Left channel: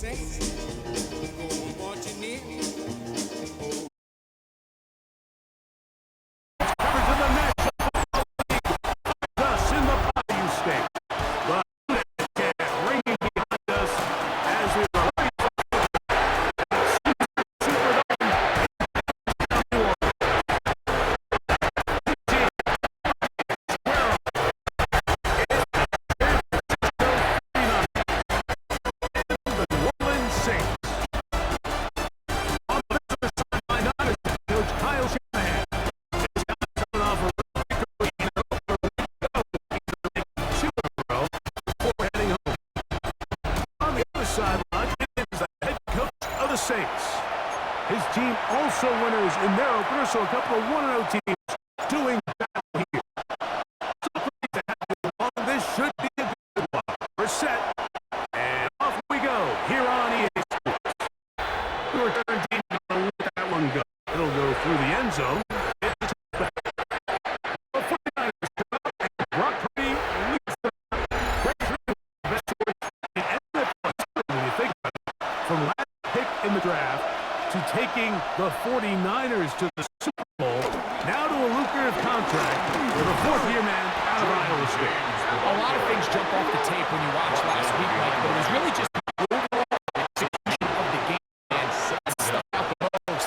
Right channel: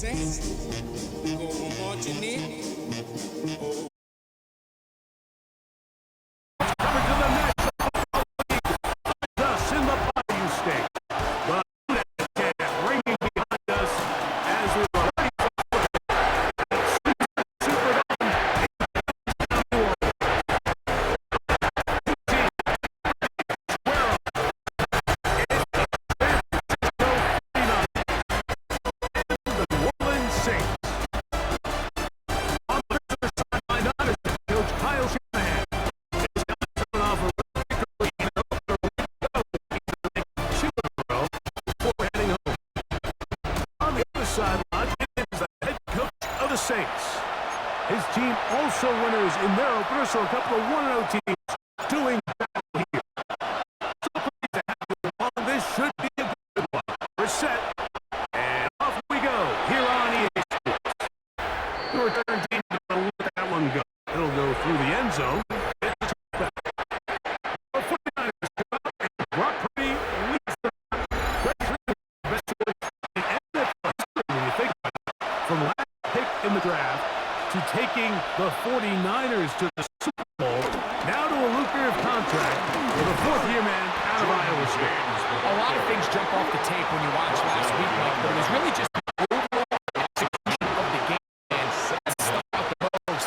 Saints, go marching in. Covered to the next. Us in the Bayou State. But ringing behind us as we were ready for Superdome. Sideline is the head coach of the Saints. His team also winners in their opener, so a couple of 1-0 teams doing battle here. So pleased to have you along. This should be a good one. We're set, and off we go here on EA Sports. The return team is going to let that one go. It'll go through the end zone. It's a touchback. The 49ers come up, and Brock Purdy leads the great through best story in NFL when you think about it. From last pick in the draft to taking the 49ers to the Super Bowl, now to a lucrative contract with a fourth-year man out of Iowa State. A lot of things jump off the tape when you watch last week, Mike, but it was really just the overall execution of the game and that stuck out the most.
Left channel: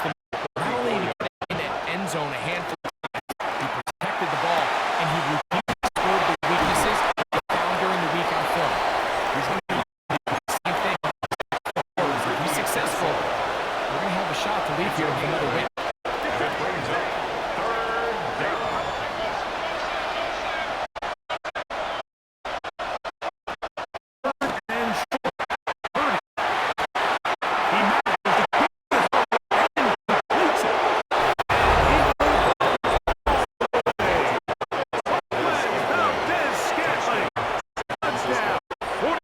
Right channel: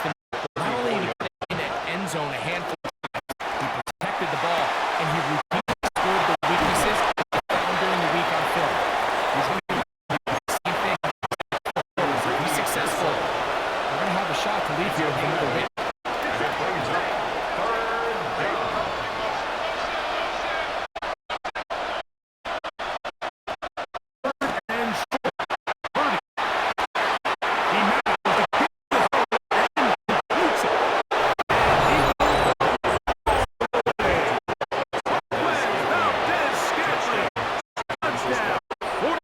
Not only did he get in that end zone a handful of times, he protected the ball, and he routinely scored the weaknesses he found during the week on film. He's going to do the same thing. If he's successful, we're going to have a shot to leave here with another win. That brings up third down. And short. Purdy. He manages to get the throw and completes it. And he goes all the way. Valdez-Scantling. Touchdown. 49.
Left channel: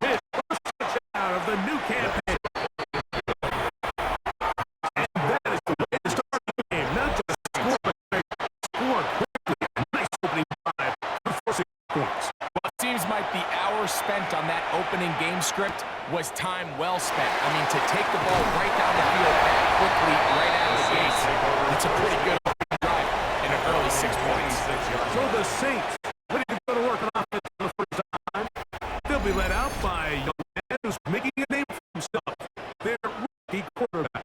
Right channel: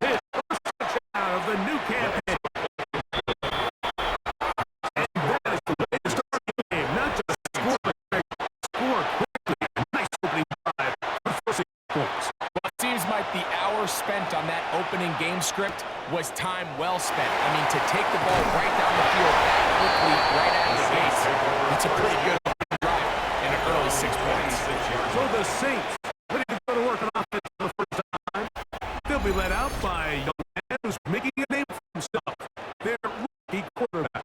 His first touchdown of the new campaign. And that is the way to start the game. Not just score, but score quickly. A nice opening drive for 6 points. Well, it seems like the hour spent on that opening game script was time well spent. I mean, to take the ball right down the field that quickly, right out of the gates, that's a pretty good opening drive in an early 6 points. So the Saints ready to go to work on offense for the first time. They'll be led out by a young man who's making a name for himself. Their rookie quarterback.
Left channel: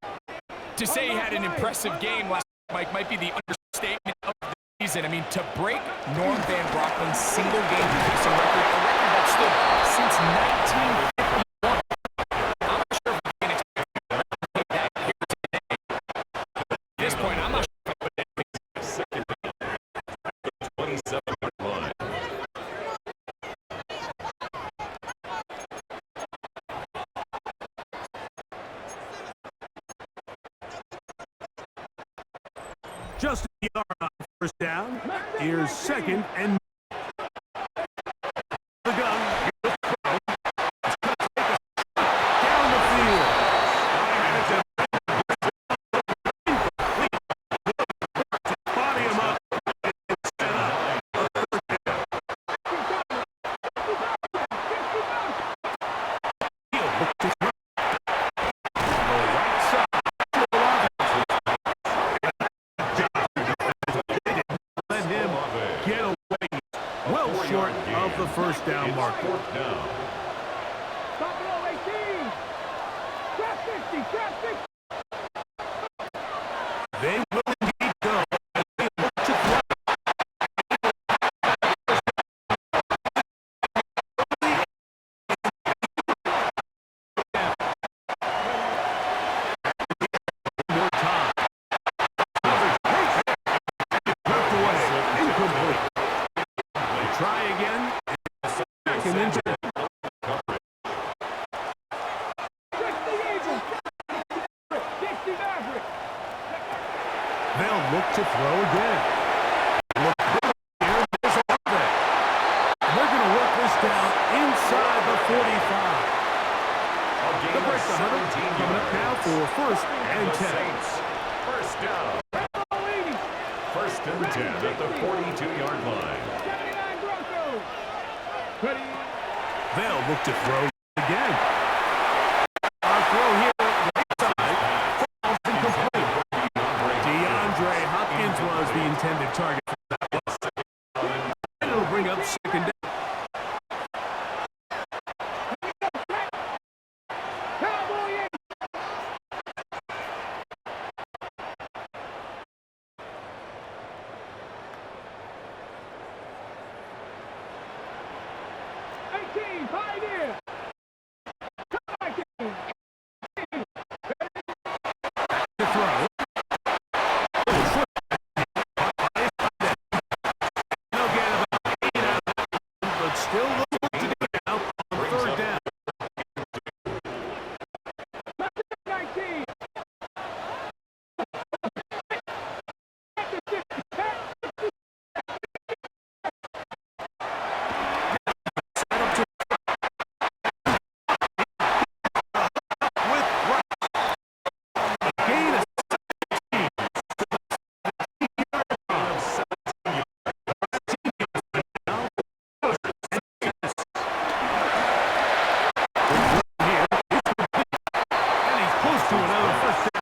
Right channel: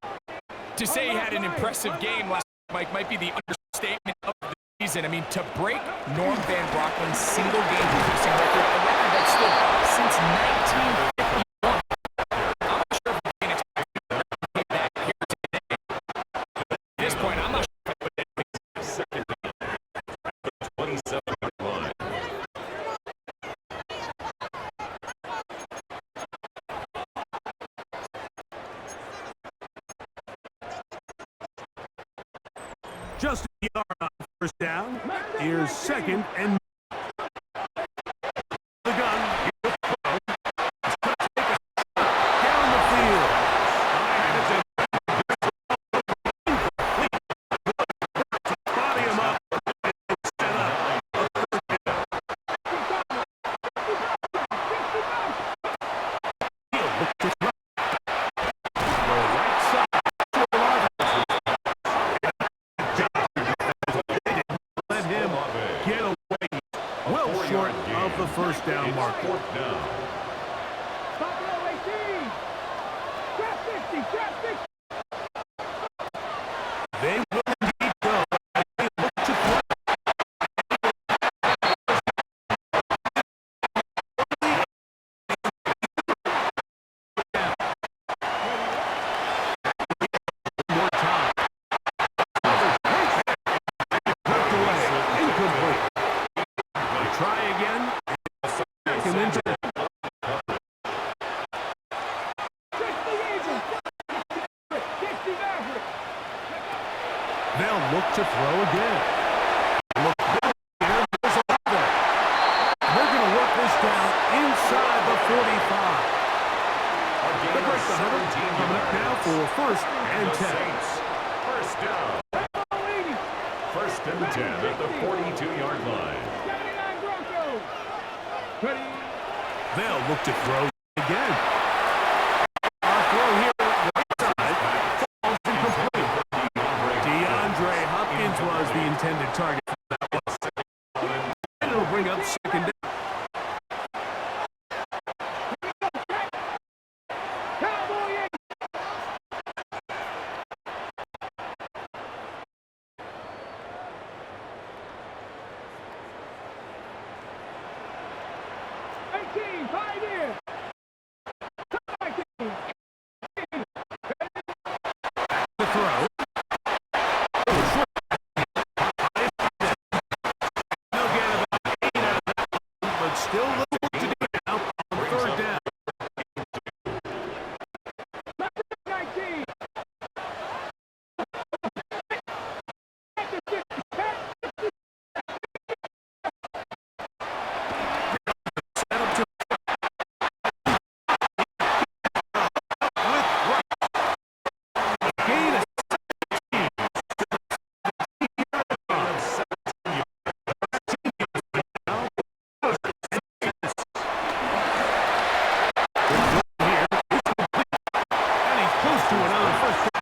To say he had an impressive game last week, Mike, might be the understatement of the season. I mean, to break Norm Van Brocklin's single-game passing record, a record that stood since 1951. I'm not sure if we can expect him to replicate that here today. At this point, I'm not sure if I would Second down. 27-yard line. Justin Yard on first down. Here's second and the gun. Here's the throw. It's going to take a shot down the field. Body him up and set up. A third down. He'll look to throw. The right side to Olave. Let him get away well short of the first down marker. Fourth down. Stop low, 18. Trap 50, trap 50. They will indeed go as they look to throw. One more time. Poked away. Incomplete. They try again. Second and 10. 60 Eagles. 60 Maverick. They'll look to throw again. Look big here. There's Olave. And they're going to work this down inside the 45. The break the 100. Coming up now for first and 10. Saints. First down. Bravo 80. First and 10 at the 42-yard line. 79 Broncos. Ready. They'll look to throw again. Our throw here, right side, falls incomplete. DeAndre Hopkins was the intended target for that one. And it'll bring up second down. Cowboy 18, Pioneer. To throw. They'll get about 8 out of that one, but still a little work to do now on third down. 19. Set up to with right. Gain of 17. Here is complete. And he's close to another first down.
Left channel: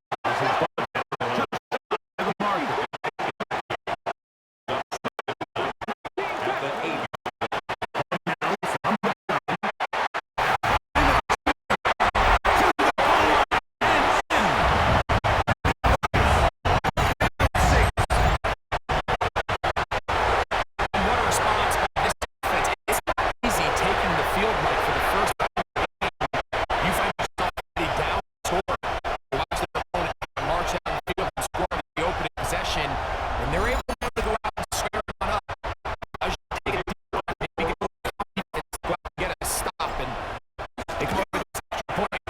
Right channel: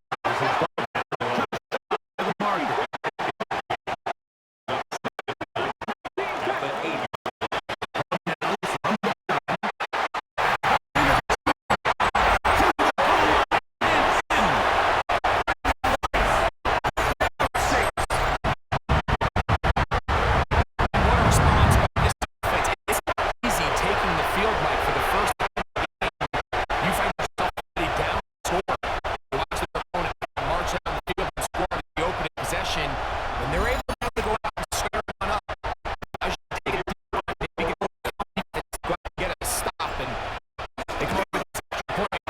The marker. What a response by this defense. It's not easy taking the field, Mike, for the first time in the game. You find yourself already down the score. You watch the opponent march down the field and score on the opening possession. When they're able to go out and square one up, I should take a deep run, maybe get a little confidence, go out and get a stop, and they come up with this extra point.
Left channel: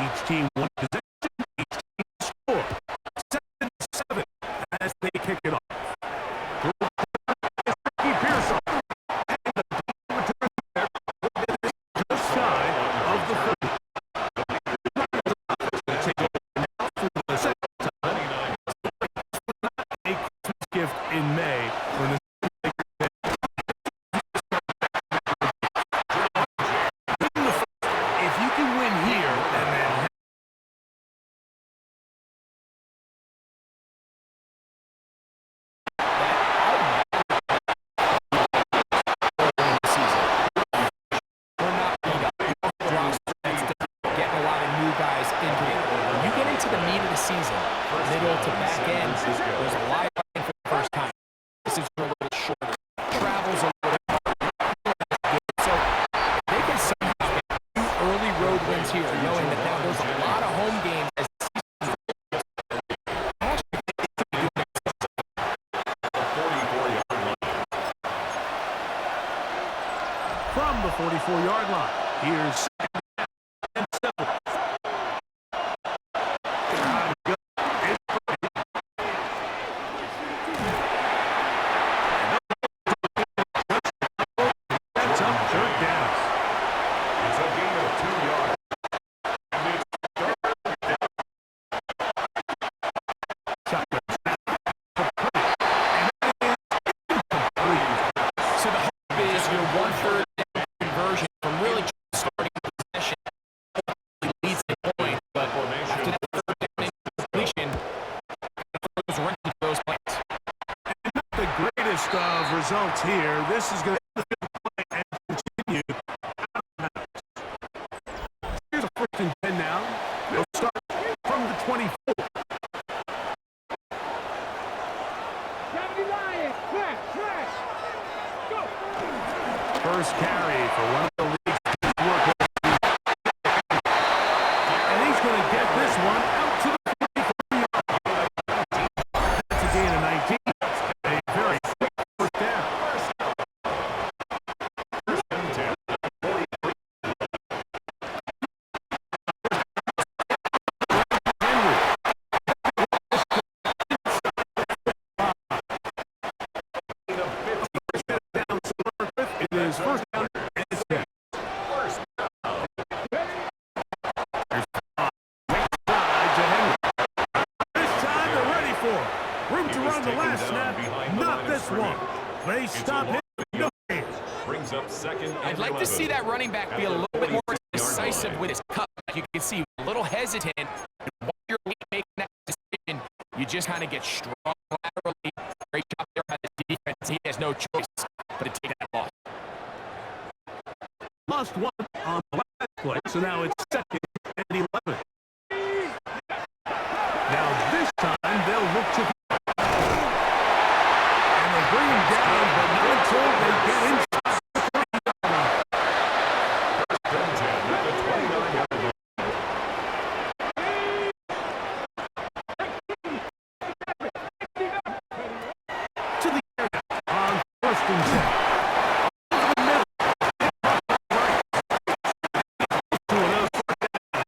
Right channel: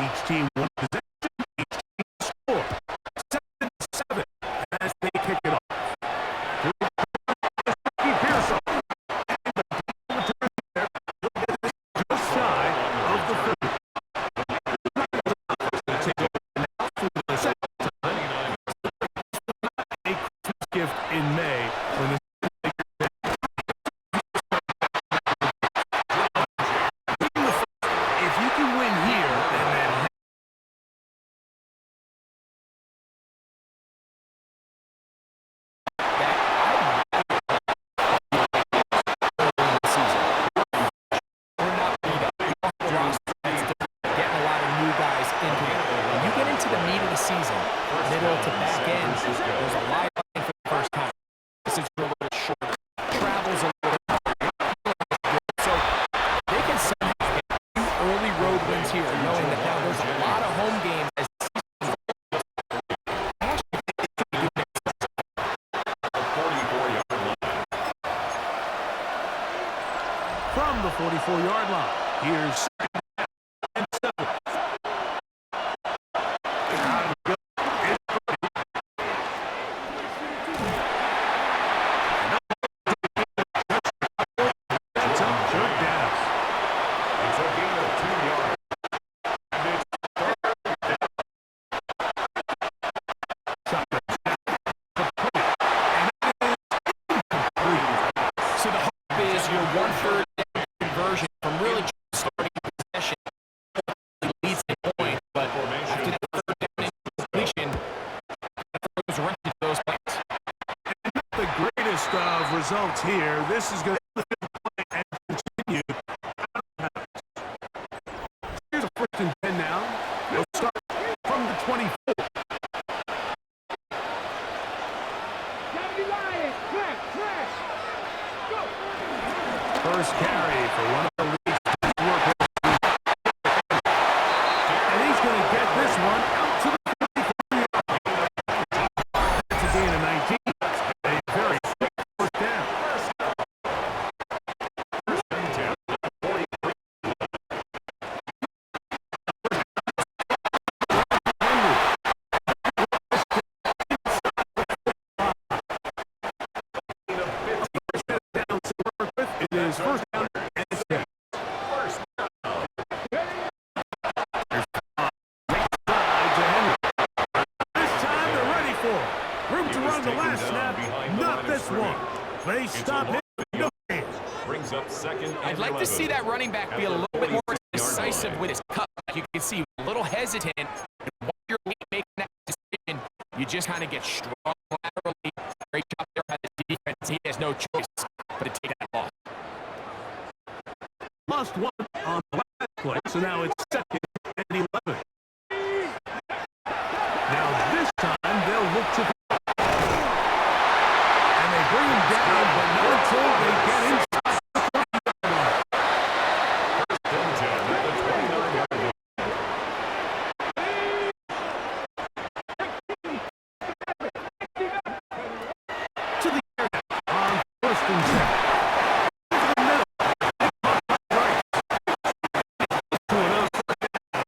Each team one possession, each team score. 7-7 as they kick it off. To Ricky Pearson. And the team returns there. Just shy of the 30. Take over now for the second time. A Christmas gift in May when the if you can win here and then We're not beat up. We don't have a roster that's getting a lot of new guys into it. When you get into the meat of the season, middle to back end, there's a live line for the first time. This is a little shorter. Travel's a little harder. So they can somehow get 2 early road wins here, knowing that now there's a lot of home games as the season rolls. I actually think they could be doing it. 44-yard line. from the 44-yard line, here's second down and 7. Out it goes. It's Brady. And that's up third down. It's a gain of 2 yards. And it's third down. Shotgun snap for Purdy. And that is incomplete. So the hope is your 1/3 down conversion from really just starting possession leads the point, but after that third down incompletion, it throws right into those plays. And not the greatest of results here. This is going to end the field play and continue out of bounds. Here's a 1st and 10 now. They'll start from the 24. 70 Lions. Smash. Go. First carry for one of the league's best workhorses. And he's going to get this one out to the 44-yard line. That's a gain of 19. A very quick first down. First and 10. 43. Henry. Gain of 50. Down to work with. It is first down and 10. First down. the taken last down snap, behind the not line of this one. scrimmage. They It's a stop loss him. of No yards. gain. Brings up second and I'd like to 11 see that running back be a at little the bit more 46-yard decisive line. with his cut. You can see a little hesitant. And while you're making that decision, you just kind of get strong laterally. Great job there by the defense. He has no choice but to take that loss. Lost one on the last play, so now it's second and 11. Now this time they'll look to and they bring him down, but not until they get inside the 30-yard line. First and 10 at the 29-yard line. To the area on first and 10. Over the middle. Right. To another first down.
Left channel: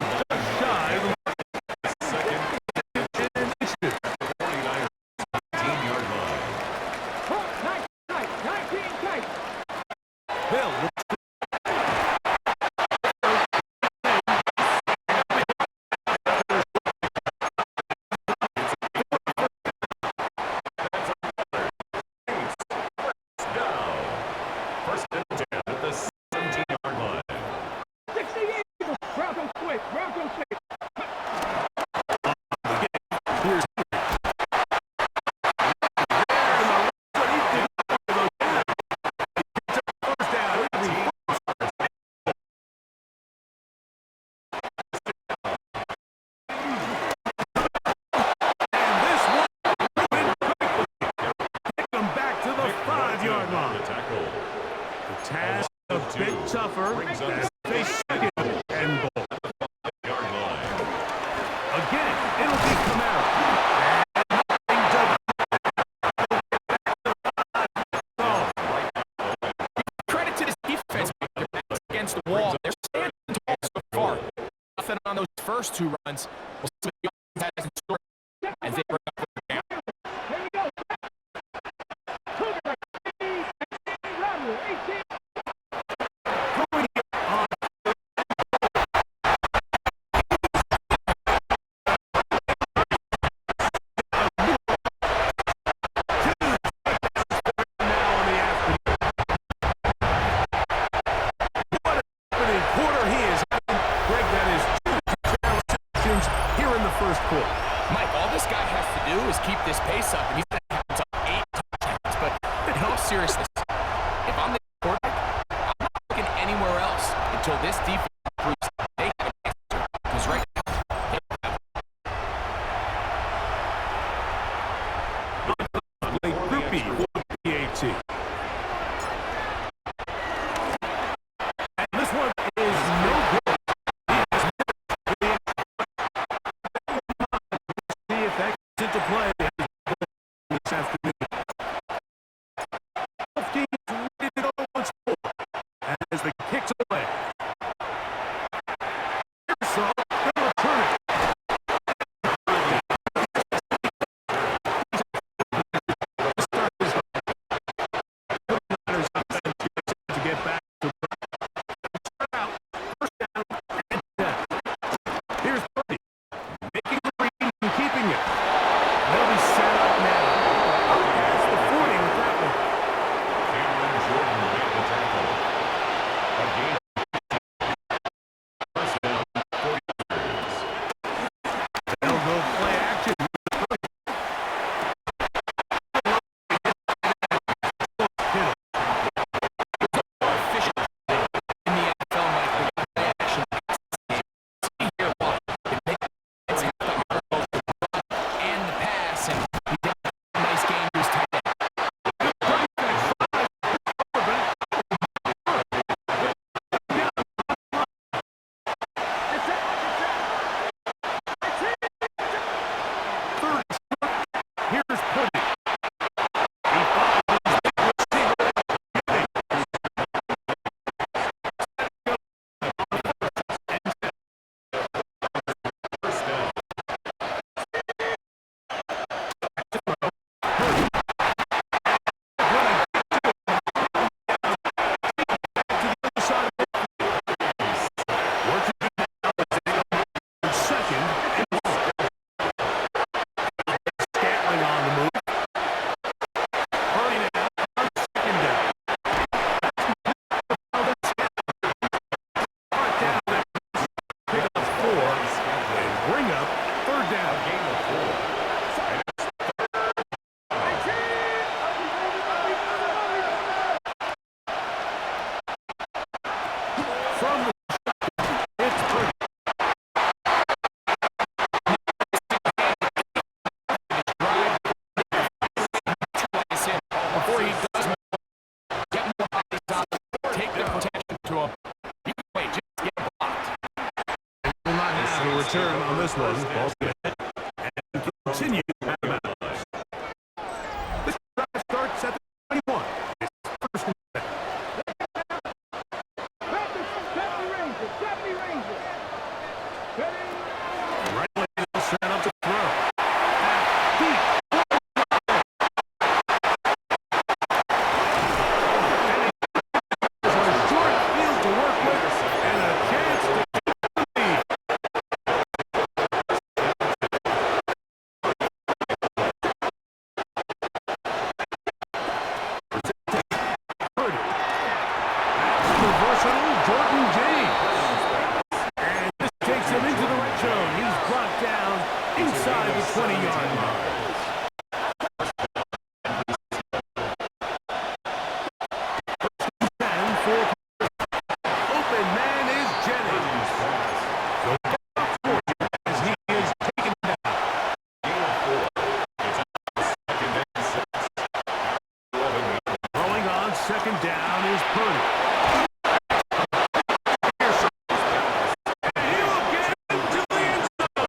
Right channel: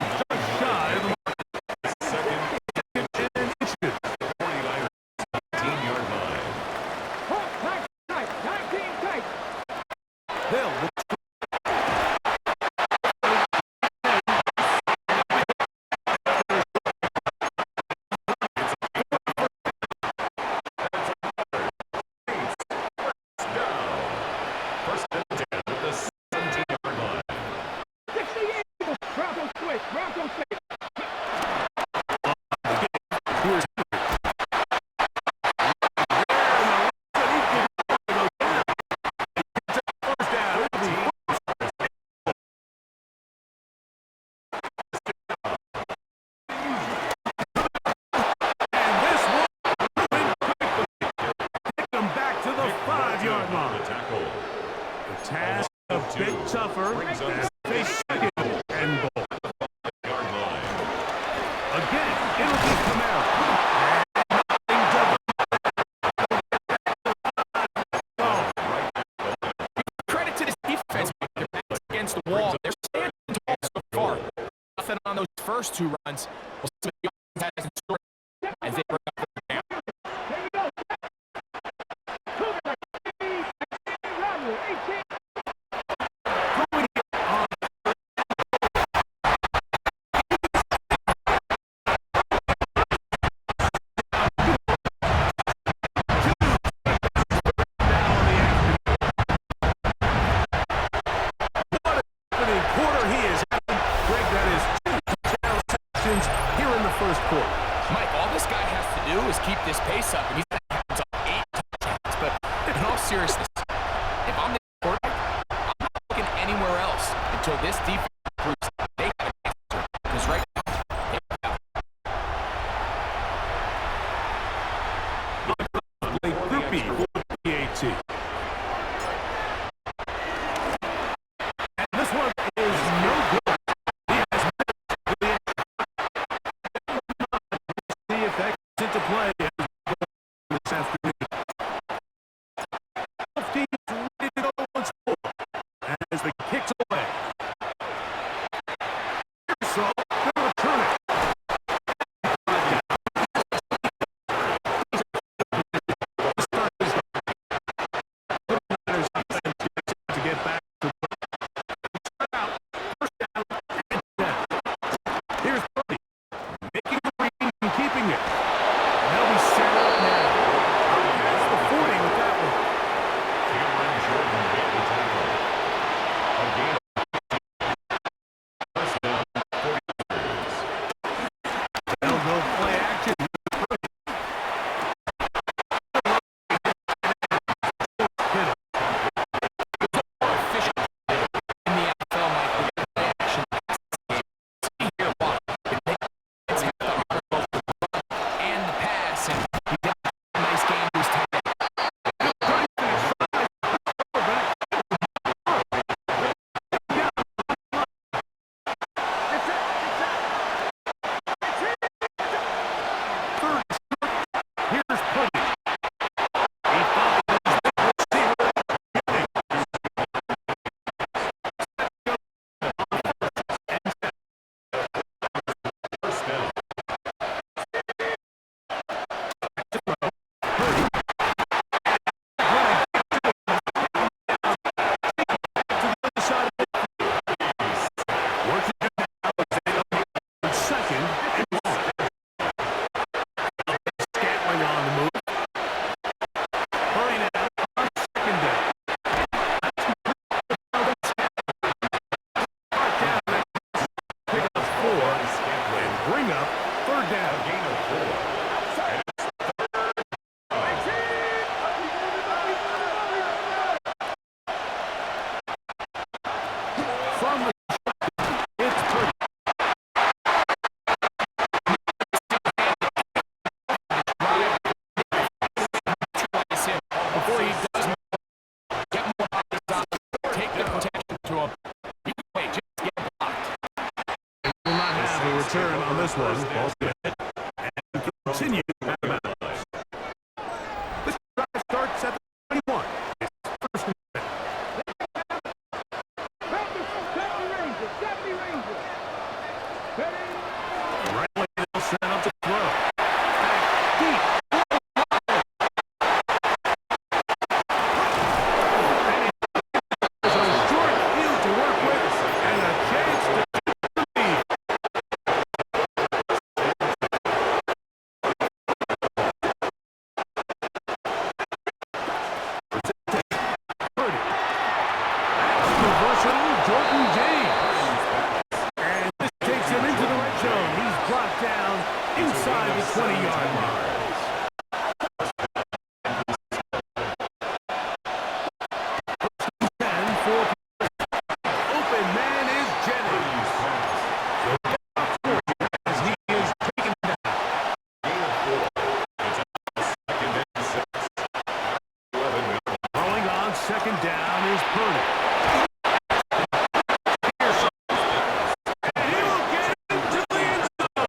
Just shy of the mark. Second And it's good. 49, 19-yard line. Hawk, 19 tight. They'll look Down. First and 10 at the 17-yard line. 60 Eagles. Bronco switch. Bronco switch. Here's Henry. There in the left, but he did not go down. He picks up first down. It'll be and this one ruined quickly. Pick them back to the 5-yard On line. the tackle. The task a bit tougher Brings up as they second and goal. Yard line. Again, it'll be Camaro. And nothing to the Credit to this defense. Their backs against the wall. They're standing tall so far. Nothing on those first two runs. We'll see what the offense has in store as they bring up the down. Here we go. Cougar, 18, Robert, 18. throwing it on now in the afternoon. What an opening quarter he is having. Greg, that is 2 touchdown receptions here in the first quarter. Mike, all this guy has to do is keep this pace up, and he's going to have up 8 touchdowns. But in all seriousness, if I'm the quarterback, I'm not looking anywhere else until this defense proves they have an answer. Because right now, they don't have Blake Groupie for the PAT. And this one is no good. He has missed the see if that gets into play as we go this afternoon. Both teams ready to go once more as the kick's away. So, gonna bring up third down. A gain of 4. And it's from the it's Purdy. Before he does get more bodies on, take the protection to him. You can wait, just get blocked. Will not have a return on this one. Ball and continue out of bounds. This drive starts at the 21. It's first and 10. 70 Rangers. Right away, they'll set up to throw. Back deep. And a short field to work with and a chance to take the lead. Purdy. That's the versatile Jordan James. And this takes him into the red zone. He's brought down inside the 20-yard line. First and 10 for open man is Jennings. So down for you as he is taken down. gain of 4. It's out second and 6. 11. Throwing on second down is Purdy. And he will get into the end zone.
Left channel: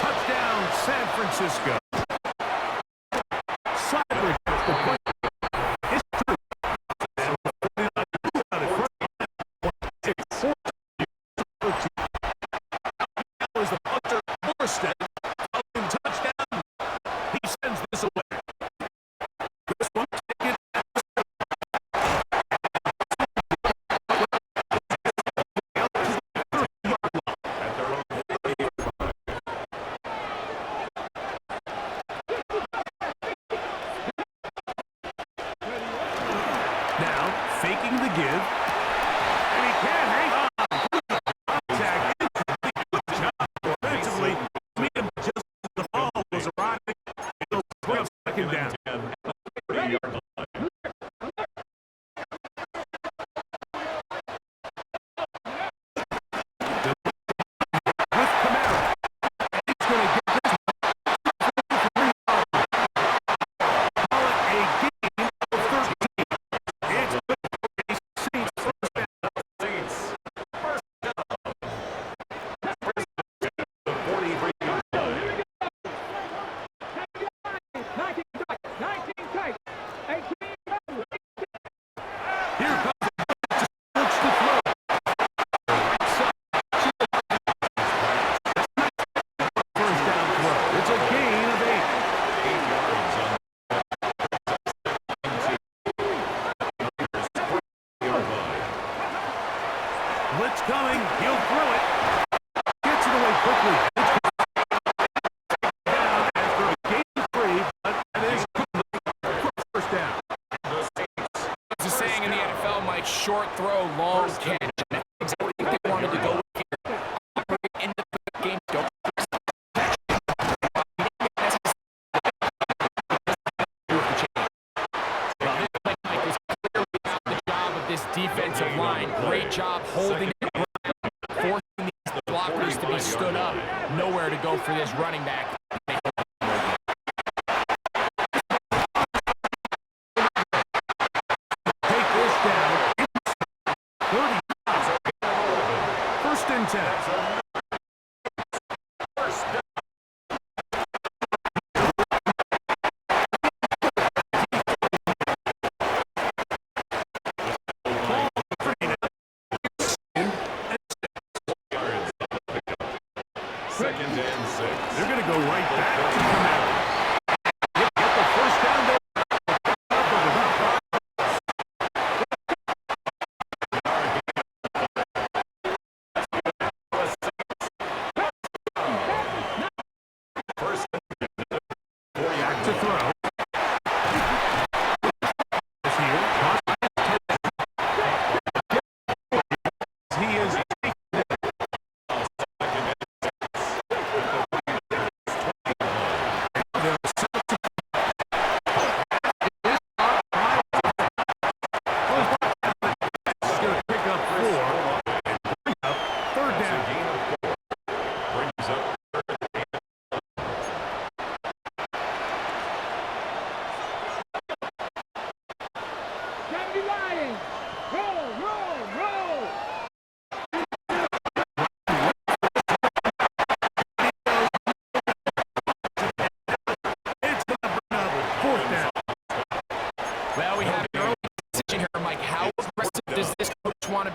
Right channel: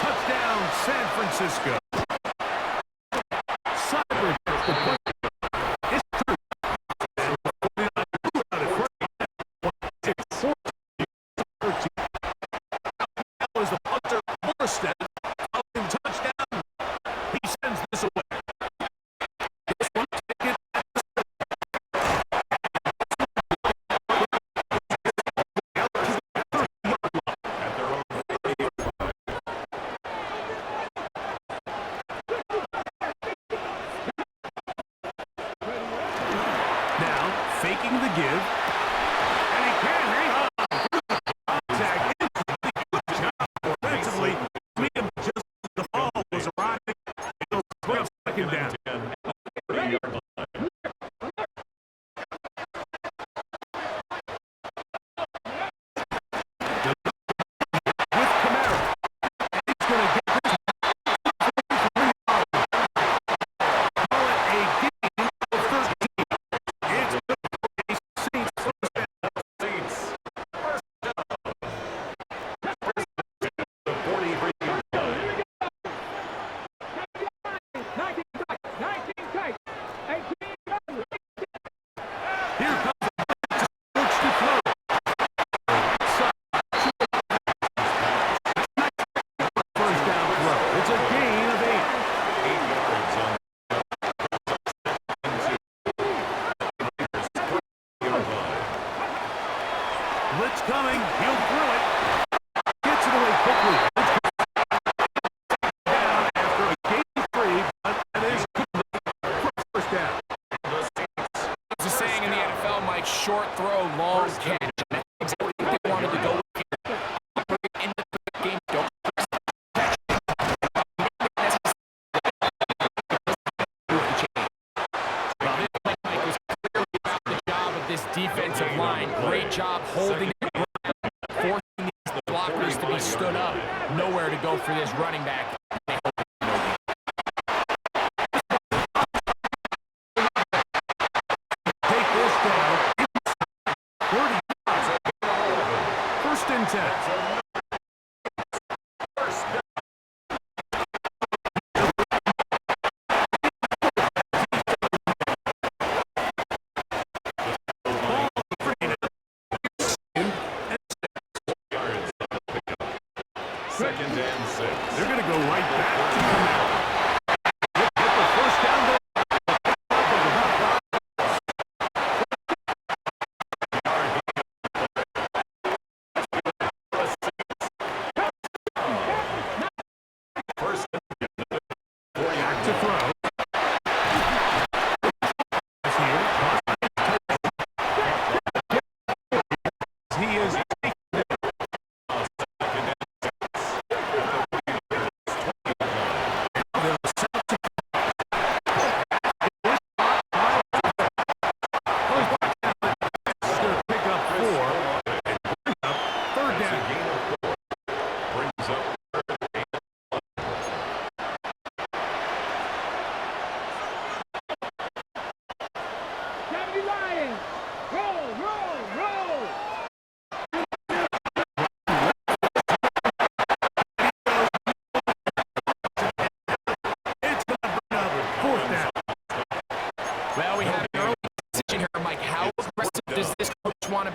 Touchdown, San Francisco. Cyber gets the point. It's true. And the 49ers out at front. 6-4. Now is the punter, Morstead. Following touchdown. He sends this away. This one taken at the At their own 30-yard line. now faking the give. And he can't hang on. Contact incomplete. Good job offensively. Meet him just as the ball was arriving. It'll bring up second down. 30-yard line. With Kamara. And he's going to get this one. Call it a gain of 13. It's good for a Saints first down. Saints. First down. The 43-yard line. 19 tight. 18 Here comes the blitz. Looks to throw. Right side. First down throw. It's a gain of 8. 8 yards on Raiders' 20-yard line. Blitz coming. He'll throw it. Gets it away quickly. Down after a gain of 3, but that is complete for first down. The Saints. There's a saying in the NFL, Mike, short throw, long catch. And that's exactly what they wanted to go with here. Operate in the game, don't press the catch. Well, this play, Mike, was clearly about the job of this defensive line. Great job holding it ground, forcing these blockers to be stood up. Nowhere to go for this running back. They hold it no gain. Take this down. 35. First and 10. First down. Ball free now. Yards on the pickup. Second and 6. They're going to go right back to Kamara. Get the first down there. Up of about 5. Yard gain. The Saints. First and 4 Back yards. to throw. Is here. He is taking it.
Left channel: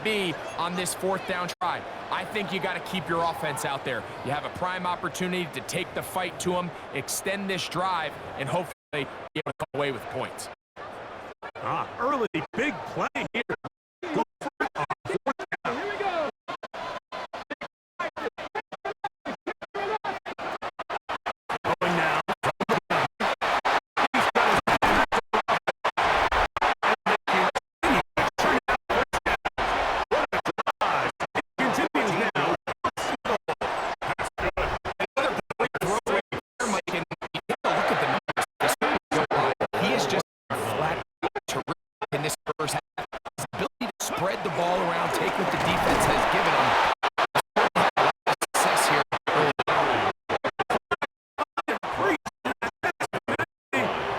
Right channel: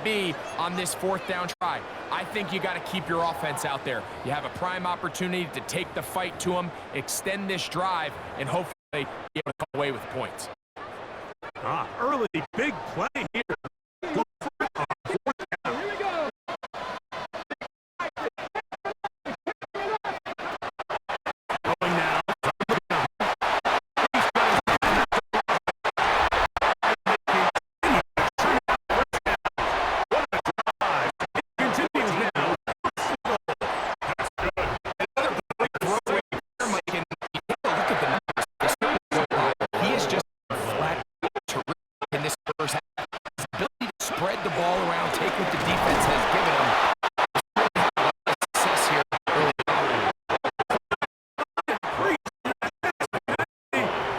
me on this 4th down try. I think you got to keep your offense out there. You have a prime opportunity to take the fight to them, extend this drive, and hopefully be able to come away with points. Early big play here. Go for it on 4th down. Here we go. Going now. He's got his hand up. And they continue to turn it out 1st down. What a drive. It continues now. First and goal. That's good. Another great throw right there, Mike, and you take a look at the numbers. This don't lie. He is just flat terrific in this first half. His ability to spread the ball around, take what the defense has given him. He's really had a lot of success here early on.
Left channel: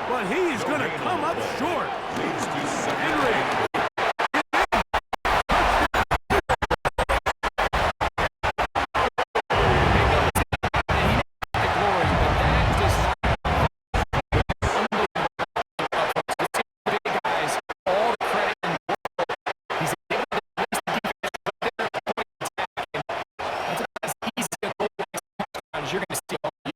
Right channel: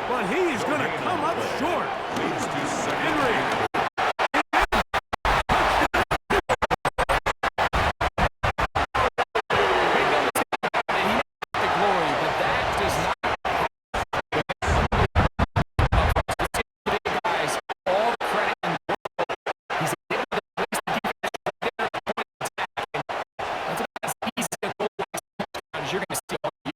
But he's going to come up short. Leads to second. Henry. Make no mistake about it, he never got the glory, but that does not unbelievable. Let's give the big guys all the credit in the world. He's able to place the defense right there at the point of attack, and that's about as easy a goal line touchdown as you're going to see all year.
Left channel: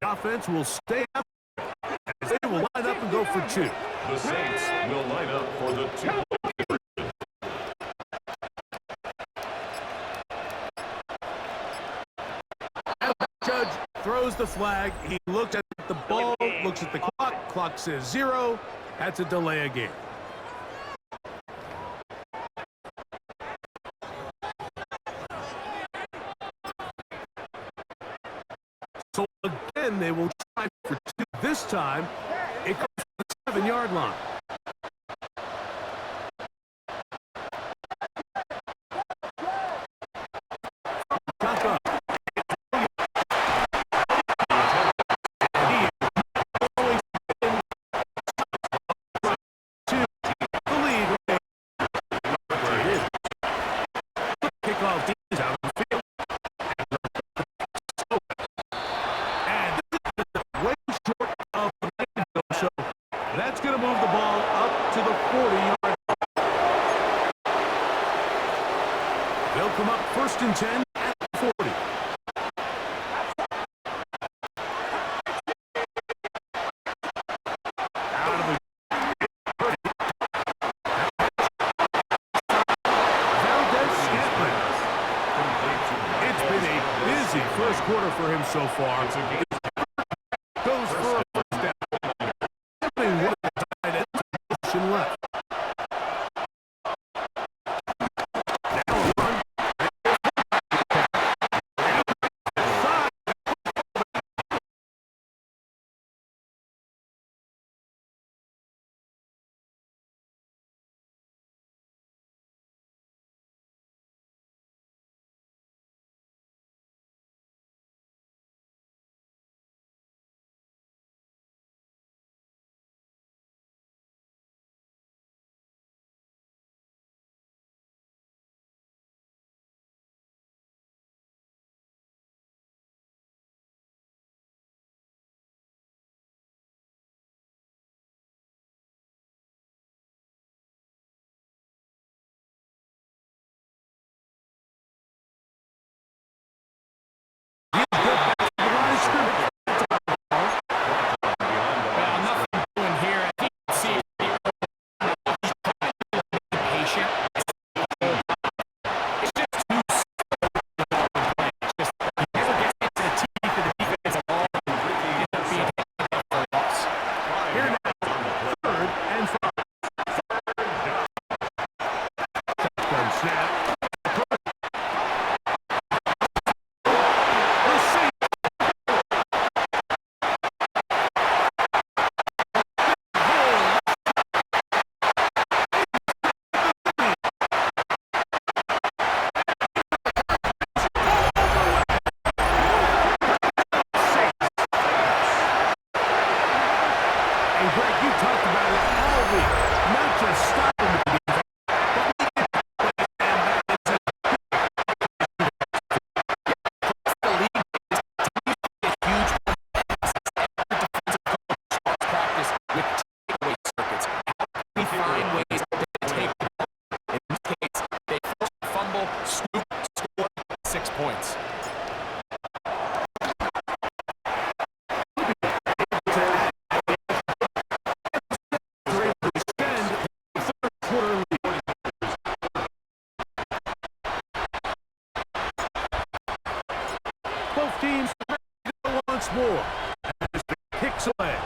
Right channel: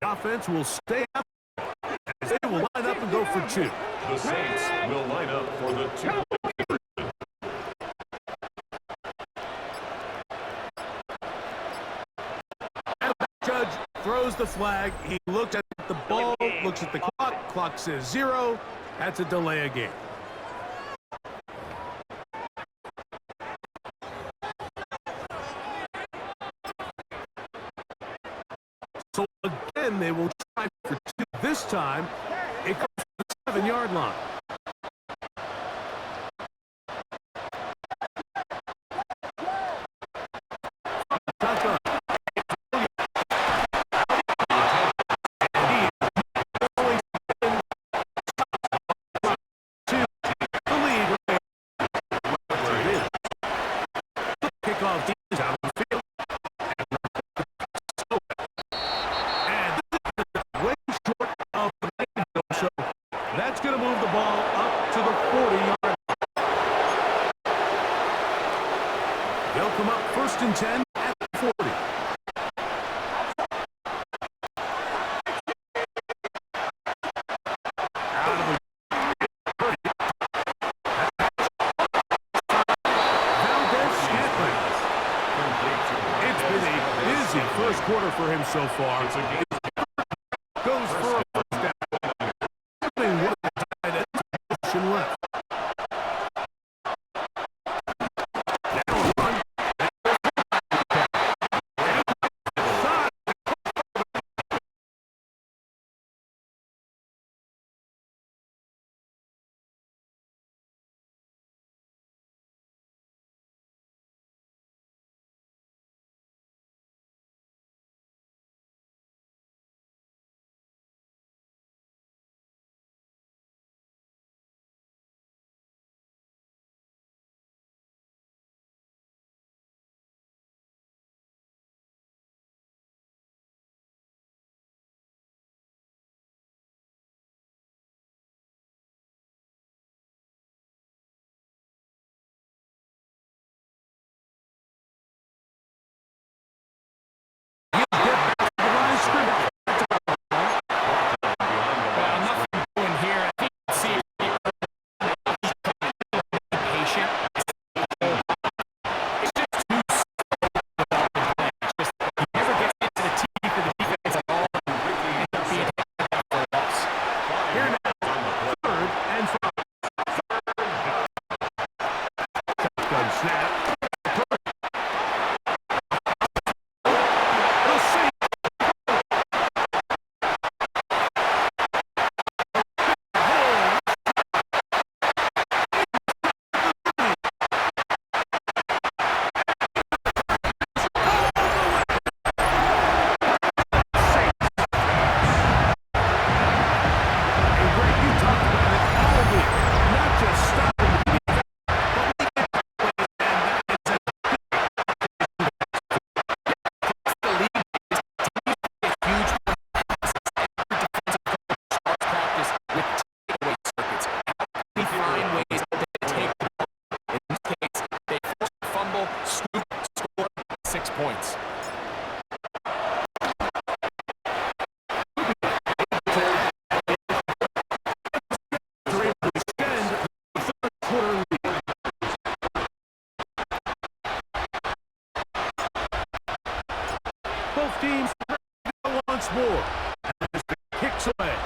The offense will stay up as they will line up and go for 2. The Saints will line up for the 2-point conversion. Judge throws the flag. He looks at the ball, looks at the clock. Clock says 0. That's a delay of game. So again, they will try for 2. This time, it comes to the 7-yard line. Shotgun. And he is going to the lead. Where it is. Kickoff is out of the field. And this is way short of the window, so that's going to move the ball up to the 40-yard line. They'll come up 1st and 10 at the 40. Out of the Valdez-Scantling. Complete to It's been a busy first quarter for him so far. It's a game. Goes for a 1st down. Putting one of the tight ends in motion left. Now a run. Side. He'll get back to the line of scrimmage. That's about the ball. Well, nothing doing here. I think you can see he's trying to be patient. It's just too slow developing play. It's just he never gets into the teeth of the defense at all and ends up being handed out for a loss. Here now, 3rd and 5. Shotgun snap. The Saints away.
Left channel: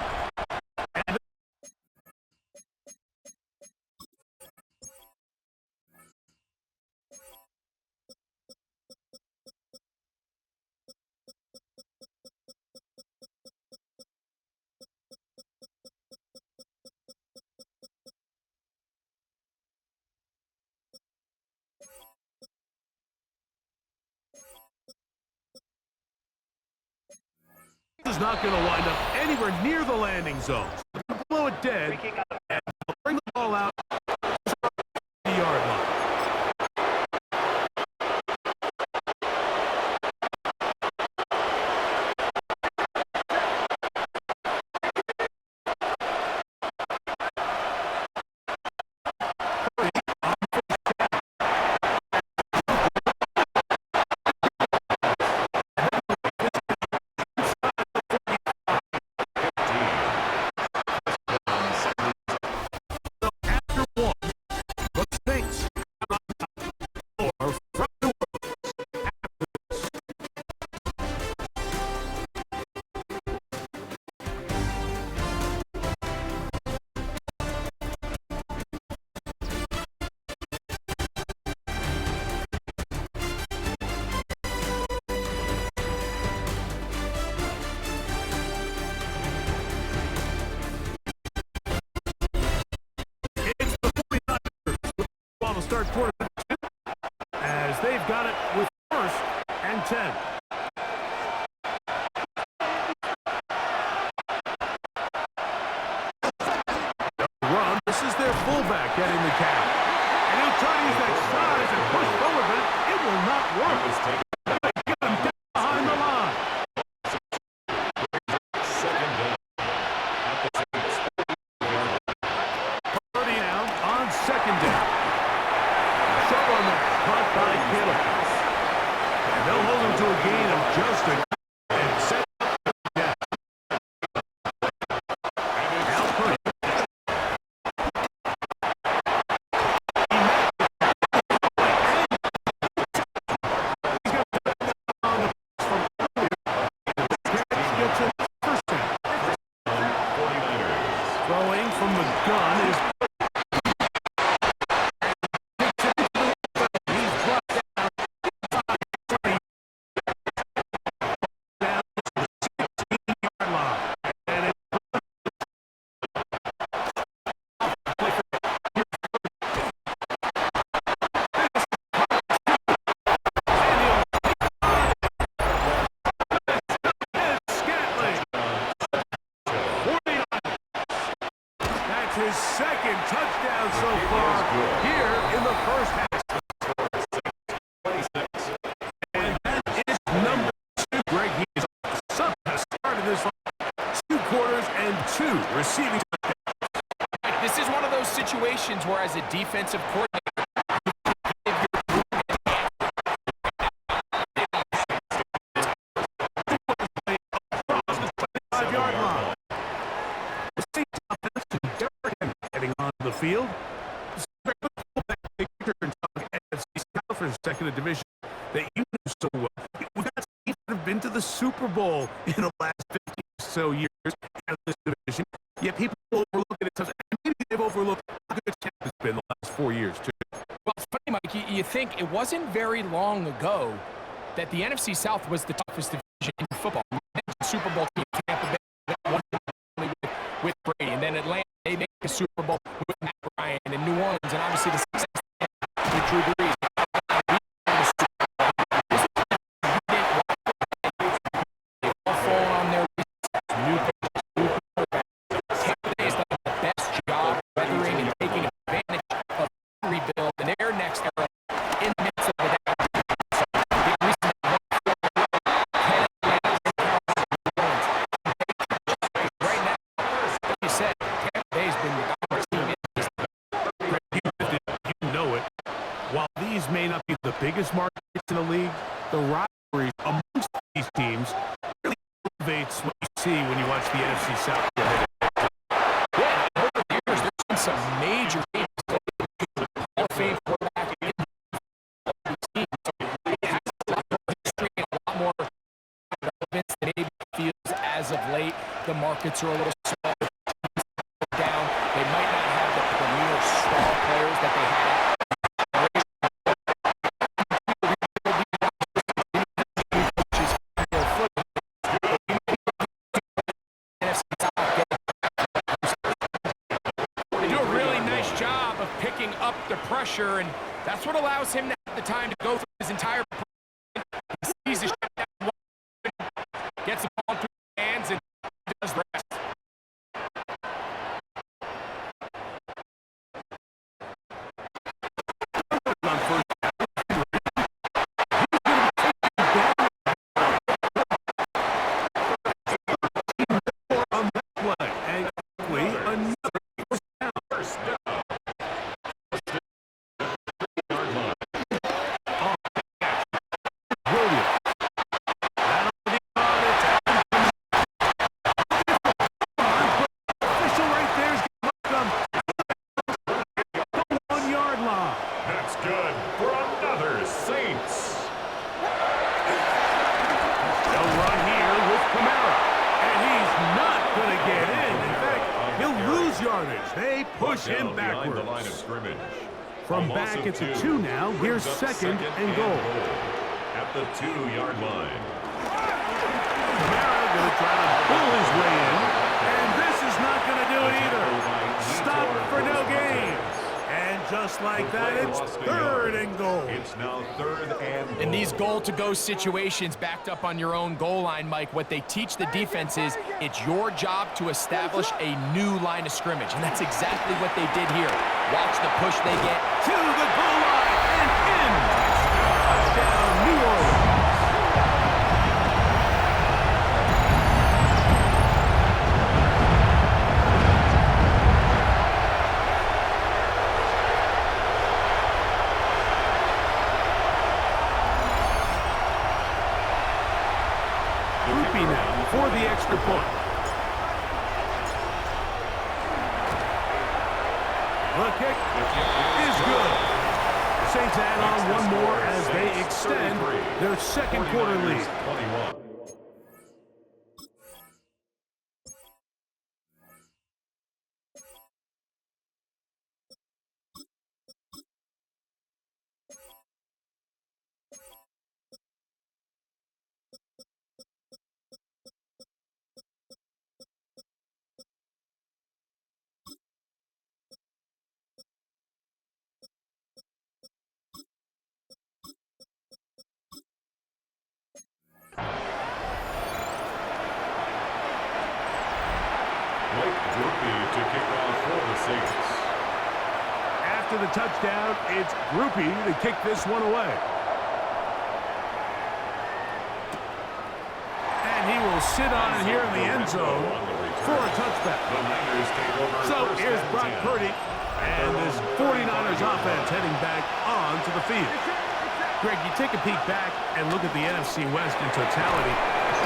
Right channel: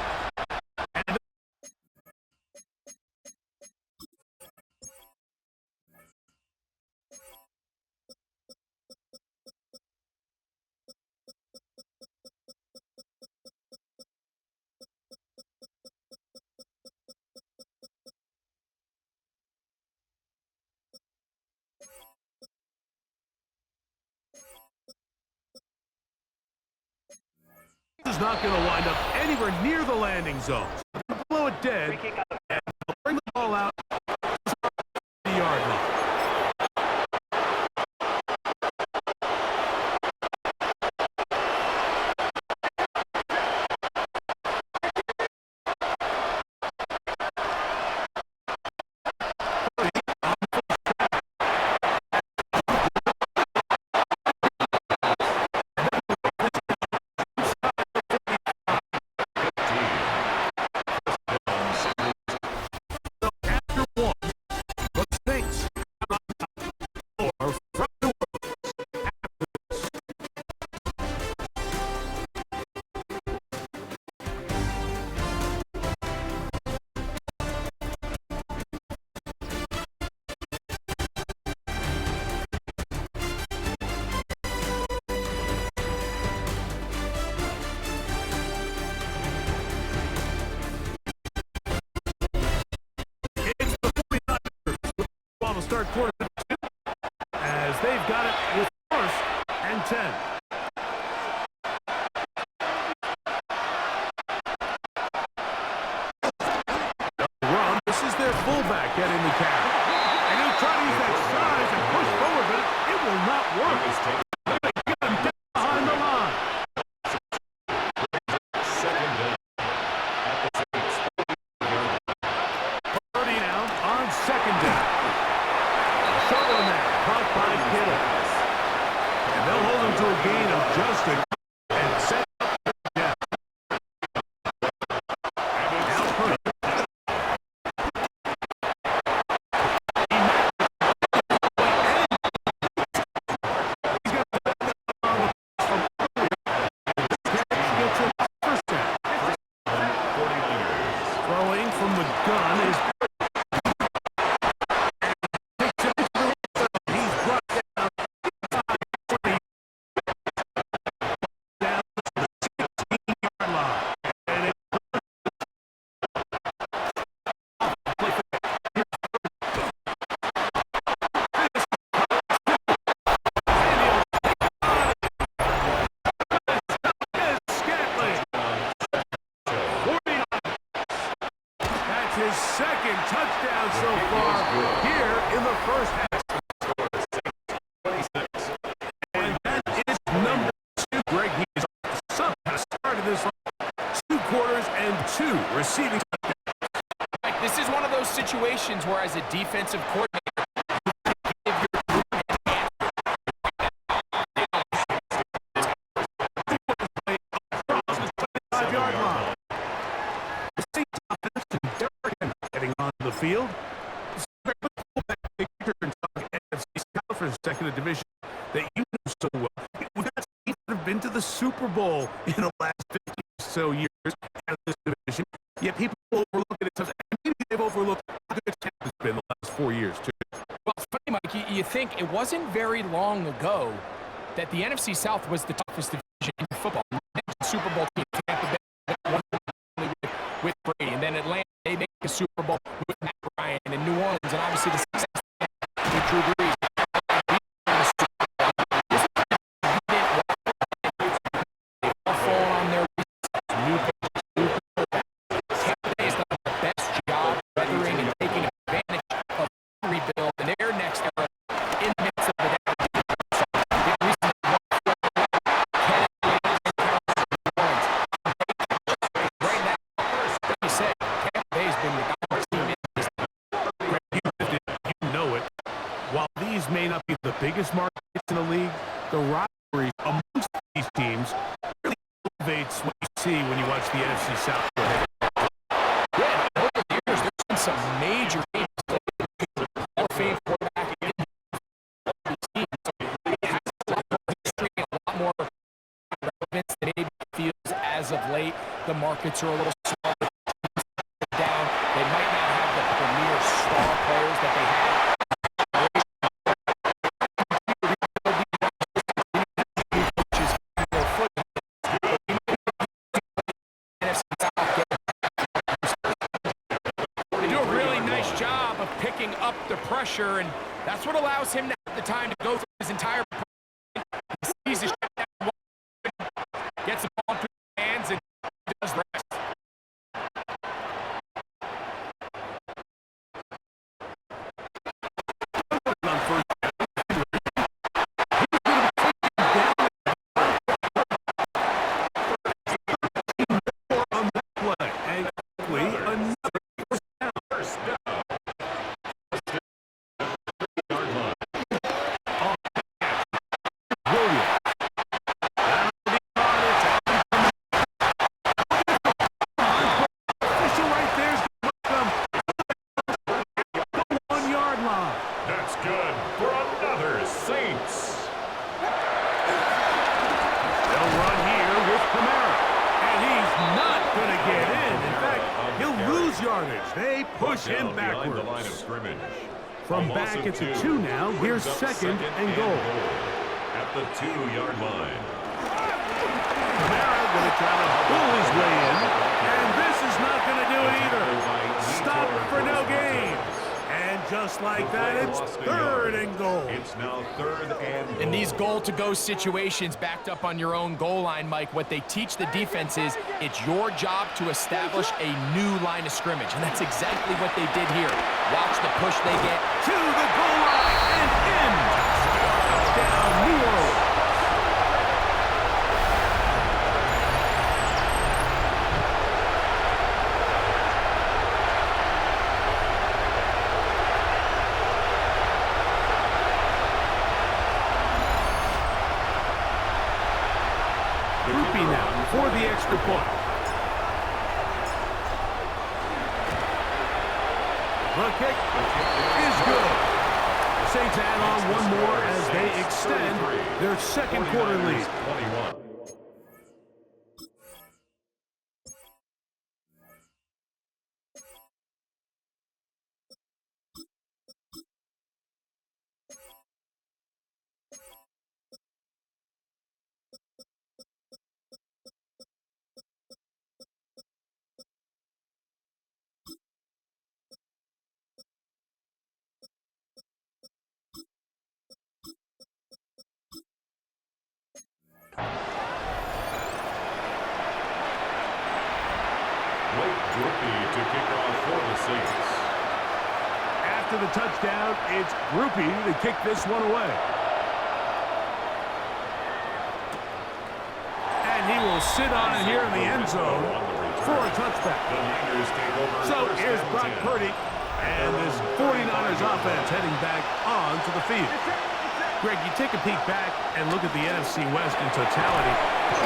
And is not going to wind up anywhere near the landing zone. Blow it dead, and they'll bring the ball out to the yard line. Start quarter two, as they've got it with 1st and 10. Run. This is their fullback getting the count. And he'll try to use that size and push forward, but it will not work. They get him down behind the line. Second down at the 30 now on 2nd down. Someone there, caught by Kittle. And they'll hold him to a gain of just a and set up the death. Now Purdy. He's got the on the from earlier. Gets it first down. 49ers. Throwing from the gun is his 2nd touchdown so far here in the first half. And that is number 2. Greg, he is sub has started this 2 quarters and 2 receiving touchdowns. Like, this is one of those situations where, as a defensive coordinator, you give your group an answer. Across the 25-yard line. The Saints offense and Derrick Henry heading on the field. NFC South for second division that you know so well. We've got teams that have been to the Super Bowl in the last 50 or so years out of this division. Yet people overlook it. And maybe they've overlooked how good Tampa has been the last 4 years, too. Well, it's funny, Mike, you think it wasn't very long ago that the NFC South was the toughest division in football. Super Bowl team, Tampa Bay, won with Brady, and then Atlanta, they make a Super Bowl with Matt Ryan, and New Orleans, and obviously the success with Drew Brees. They've all fallen on their new Tampa Bay has done the best job weathering and taking advantage of the rebuild in their next era in the midst of the down. So, big reason they won right now, like you said, Tampa Bay's been the dominant team in this. You know it. While these may not be the biggest markets in the league, the rivalries amongst these teams really elevates what you see when you watch the NFC South go ahead. Yeah, over the years, there's been some major games. Hall of Fame quarterback in the team. So it has a lot more history and a lot more relevance than maybe feels as of late. late. The markets are a little small. Down. They might not have the premier star players that they had. They do a really nice job of picking up the pressure, and that's what allows him to have the time to go through his entire he sees the shot, gets the ball through his hands, and does the rest. On first on that play, and quickly another first down. Williams. That'll be on it. Official right there is going to come 1 yard line. That's good for another Saints. They'll run here with Camara, and he's not going to get in. In fact, he'll lose yardage. They push him Behind the line of backwards. scrimmage. From A loss back of at the 2 2 now, here's brings up second and goal. At the 2-yard line. Camara going to try to pull his way in, and this is not going to do it either. Stop for no gain. And just like that, it's third and goal. It's now third and goal. In these goal-to-go situations backed up on your own goal line, Mike, what they teach the defense is it's your job to establish a new line of scrimmage, and that's exactly what they did here. Watch the push they get. To the goal line and in. Touchdown, New Orleans. Groupie now for the extra point. The kick is good. The Saints add on one more as they extend their second quarter lead. 21. Blake Groupie to kick off for the Saints. After the touchdown, it's Groupie to kick this one away. And he will sit on it here in the end zone for a touchback. The Niners take over. So first here's and Brock 10. Purdy and this 49ers offense heading back onto the field. Greg, you take a peek back and look at the NFC West in totality,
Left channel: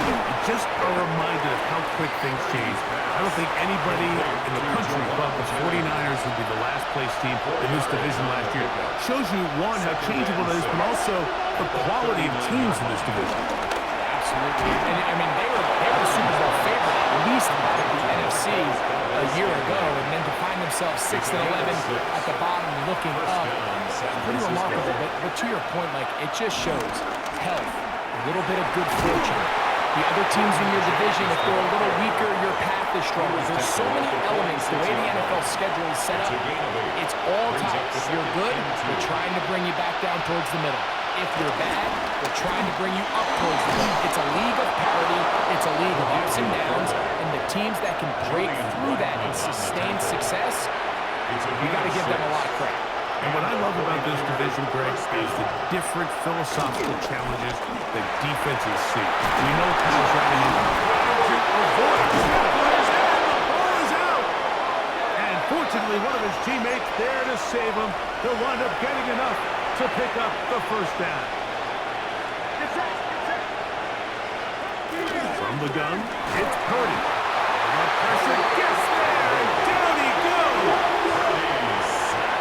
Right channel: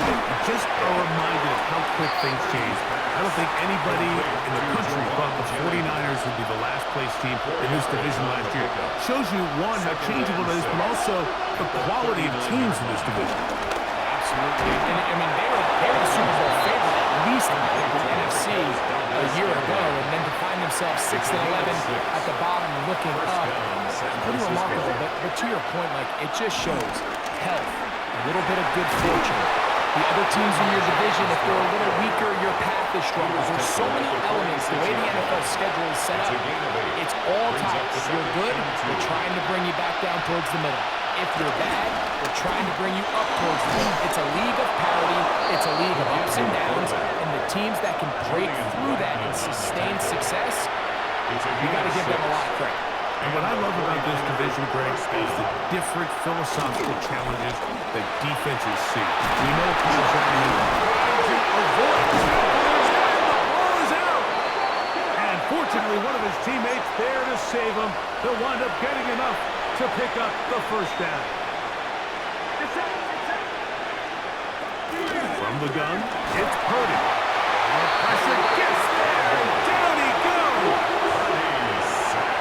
you just are reminded of how quick things change. I don't think anybody in the country thought the 49ers would be the last place team in this division last year. Shows you, one, how changeable it is, but also the quality of teams in this division. Absolutely. And I mean, they were the Super Bowl favorite, at least out of the NFC a year ago, and then to find themselves 6 and 11 at the bottom looking up, it's pretty remarkable. But to your point, Mike, it just shows health, a little bit of good fortune. The other teams in your division, if they're a little weaker, your path is stronger. There's so many elements, the way the NFL schedule is set up, it's all tight. If you're good, they're trying to bring you back down towards the middle. If you're bad, they're trying to bring you up towards the middle. It's a league of parity. It's a league of ups and downs. And the teams that can break through that and sustain success, you got to give them a lot of credit. And what I love about this division, Greg, is the different philosophical challenges that defenses see. We know Kyle Shanahan trying to avoid tacklers, and the ball is out. And fortunately, one of his teammates there to save him. He'll wind up getting enough to pick up the first down. From the gun, it's Purdy. The pressure gets there, and down he goes.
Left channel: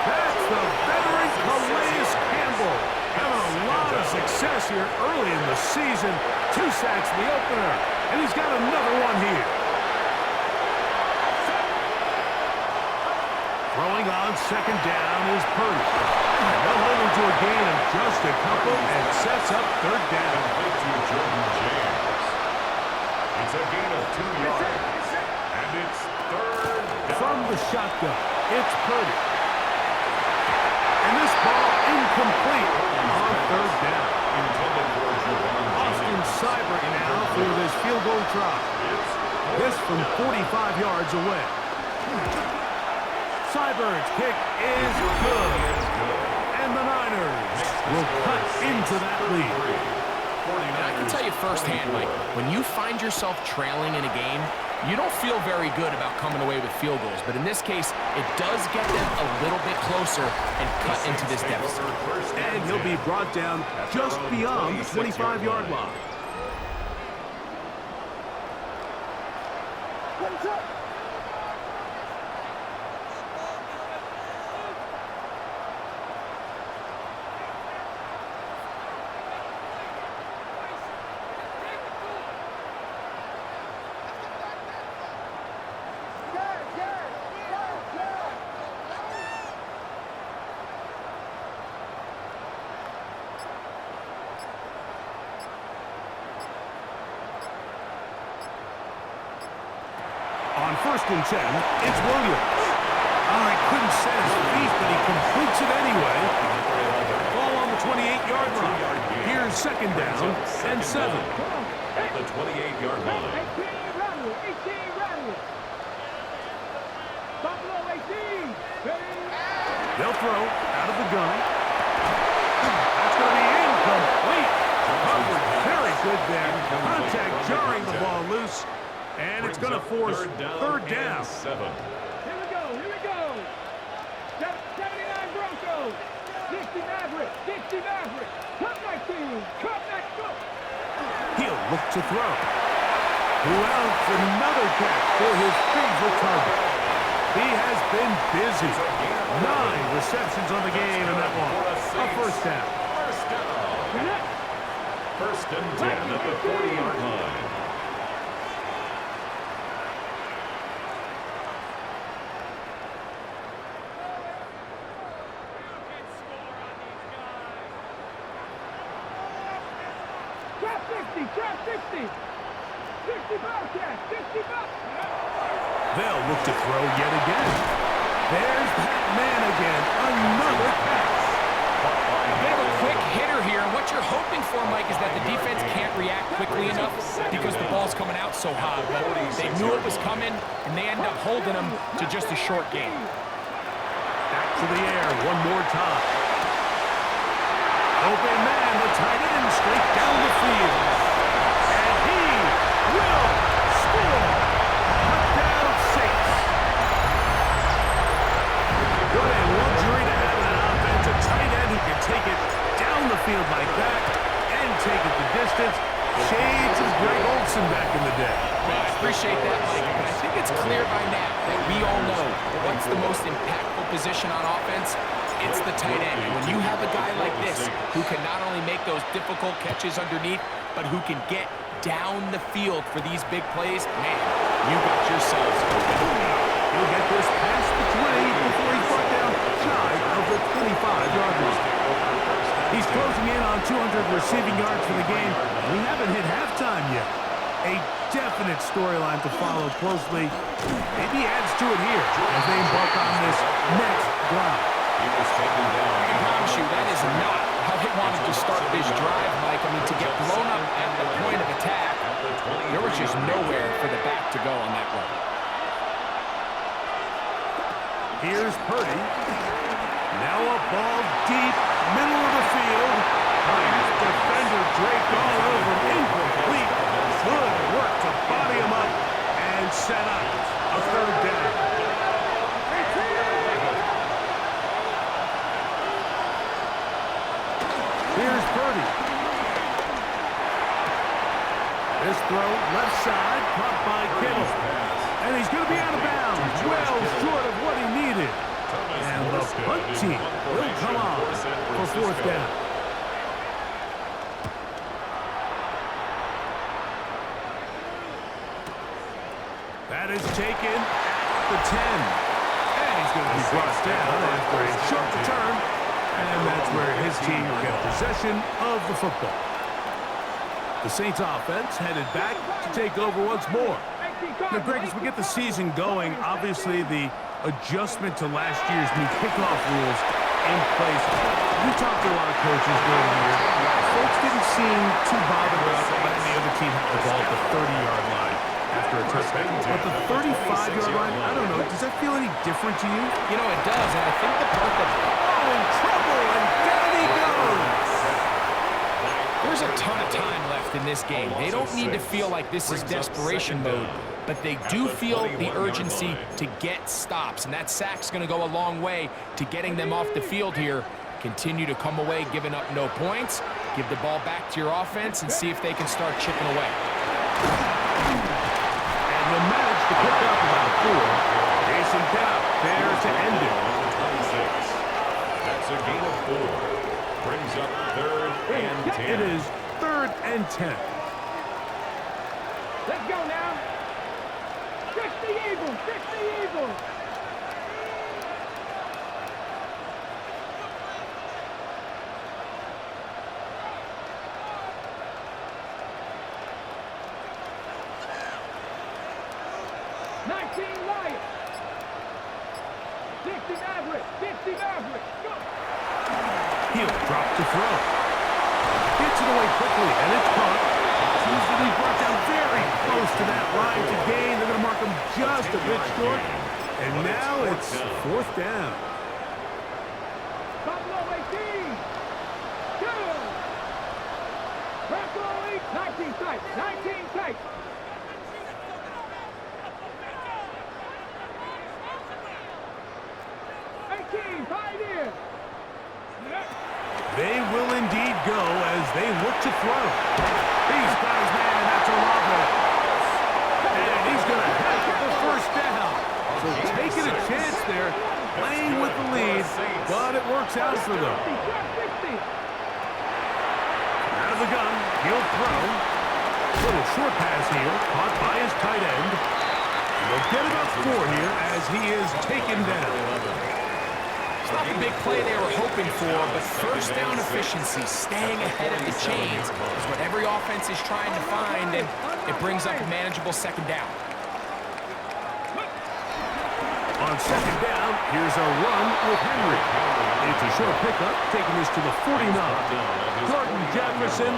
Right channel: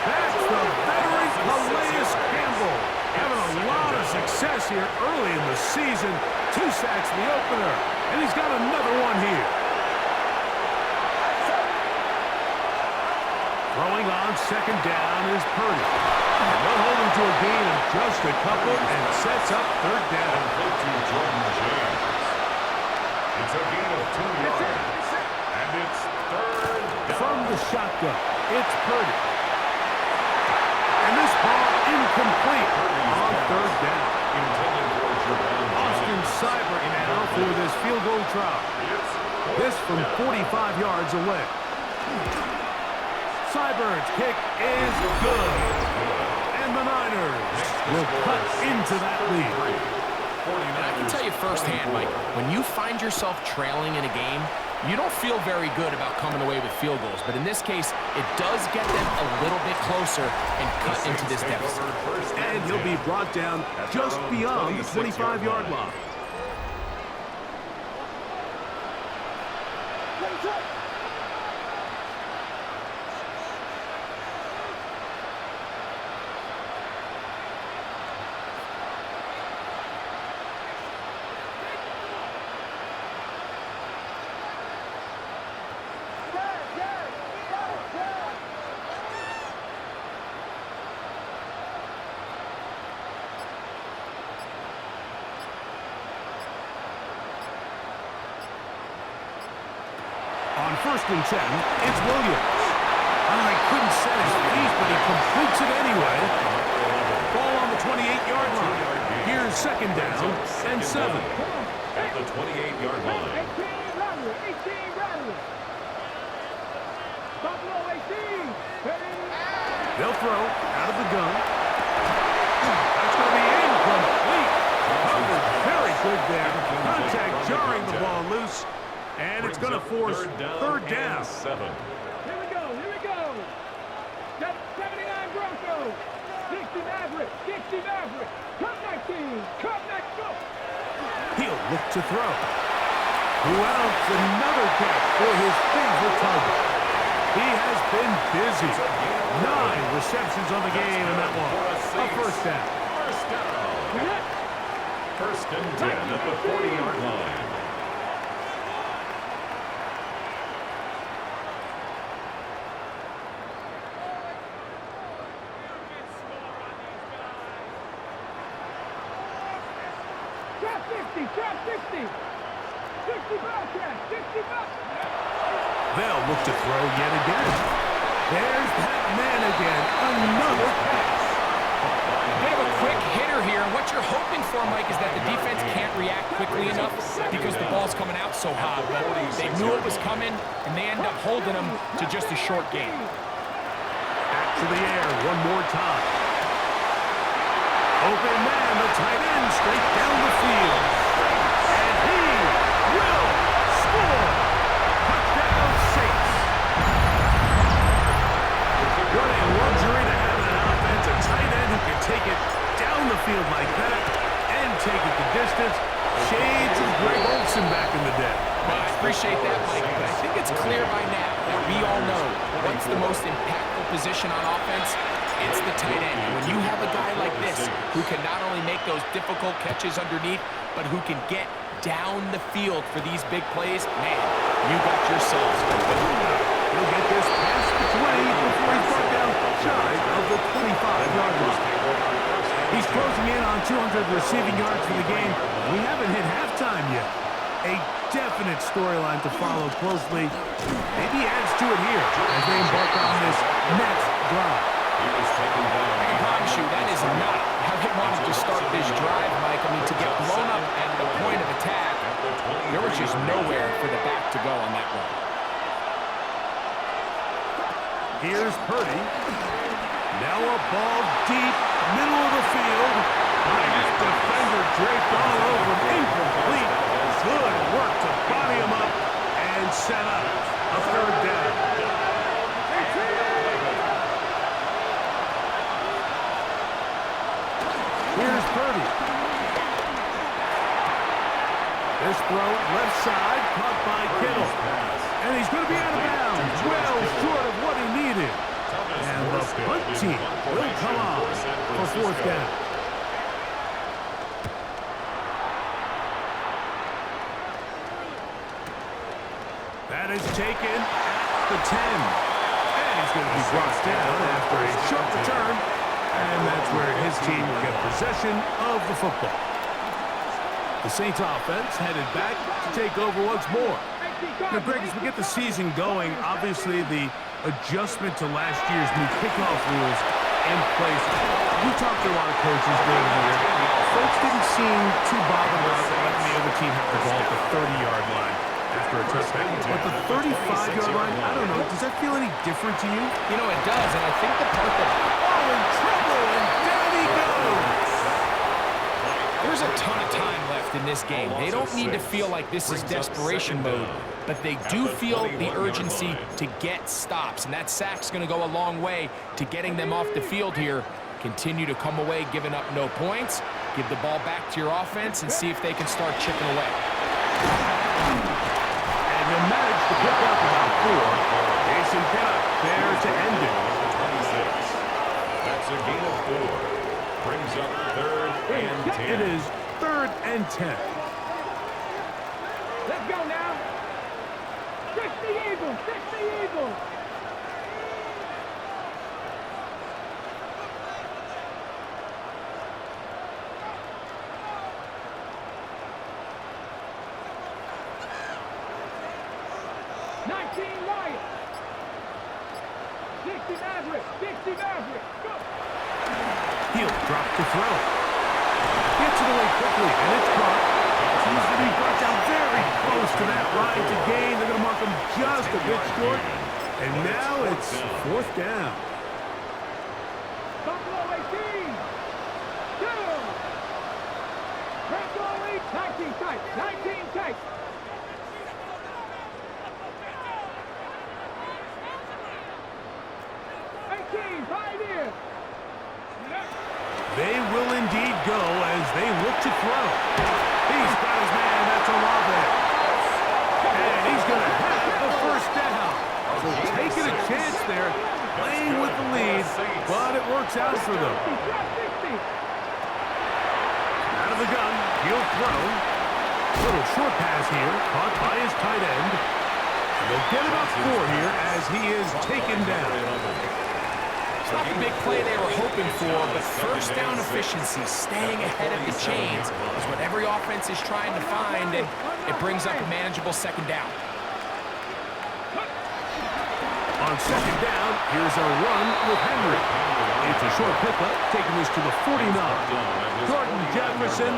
That's the veteran Calais Campbell having a lot of success here early in the season. 2 sacks in the opener, and he's got another one here. Throwing on second down is Purdy. And they'll hold him to a gain of just a couple and sets up third down. Complete to Jordan James. It's a gain of 2 yards. And it's third down. From the shotgun, it's Purdy. And this ball incomplete on third down. Intended for Jordan Austin Jennings. Seibert now for this field goal try. This from 45 yards away. Seibert's kick is good. And the Niners will cut into that lead. And I can tell you firsthand, Mike, when you find yourself trailing in a game, you don't feel very good about coming away with field goals. But in this case, it does get them a little bit closer and cut into this deficit. And he'll be brought down just beyond the 25-yard line. On 1st and 10, it's Williams. Oh, he couldn't set his feet, but he completes it anyway. Ball on the 28-yard line. Here's second down and 7. At the 28-yard line. 18 Rattler, 18 Rattler. Buffalo 18. They'll throw out of the gun. That's going to be incomplete. Covered very good there. Contact jarring the ball loose. And it's going to force third down. 7. Here we go, here we go. 79 Broncos. 60 Maverick, 60 Maverick. Cup 19, Cup next go. He'll look to throw. Who else? Another catch for his favorite target. He has been busy. 9 receptions on the game in that one. A first down. First down. First and 10 at the 40-yard line. Trap 60, trap 60. 60 Bobcats, 60 Bobcats. They'll look to throw yet again. There's that man again. Another catch. A bit of a quick hitter here, and what you're hoping for, Mike, is that the defense can't react quickly enough because the ball's coming out so hot. But they knew it was coming, and they end up holding them to just a short game. Back to the air one more time. Open man, the tight end, straight down the field. And he will score. Touchdown, Saints. What a luxury to have in an offense. A tight end who can take it down the field like that and take it the distance. Shades of Greg Olsen back in the day. Well, I appreciate that, Mike, but I think it's clear by now that we all know what's the most impactful position on offense. It's the tight end. And when you have a guy like this who can not only make those difficult catches underneath, but who can get down the field for these big plays, man, you got yourselves a winner. He'll get this past the 20 before he's brought down shy of the 25-yard line. He's closing in on 200 receiving yards for the game. We haven't hit halftime yet. A definite storyline to follow closely. Maybe adds to it here as they embark on this next drive. He was taken down. I can promise you that is not how they wanted to start this drive, Mike. I mean, to get blown up at the point of attack, there was just nowhere for the back to go on that run. Here's Purdy. Now a ball deep, middle of the field. Nice defender draped all over him. Incomplete. Good work to body him up and set up a third down. Here's Purdy. This throw left side, caught by Kittle. And he's going to be out of bounds, well short of what he needed. And the punt team will come on for fourth down. That is taken at the 10. And he's going to be brought down after a short return. And that's where his team will get possession of the football. The Saints offense headed back to take over once more. Now, Greg, as we get the season going, obviously the adjustment to last year's new kickoff rules in place. We talked to a lot of coaches during the year. Folks didn't seem too bothered about letting the other team have the ball at the 30-yard line after a touchback. But the 35-yard line, I don't know, does that feel any different to you? You know, it does, and I think the part that... Oh, in trouble, and down he goes! There's a ton of time left in this game. They don't need to feel like this is desperation mode, but they do feel the urgency to get stops, and that sack's going to go a long way to getting them off the field here. Continue to come away giving up no points. Give the ball back to your offense and see if they can start chipping away. And he'll manage to pick up about 4. Jason Pinnock there to end it. 26. That's a gain of 4. Brings up 3rd and 10. It is 3rd and 10. Let's go now. Fix the Eagles. Fix the Eagles. Lions. 60 Maverick. 60 Maverick. Go. He'll drop to throw. Gets it away quickly, and it's caught. He's going to be brought down very close to that line to gain. They're going to mark him just a bit short. And now it's 4th down. Buffalo 18. 2. Buffalo 8. 19 tight. 19 tight. Pioneer. They will indeed go as they look to throw. He's got his man. That's Olave. And he's going to have the 1st down. So taking a chance there, playing with the lead, but it works out for them. Out of the gun, he'll throw. Little short pass here, caught by his tight end. And they'll get about 4 here as he is taken down. It's not the big play they were hoping for, but 1st down efficiency, staying ahead of the chains, is what every offense is trying to find, and it brings up a manageable 2nd down. On 2nd down, here's a run with Henry. It's a short pickup, taking this to the 49. Jordan Jefferson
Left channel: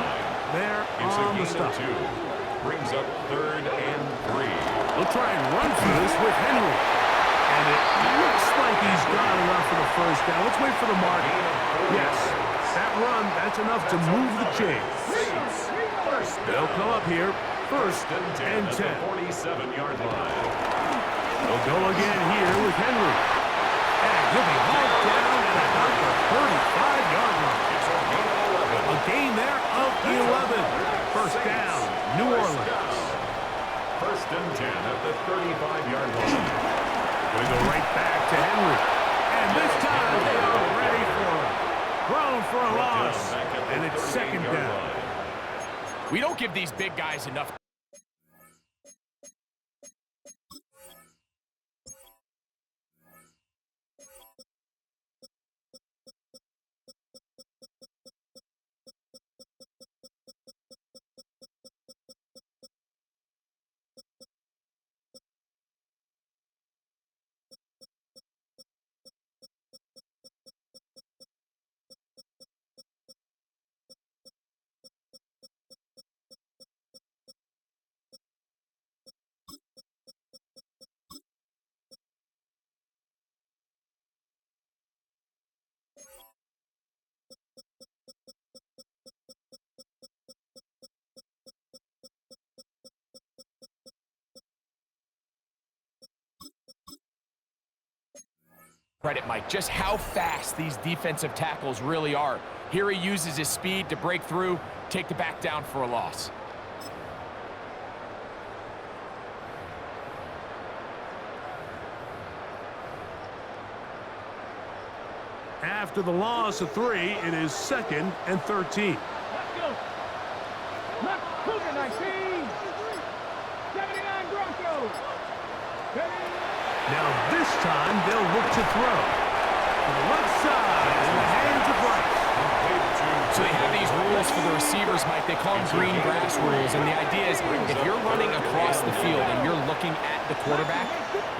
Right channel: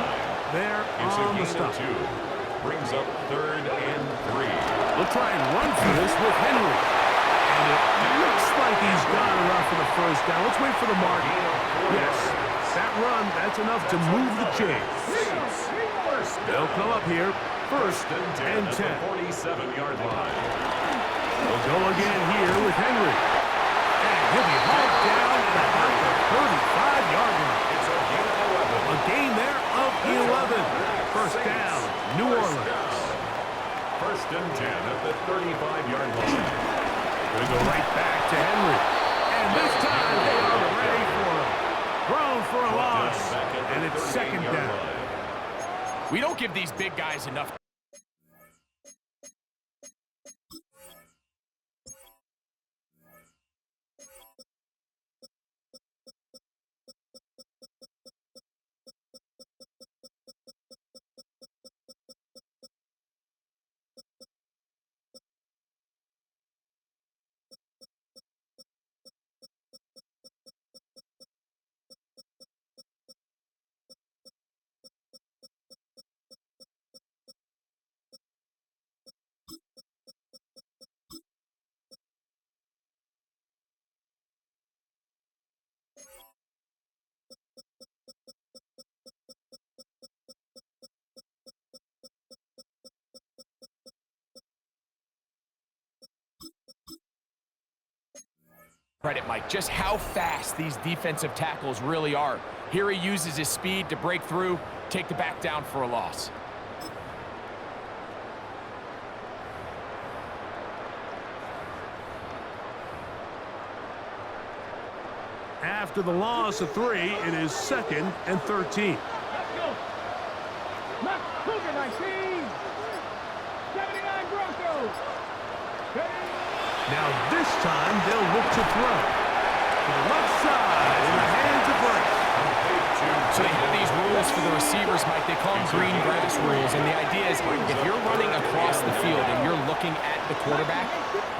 there on the stop. Brings up 3rd and 3. We'll try and run for this with Henry. And it looks like he's got enough for the 1st down. Let's wait for the mark. Yes, that run, that's enough to move the chains. They'll come up here, 1st and 10. 47-yard line. They'll go again here with Henry. And he'll be hauled down at about the 35-yard line. It's a gain of 11. A gain there of 11. 1st down, New Orleans. 1st and 10 at the 35-yard line. Going to go right back to Henry. And this time they are ready for him. Thrown for a loss. And it's 2nd down. We don't give these big guys enough. Credit, Mike, just how fast these defensive tackles really are. Here he uses his speed to break through, take the back down for a loss. After the loss of 3, it is 2nd and 13. Let's go. Let's Cougar 19. 79 Broncos. Ready? Now this time they'll look to throw. To the left side in the hands of Bryce. So they have these rules for the receivers, Mike. They call them green grass rules. And the idea is if you're running across the field and you're looking at the quarterback,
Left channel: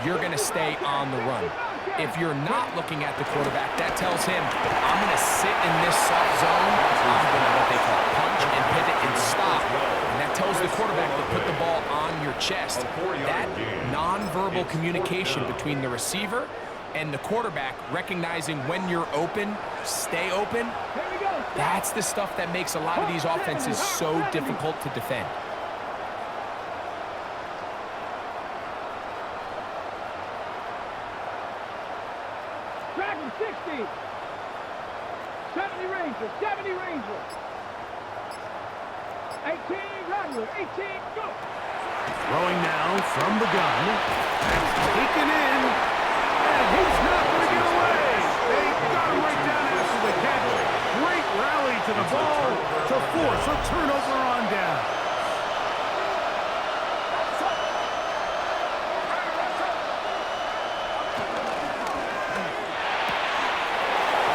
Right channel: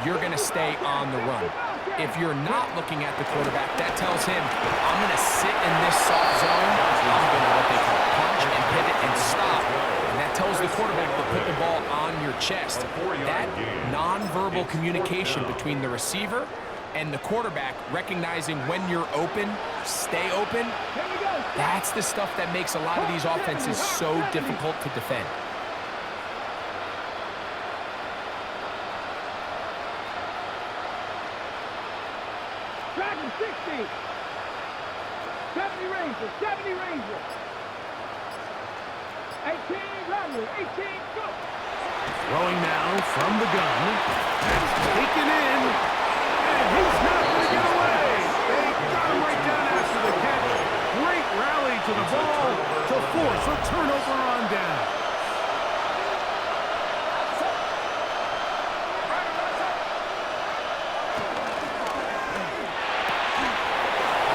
you're going to stay on the run. If you're not looking at the quarterback, that tells him, I'm going to sit in this soft zone. I'm going to what they call punch and pivot and stop. And that tells the quarterback to put the ball on your chest. That nonverbal communication between the receiver and the quarterback, recognizing when you're open, stay open, that's the stuff that makes a lot of these offenses so difficult to defend. Dragon 60. 70 Ranger. 70 Ranger. 18 Rattler. 18 go. Throwing now from the gun. That's taken in. And he's not going to get away. They got him right down after the catch. Great rally to the ball to force a turnover on down.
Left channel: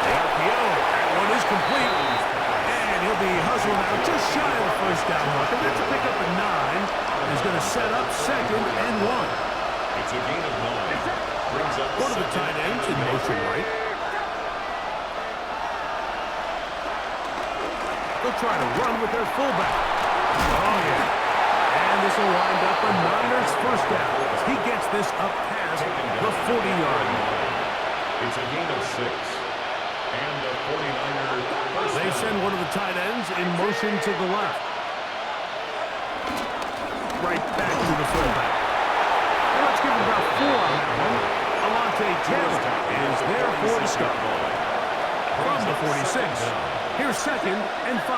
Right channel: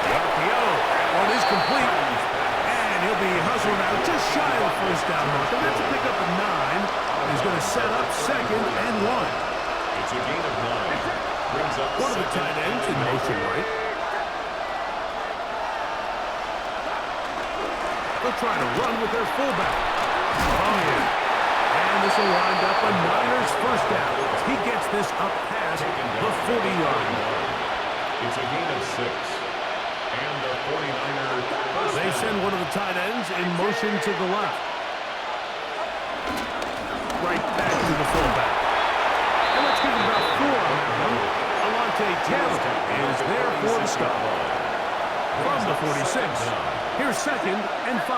The RPO. That one is complete. And he'll be hustled out just shy of the first down mark. And that's a pickup at 9. He's going to set up 2nd and 1. It's a gain of 9. Brings up one of the tight ends in motion right. They'll try to run with their fullback. Oh, yeah. And this will wind up a Niners first down. He gets this up past the 40-yard line. It's a gain of 6. And the 49ers first They send one of the tight ends in motion to the left. Right back to the fullback. And let's give him about 4 on that one. Taylor is there for the stop. From the 46, here's 2nd and 5.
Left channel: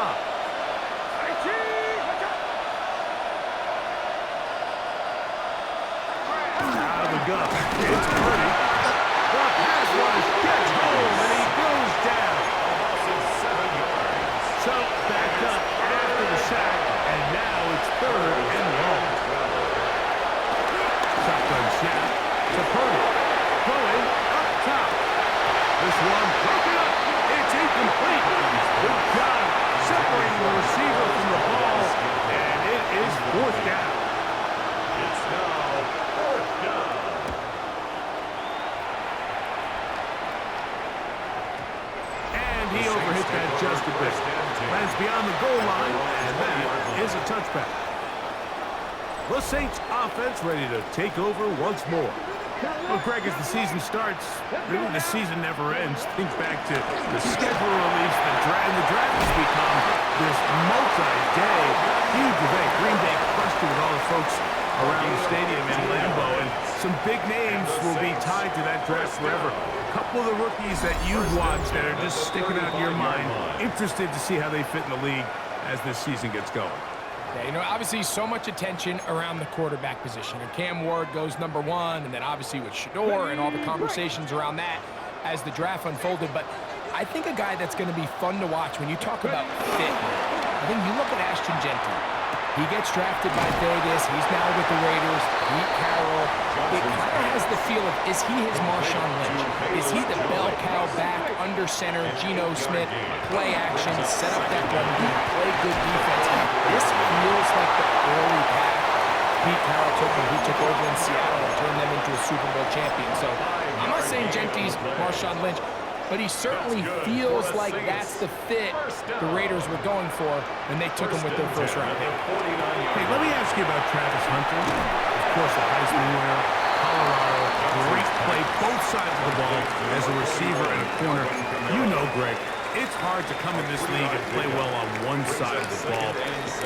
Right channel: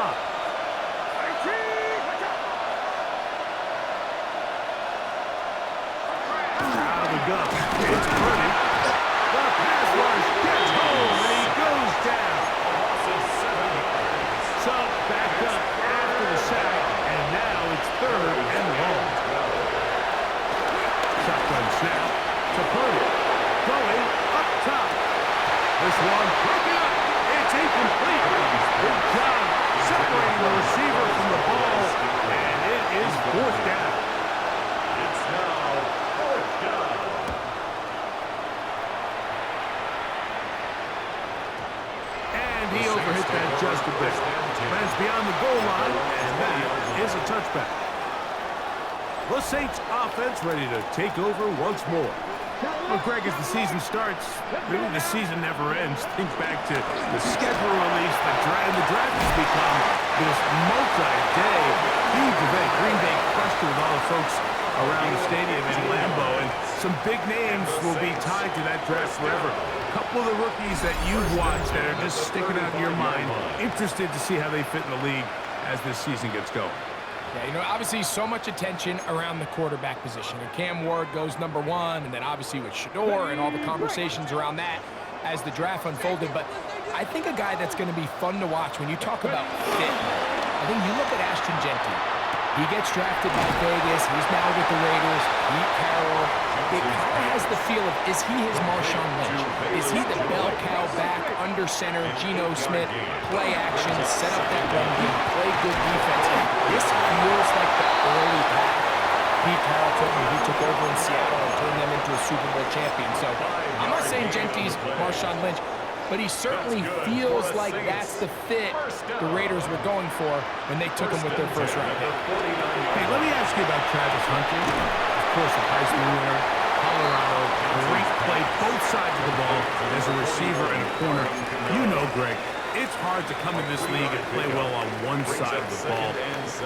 Out of the gun, it's Purdy. The pass rush gets home, and he goes down. Loss 7 yards. So, backed up after the sack, and now it's 3rd and long. Shotgun snap to Purdy. Going up top. This one broken up. It's incomplete. Good job separating the receiver from the ball, and it is 4th down. It's now 4th down. And he overhit that just a bit. Lands beyond the goal line, and that is a touchback. The Saints offense ready to take over once more. Well, Greg, as the season starts, really the season never ends. Think back to the schedule release, the draft has become this multi-day, huge event. Green Bay crushed it with all the folks around the stadium in Lambeau, and some big names will be tied to that draft forever. A couple of the rookies that you've watched that are just sticking out in your mind, interested to see how they fit in the league as this season gets going. Yeah, you know, obviously so much attention around the quarterback position. And Cam Ward goes number 1, and then obviously with Shador and all the conversations around that as the draft unfolded. But I think a guy that's going to be fun to watch when you talk about fit, I think you look at Ashton Genty. He gets drafted by Vegas. He's now with the Raiders. Pete Carroll. It kind of has the feel of, is he his Marshawn Lynch? Is he the bell cow back under center, Geno Smith, play action, set up that run game, play good defense? This feels like the early path Pete Carroll took when he took over in Seattle and turned them into a Super Bowl champion. So I'm not saying Genty's Marshawn Lynch, but he certainly feels like that's the fit the Raiders were going for when they took him with their first round pick. Hey, let me ask you about Travis Hunter. Of course, a Heisman winner, Colorado, great play, both sides of the ball as a receiver and a corner. You know, Greg, it's hard to come in this league and play well on one side of the ball.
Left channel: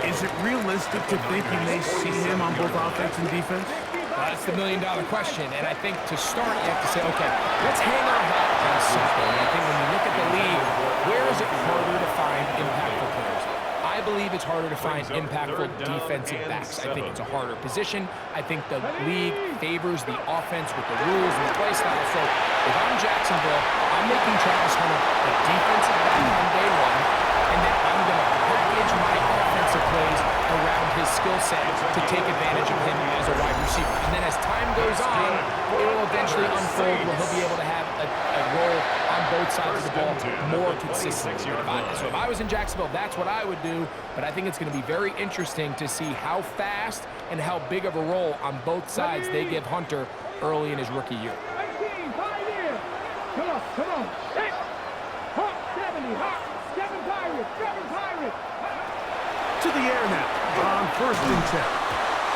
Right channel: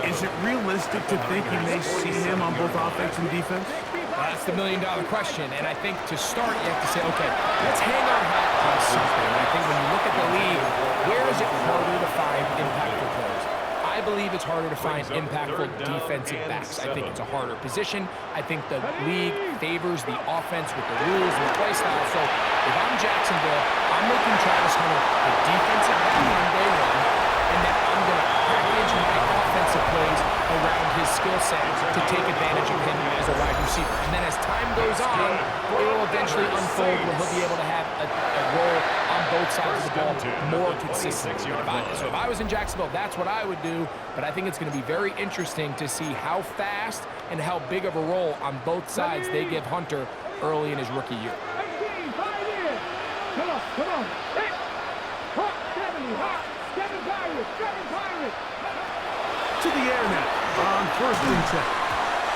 Is it realistic to think you may see him on both offense and defense? That's the million-dollar question, and I think to start, you have to say, okay, let's hang our hat on something. And I think when you look at the league, where is it harder to find impactful players? I believe it's harder to find impactful defensive backs. I think it's a harder position. I think the league favors the offense with the rules and the play style. So if I'm Jacksonville, I'm making Travis Hunter a defensive back on day 1, and then I'm going to package my offensive plays around his skill set to take advantage of him as a wide receiver. And then as time goes on, it will eventually unfold where he'll be able to have a role on both sides of the ball more consistently. So if I was in Jacksonville, that's what I would do. But I think it's going to be very interesting to see how fast and how big of a role on both sides they give Hunter early in his rookie year. 19, 5 in. Come on. 6. Hawk, 70. Hawk, 7 Pirates. 7 Pirates. To the air now on 1st and 10.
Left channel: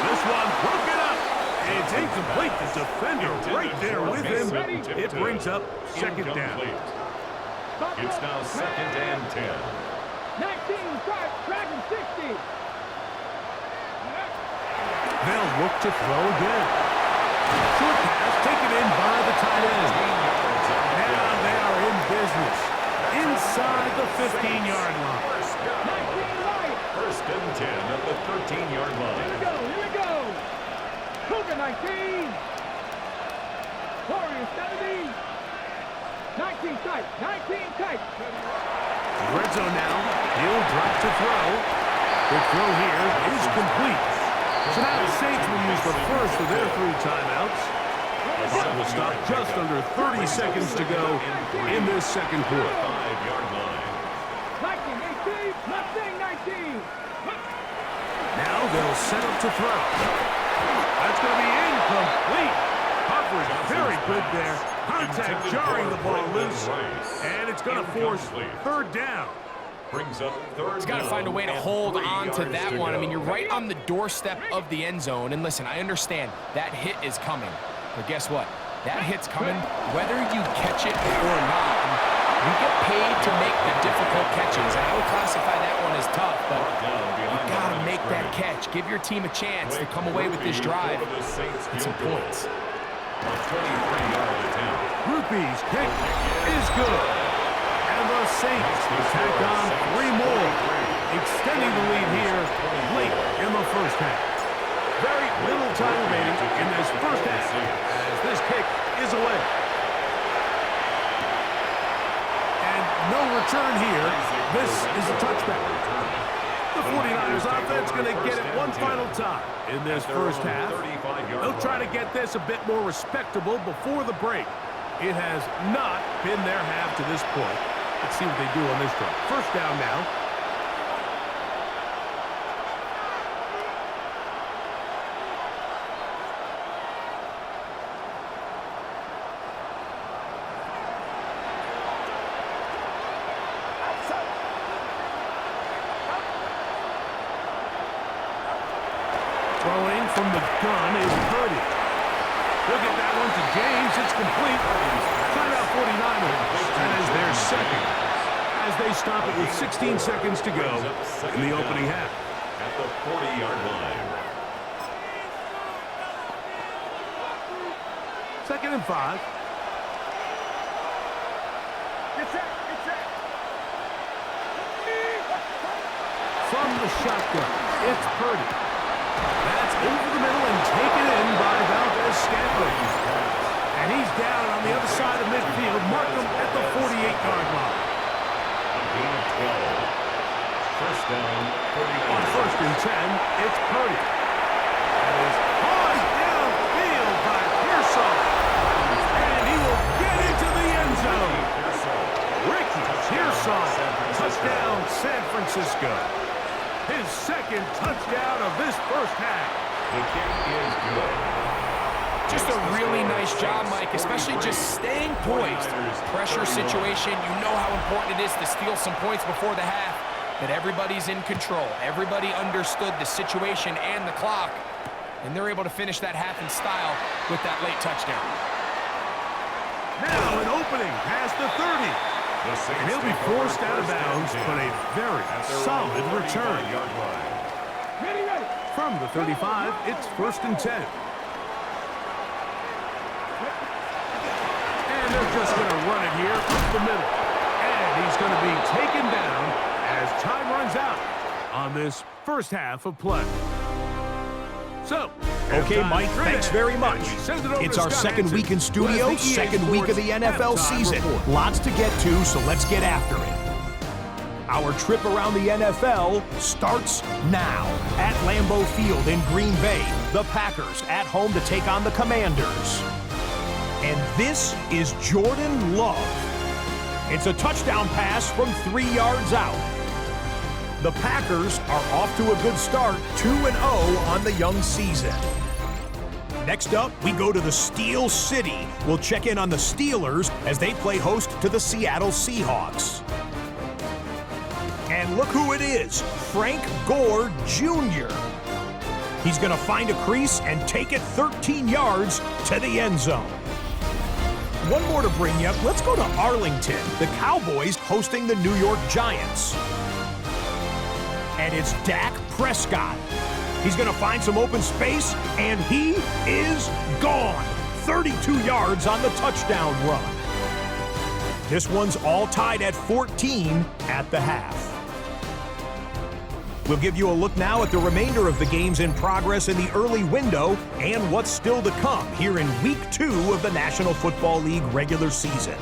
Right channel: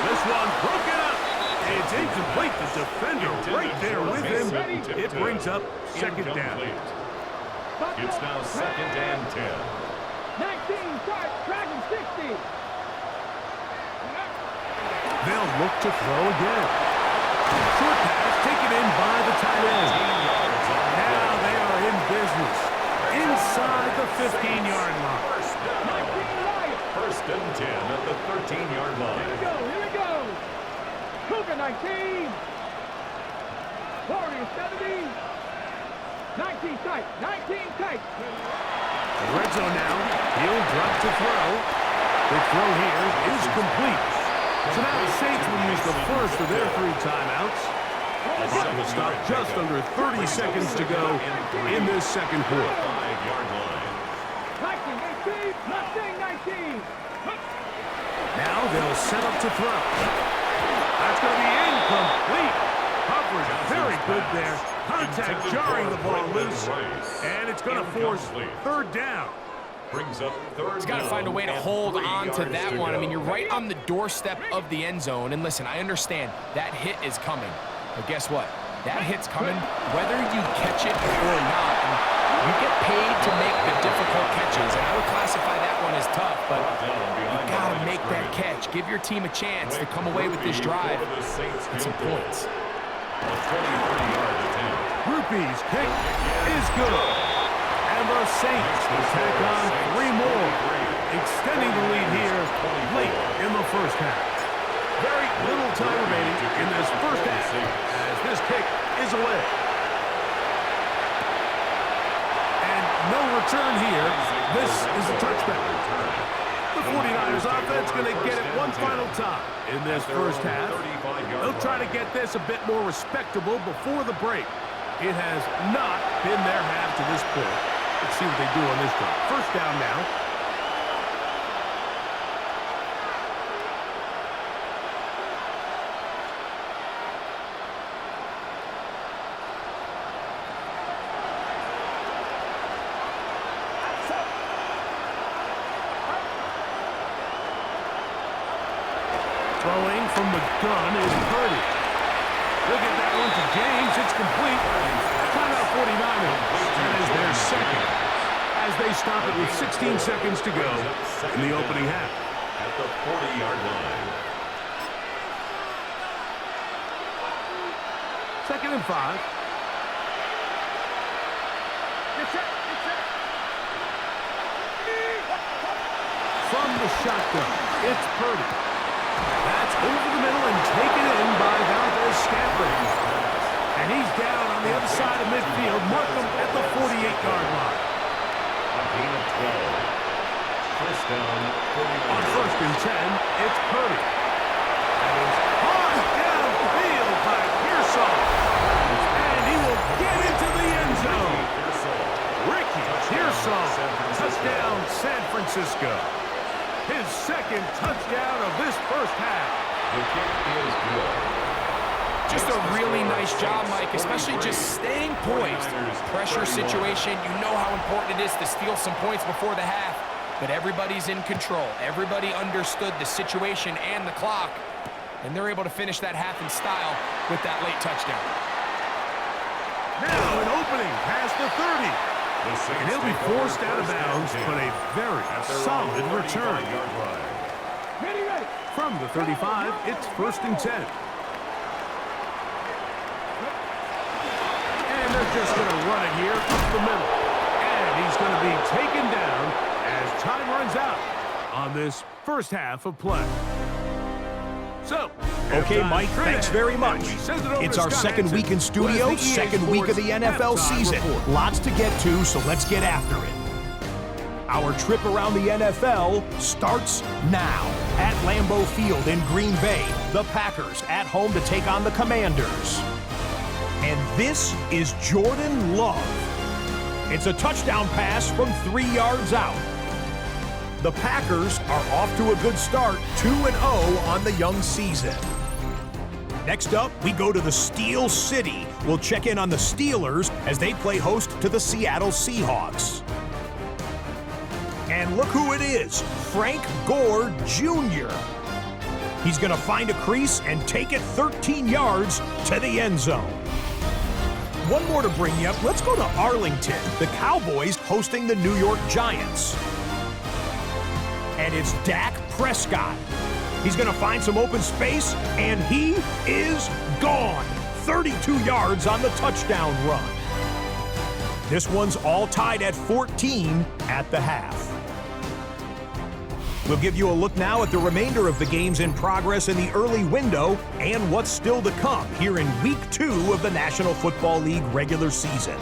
This one broken up. It's incomplete. The defender right there with him. It brings up 2nd down. It's now 2nd and 10. 19, start. Dragon 60. They'll look to throw again. Short pass taken in by the tight end. Now they are in business inside the 15-yard line. 19, right. 1st and 10 at the 13-yard line. Here we go. Cougar 19. Warrior 70. 19 tight. 19 tight. Red zone now. He'll drop to throw. The throw here is complete. So now the Saints will use the first of their 3 timeouts. Clock will stop just under 30 seconds to go in this 2nd quarter. 5-yard line. 19, 18. Mustang 19. Now they'll set up to throw. That's going to be incomplete. Coverage very good there. Contact jarring the ball loose. And it's going to force 3rd down. Brings up 3rd. He's got to find a way to hold on to that one. I mean, you're right on the doorstep of the end zone. And listen, I understand that hit is coming. But guess what? That hit's coming whether you catch it or not. And you get paid to make the difficult catches. And I would classify that one as tough, but you got to make that catch. Give your team a chance to come away with this drive with some points. A 23-yard attempt. Rupee's kick is good. And the Saints will tack on 3 more, extending the lead here late in the 1st half. Very little time remaining in this 1st half as this kick is away. And no return here. This is a touchback. The 49ers offense going to get it one final time in this 1st half. They'll try to get this a bit more respectable before the break. It has not been their half to this point. Let's see what they do on this drive. 1st down now. Throwing from the gun is Purdy. He'll get that one to James. It's complete. Timeout 49ers. That is their 2nd. As they stop it with 16 seconds to go in the opening half. At the 40-yard line. 2nd and 5. Get set. From the shotgun, it's Purdy. That's over the middle and taken in by Valdez-Scantling. And he's down on the other side of midfield. Mark him at the 48-yard line. A gain of 12. 1st down, 49. On 1st and 10, it's Purdy. That is paused downfield by Pearsall. And he will get into the end zone. Ricky Pearsall, touchdown San Francisco. His 2nd touchdown of this 1st half. The kick is good. Just a really nice job, Mike, especially just staying poised. Pressure situation, you know how important it is to steal some points before the half, but everybody's in control. Everybody understood the situation and the clock, and they're able to finish that half in style with that late touchdown. Now an opening past the 30. And he'll be forced out of bounds, but a very solid return. Ready. From the 35, it's 1st and 10. And they're just going to run it here up the middle. And he's going to be taken down as time runs out on this 1st half of play. So, okay, Mike, thanks very much. It's our 2nd week in studio, 2nd week of the NFL season. Lots to get to, so let's get after it. Our trip around the NFL starts now. At Lambeau Field in Green Bay, the Packers at home to take on the Commanders. And this is Jordan Love. It's a touchdown pass from 3 yards out. The Packers are off to a good start, 2-0 on the young season. Next up, we go to the Steel City. We'll check in on the Steelers as they play host to the Seattle Seahawks. And look who it is, Frank Gore Jr. He's going to find a crease and take it 13 yards to the end zone. One more to bring you up. Let's go to Arlington. The Cowboys hosting the New York Giants. And it's Dak Prescott. He's going to find some open space, and he is gone. 32 yards on the touchdown run. This one's all tied at 14 at the half. We'll give you a look now at the remainder of the games in progress in the early window and what's still to come here in Week 2 of the National Football League regular season.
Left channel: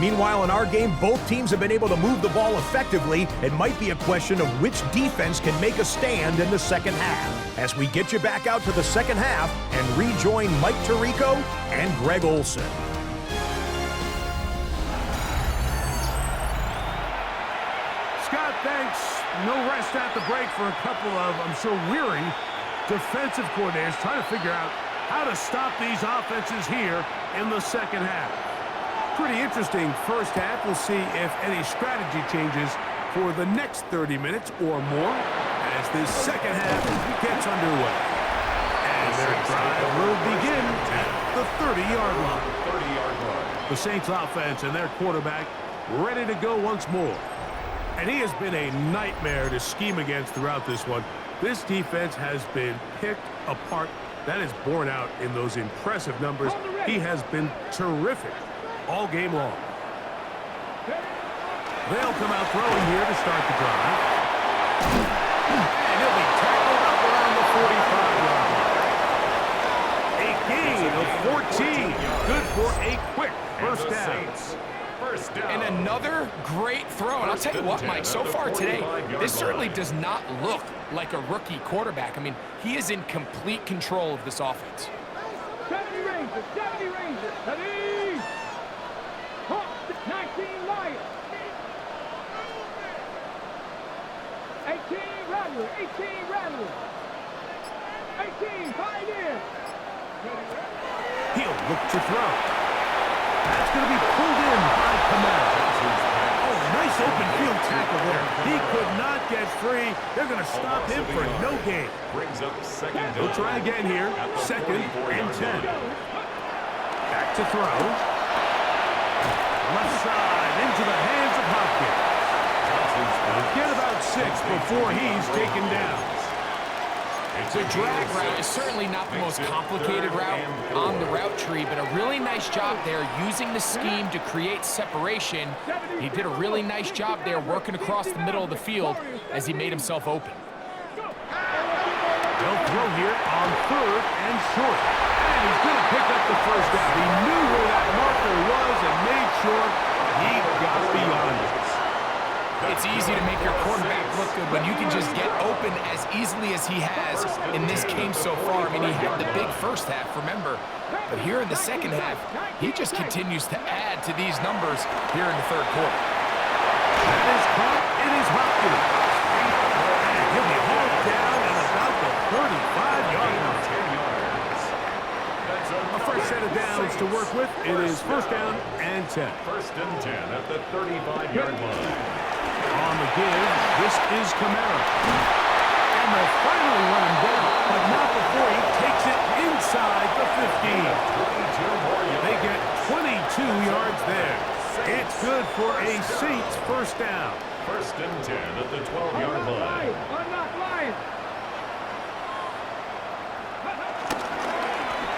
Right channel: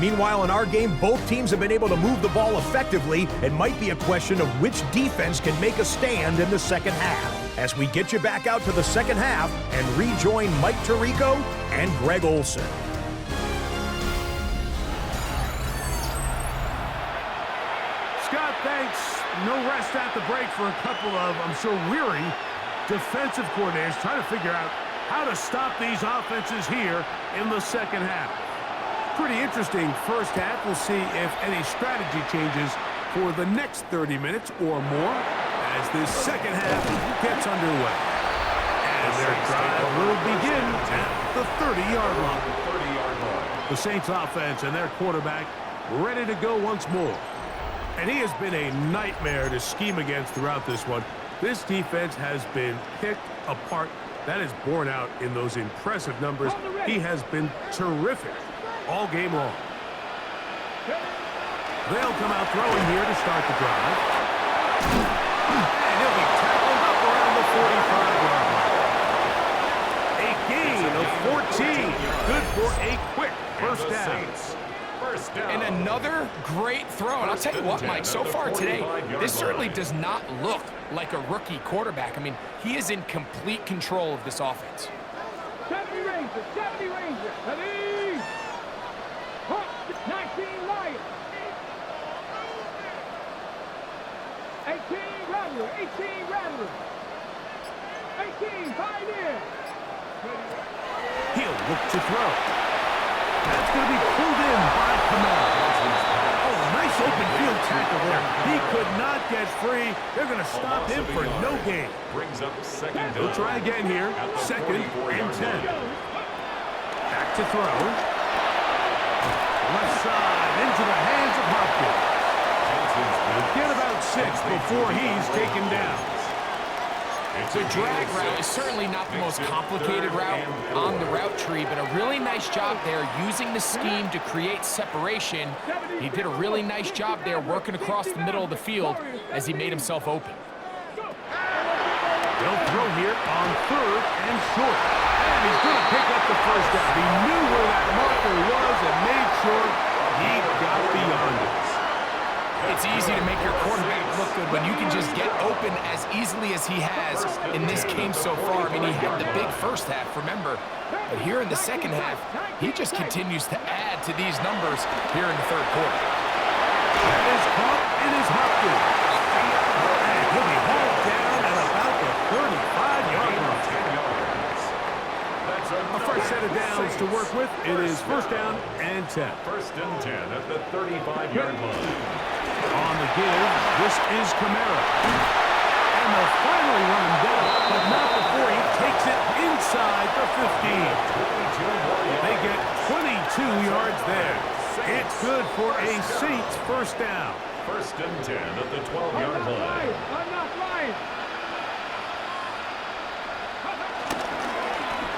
Meanwhile, in our game, both teams have been able to move the ball effectively. It might be a question of which defense can make a stand in the second half. As we get you back out to the second half and rejoin Mike Tirico and Greg Olson. Scott, thanks. No rest at the break for a couple of, I'm sure, weary defensive coordinators trying to figure out how to stop these offenses here in the second half. Pretty interesting first half. We'll see if any strategy changes for the next 30 minutes or more as this second half gets underway. And their drive will begin at the 30-yard line. The Saints offense and their quarterback ready to go once more. And he has been a nightmare to scheme against throughout this one. This defense has been picked apart. That is borne out in those impressive numbers. He has been terrific all game long. They'll come out throwing here to start the drive. And he'll be tackled up around the 45-yard line. A gain of 14. Good for a quick first down. And another great throw. And I'll tell you what, Mike, so far today, this certainly does not look like a rookie quarterback. I mean, he is in complete control of this offense. 70 Rangers, 70 Rangers, 70! 19 Lions. 18 Rattler, 18 Rattler. 18 Pioneer. He'll look to throw. That's going to be pulled in by Kamara. Oh, nice open field tackle there. He could not get free. They're going to stop him for no gain. Brings up second. He'll try again here. Second and 10. Back to throw. Left side into the hands of Hopkins. He'll get about 6 before he's taken down. The drag route is certainly not the most complicated route on the route tree, but a really nice job there using the scheme to create separation. He did a really nice job there working across the middle of the field as he made himself open. They'll throw here on 3rd and short. And he's going to pick up the first down. He knew where that marker was and made sure he got beyond it. It's easy to make your quarterback look good when you can just get open as easily as he has in this game so far. I mean, he had the big first half, remember. But here in the second half, he just continues to add to these numbers here in the third quarter. That is caught. It is Hopkins. And he'll be hauled down at about the 35-yard line. A fresh set of downs to work with. It is first down and 10. First and 10 at the 35-yard line. On the give, this is Kamara. And they'll finally run him down, but not before he takes it inside the 15. They get 22 yards there. It's good for a Saints first down. First and 10 at the 12-yard line. Unlock Lions.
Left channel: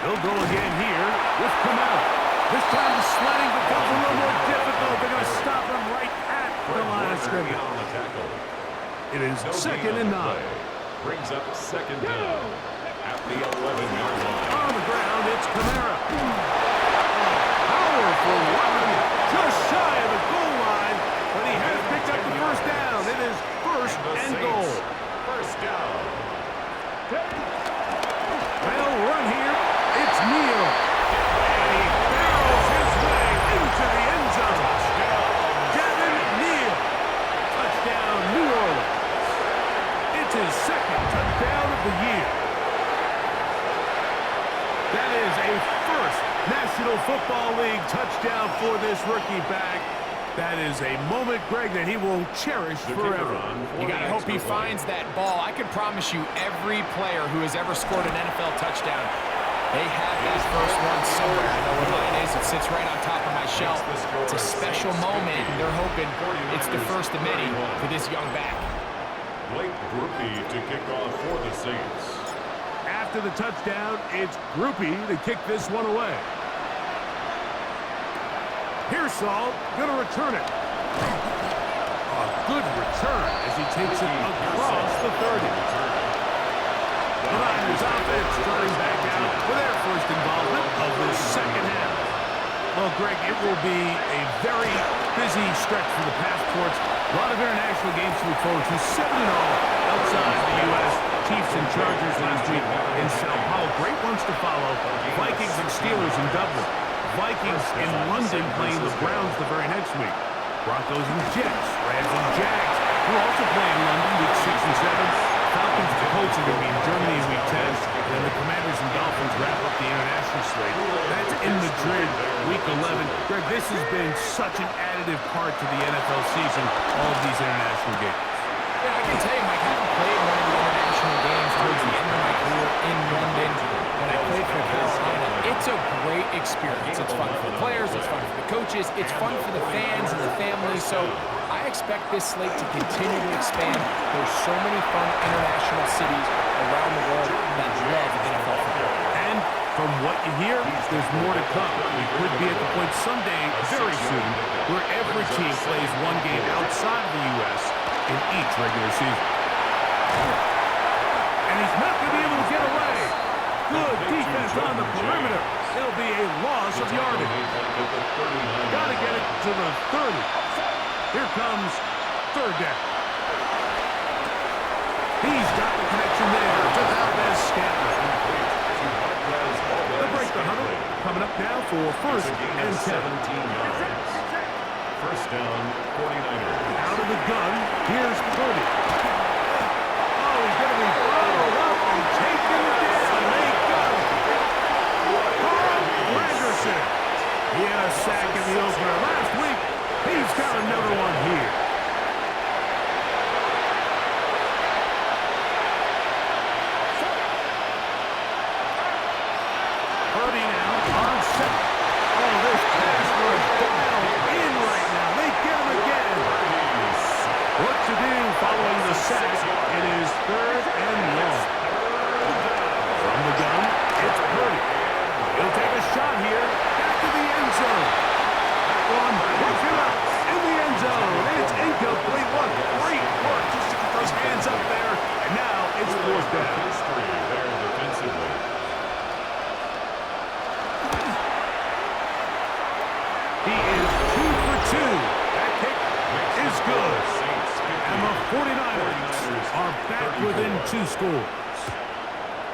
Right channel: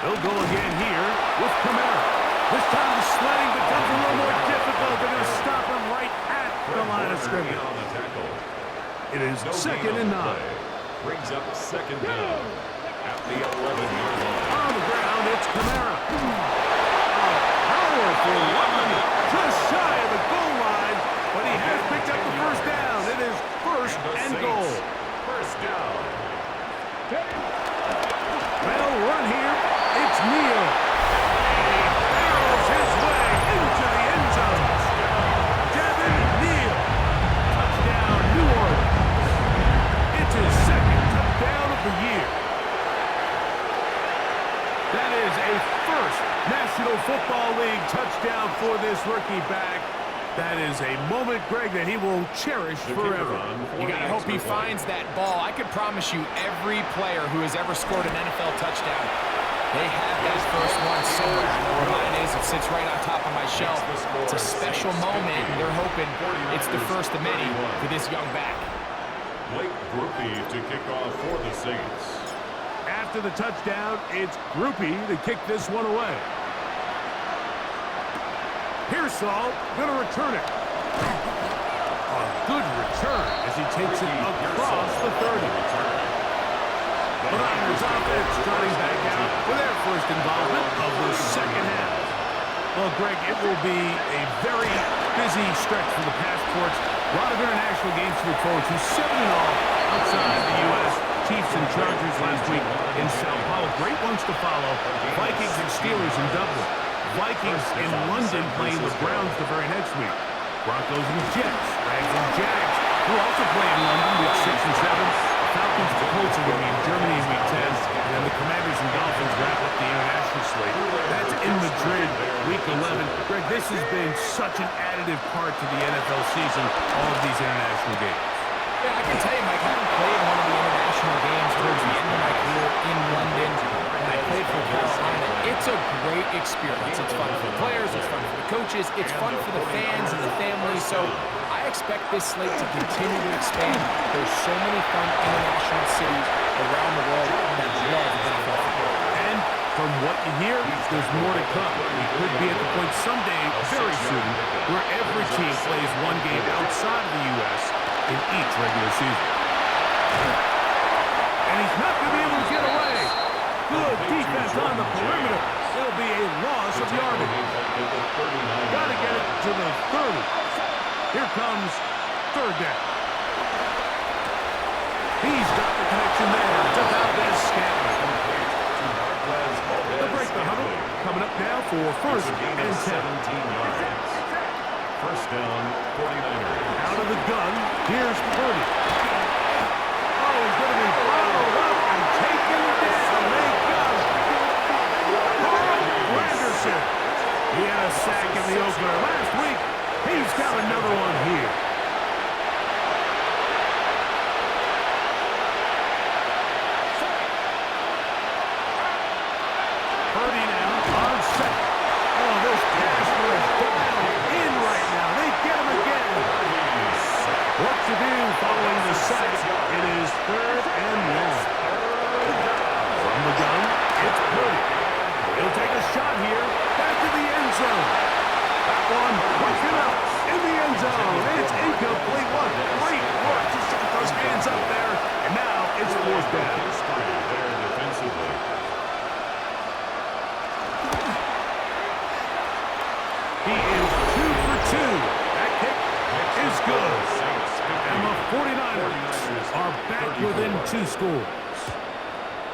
They'll go again here with Kamara. This time the sledding becomes a little more difficult. They're going to stop him right at the line of scrimmage. On the tackle. It is second and 9. Brings up second down at the 11-yard line. On the ground, it's Kamara. A powerful run, just shy of the goal line, but he has picked up the first down. It is first and goal. First down. They'll run here. It's Neal. And he first National Football League touchdown for this rookie back. That is a moment, Greg, that he will cherish forever. You got to hope he finds that ball. I can promise you every player who has ever scored an NFL touchdown, they have that first one somewhere. I know where mine is. It sits right on top of my shelf. It's a special moment, and they're hoping it's the first of many for this young back. Blake Groupie to kick off for the Saints. After the touchdown, it's Groupie to kick this one away. Pearsall gonna return it. A good return as he takes it across the 30. The Niners offense starting back out for their first involvement of the second half. Well, Greg, it will be a very busy stretch for the passports. A lot of international games to look forward to. 7 in all outside the U.S. Chiefs and Chargers last week in Sao Paulo. Great ones to follow. Vikings and Steelers in Dublin. Vikings in London playing the Browns the very next week. Broncos and Jets, Rams and Jags, who also play in London week 6 and 7. Falcons and Colts are going to be in Germany in week 10. And then the Commanders and Dolphins wrap up the international slate. That's in Madrid week 11. Greg, this has been such an additive part to the NFL season, all of these international games. Yeah, I can tell you, Mike, having played one of the international games towards the end of my career in London, when I played for Carolina, it's a great experience. It's fun for the players, it's fun for the coaches, it's fun for the fans and the families. So I expect this slate to continue to expand. There's so many fun international cities around the world that love NFL football. And from what you hear, there's more to come. We could be at the point someday, very soon, where every team plays one game outside of the U.S. in each regular season. And he's not going to be able to get away. Good defense on the perimeter. It'll be a loss of yardage. Got to get it to the 30. Here comes third down. He's got the connection there to Valdez-Scantling. They'll break the huddle. Coming up now for first and 10. 17 yards. First down, 49ers. Out of the gun, here's Purdy. Oh, he's going to be followed up and taken down. They got him. Carl Granderson. He had a sack in the opener last week. He's got another one here. Purdy now on second. Oh, this pass was dialed in right now. They get him again. What to do following the sack? It is third and long. From the gun, it's Purdy. He'll take a shot here. Back to the end zone. That one broken up in the end zone. It's incomplete. What great work just to get those hands up there. And now it's fourth down. History there defensively. He is 2 for 2. That kick is good. And the 49ers are back within 2 scores.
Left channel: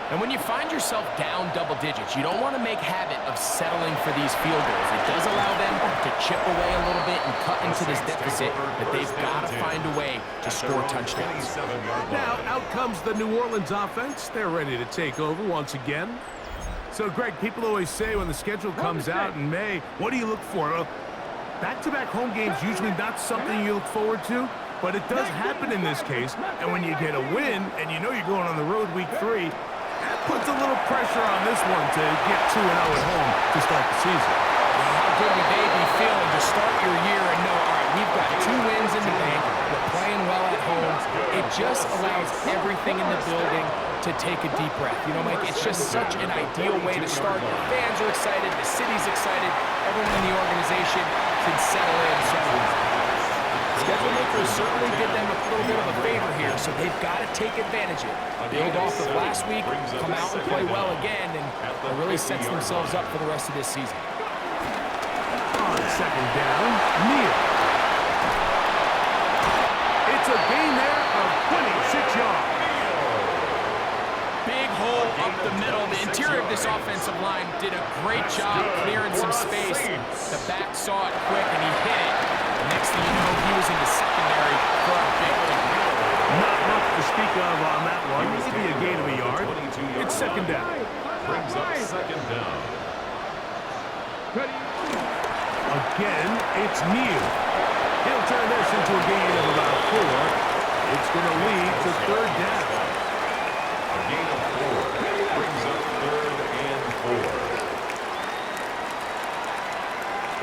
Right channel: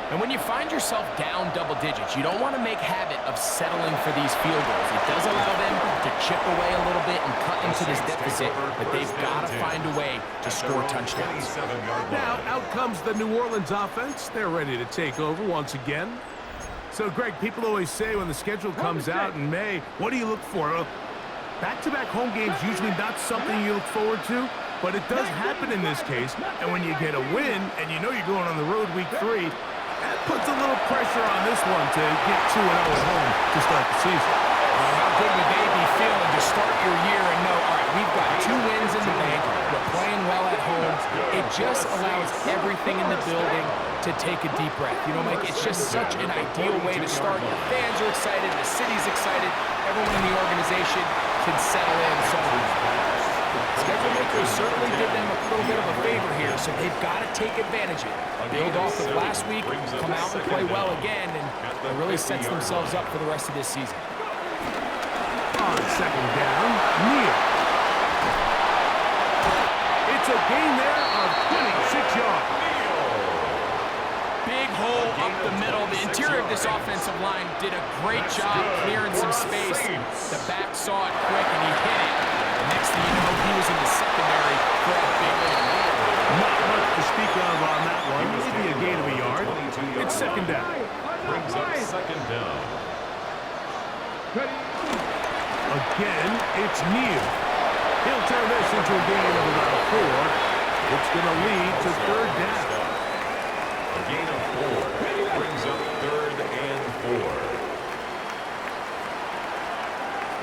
And when you find yourself down double digits, you don't want to make habit of settling for these field goals. It does allow them to chip away a little bit and cut into this deficit, but they've got to find a way to score touchdowns. Now, out comes the New Orleans offense. They're ready to take over once again. So, Greg, people always say when the schedule comes out in May, what do you look for? Back-to-back home games usually not something you look forward to, but it does happen in this case. And when you get a win and you know you're going on the road week 3, that puts a little pressure on this one to get 2-0 at home to start the season. Well, how good would they be feeling to start your year and know, all right, we've got 2 wins in the bank, we're playing well at home. It just allows everything in the building to take a deep breath. You know, Mike, it's just such an ideal way to start. Your fans are excited, the city's excited, everyone in the organization can settle in. So schedule makers certainly did them a little bit of a favor here, so they've got to take advantage of it. Build off of last week, come out and play well again, and it really sets themselves up for the rest of this season. On second down, Neal. It's a gain there of 26 yards. Big hole up the middle. The interior of this offensive line did a great job clearing some space. The back saw it quick, and he hit it. The next thing you know, he was in the secondary for a big lead. Not much to speak of on that one. Maybe a gain of a yard. It's second down. Brings up second down. Ready. Again, it's Neal. He'll turn this into a gain of about 4. It's going to lead to third down. A gain of 4 brings up 3rd and 4.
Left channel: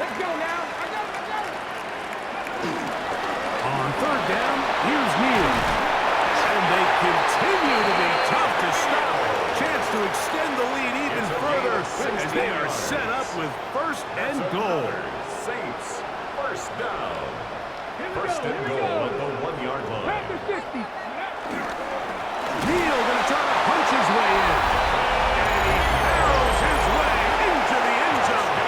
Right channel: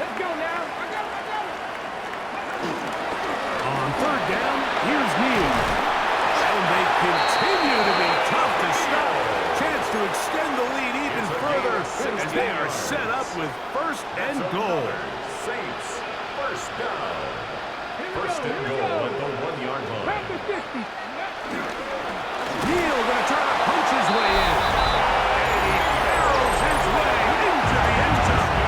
Let's go now. I got him. On third down, here's Neal. And they continue to be tough to stop. Chance to extend the lead even further as they are set up with 1st and goal. Saints, 1st down. Here we 1st go. and goal at the 1-yard line. Back to 60. Neal going to try to punch his way in. And he barrels his way into the end zone.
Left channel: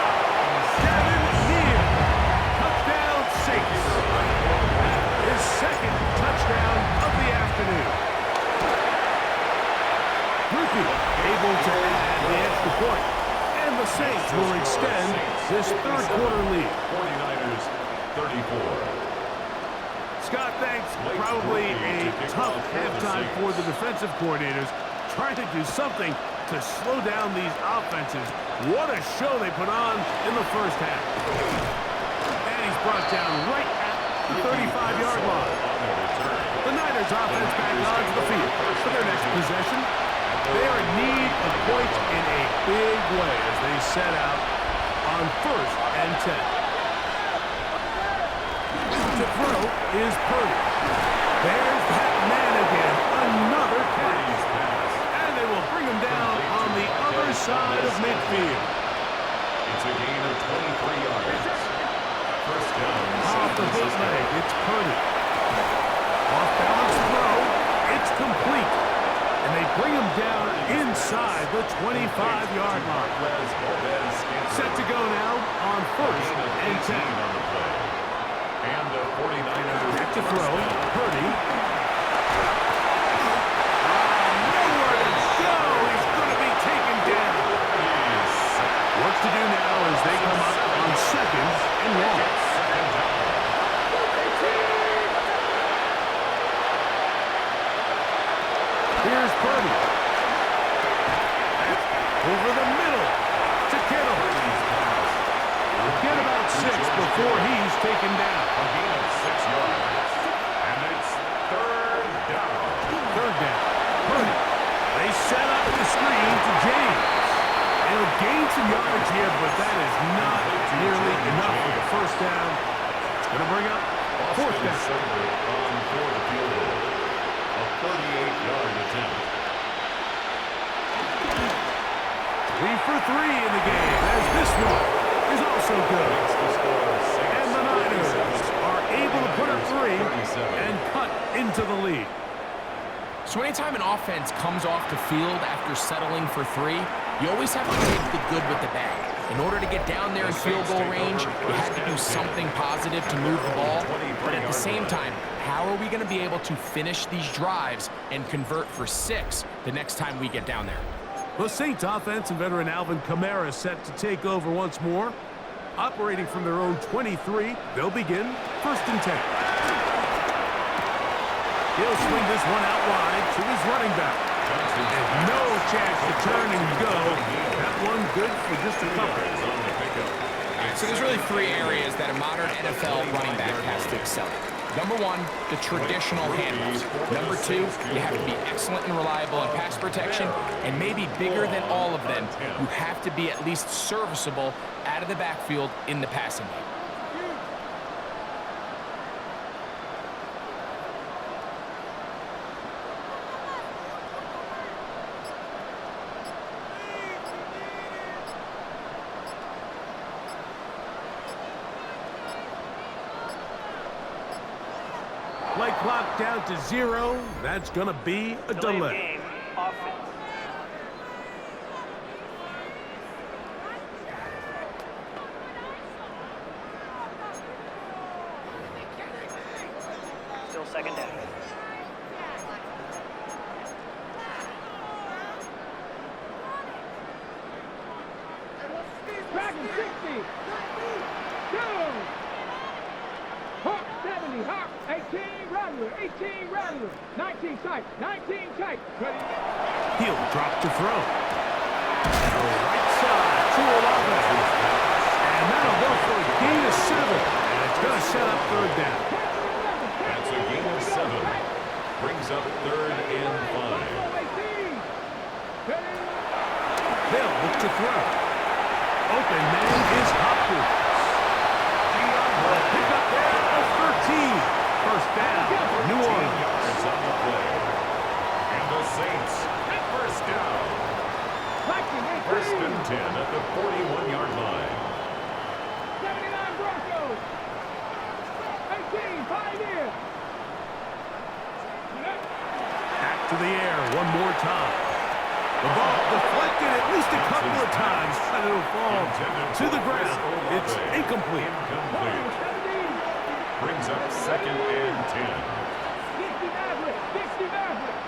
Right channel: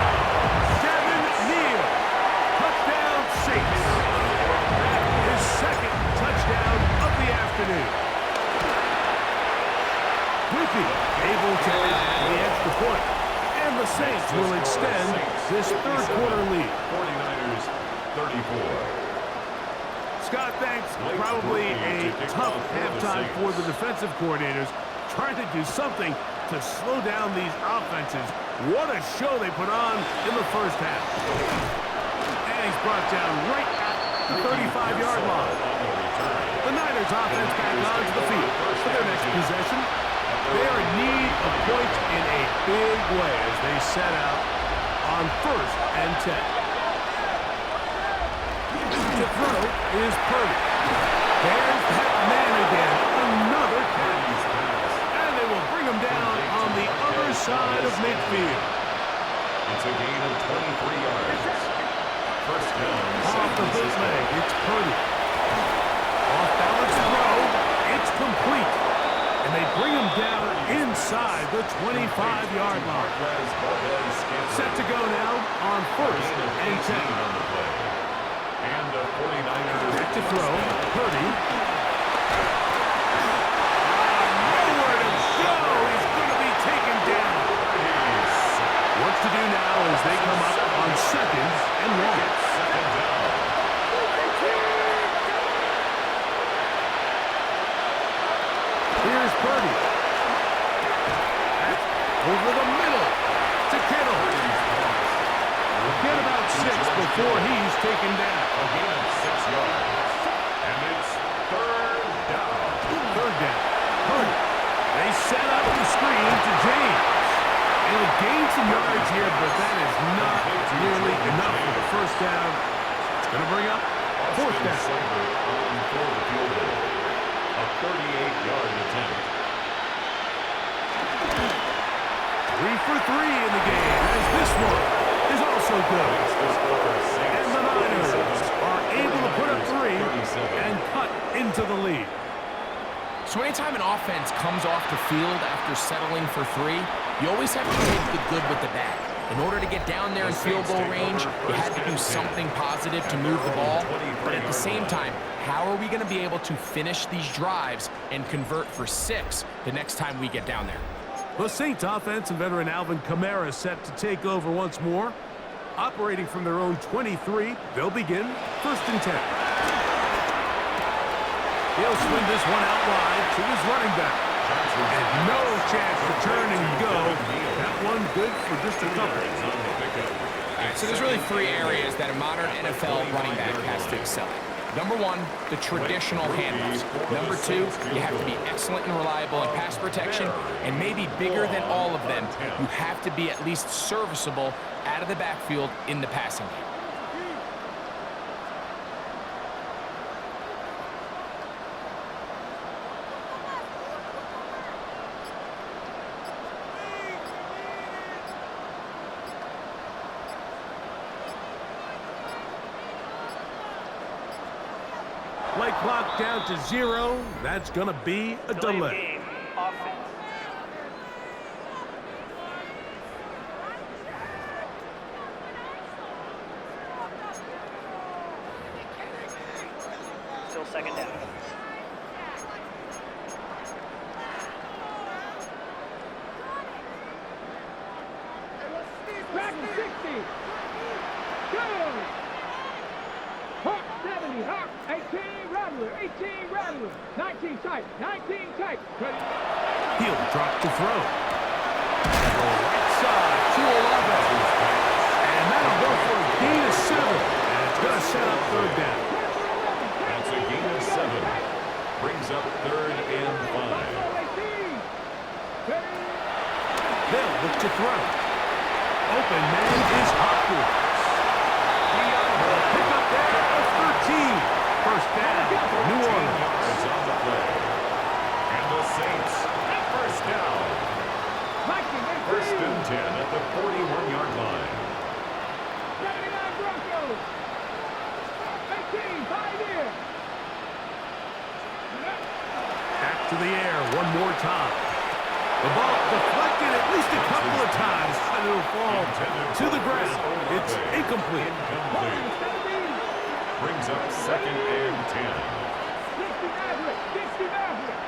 Devin Neal. Touchdown Saints. His 2nd touchdown of the afternoon. Rupi able to add the extra point. And the Saints will extend this third quarter lead. 49ers, 34. Scott, thanks. Probably a tough halftime for the defensive coordinators, trying to do something to slow down these offenses. What a show they put on in the first half. And he's brought down right at the 35-yard line. The Niners offense back onto the field for their next possession. They are in need of points in a big way as they set out on 1st and 10. To throw is Purdy. There's that man again. Another catch. And they will bring him down on the other side of midfield. It's a gain of 23 yards. 1st down. Off the bootleg, it's Purdy. Off balance throw, it's complete. And they bring him down inside the 25-yard line. Set to go now on 1st and 10. On the play. And the 49ers back to throw. Purdy. Nowhere to go. He's going to be taken down. What's to do now as they come up on 2nd and 1. Second down. Here's Purdy. That's over the middle to Kittle. He'll get about 6 before he's taken down. A gain of 6 yards. And it's 3rd down. 3rd down. Purdy. They set up the screen to James. He'll gain some yards here, but that is not nearly enough for the 1st down. It's going to bring up 4th down. On for the field goal. A 38-yard attempt. 3 for 3 in the game, as this one is also good. And the Niners are able to put up 3 and cut into the lead. So anytime an offense comes off the field after settling for 3, you always have to take the good with the bad. In order to get down there in field goal range, you had to do something positive to move the ball. But at the same time, how are we going to be able to finish these drives and convert for 6 the next time we get down there? The Saints offense and veteran Alvin Kamara set to take over once more. Operating from their own 23, they'll begin 1st and 10. He'll swing this one out wide to his running back. And no chance to turn and go. That one good for just a couple. All right, so there's really 3 areas that a modern NFL running back has to excel at. Number 1, the traditional handoffs. Number 2, you have to be excellent and reliable in pass protection. And maybe bigger than all of them, you have to be at least serviceable out of the backfield in the passing game. Play clock down to 0. That's going to be a delay. Offense. Still 2nd down. Back to 60. Go. Hawk 70. Hawk 18. Rattler. 18. Rattler. 19 tight. 19 tight. Ready. He'll drop to throw. And the right side to 11. gain of 7, and it's going to set up third down. That's a gain of 7. Brings up 3rd and 5. They'll look to throw. Open man is Hopkins. Pick up there of 13. First down, New Orleans. Yards on the play. And the Saints, first down. First and 10 at the 41-yard line. 79 Broncos. 18, 5 years. Back to the air one more time. The ball deflected at least a couple of times, but it'll fall to the ground. It's incomplete. Brings up 2nd and 10. 60 Maverick. 60 Maverick.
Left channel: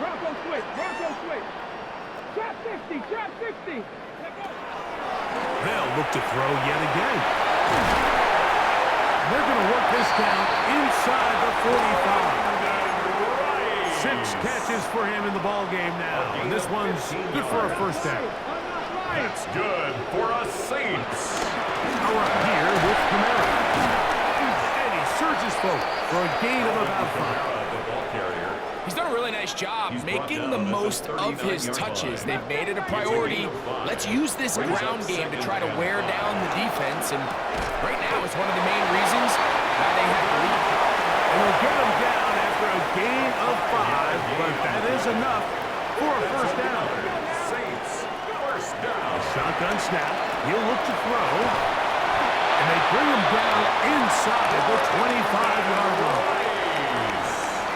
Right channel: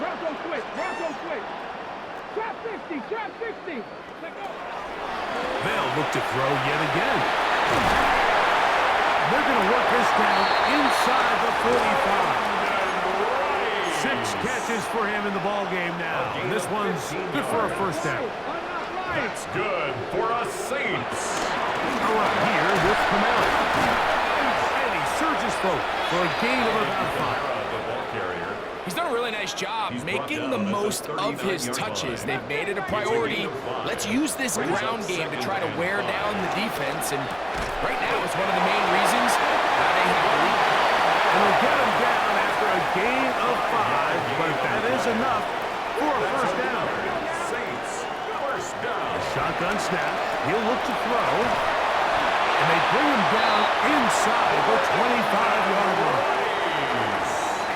Bronco switch. Bronco switch. Trap 60. Trap 60. Let go. They'll look to throw yet again. They're going to work this down inside the 45. 6 catches for him in the ball game now, and this one's good for a first down. That's good for a Saints. All right, here with Kamara. And he surges forward for a gain of about 5. The ball carrier. He's done a really nice job making the most of his touches. They've made it a priority. Let's use this ground game to try to wear down the defense, and right now it's one of the main reasons why they have the lead. And they'll get him down after a gain of 5, but that is enough for a first down. Saints, first down. Shotgun snap. He'll look to throw. And they bring him down inside the 25-yard line.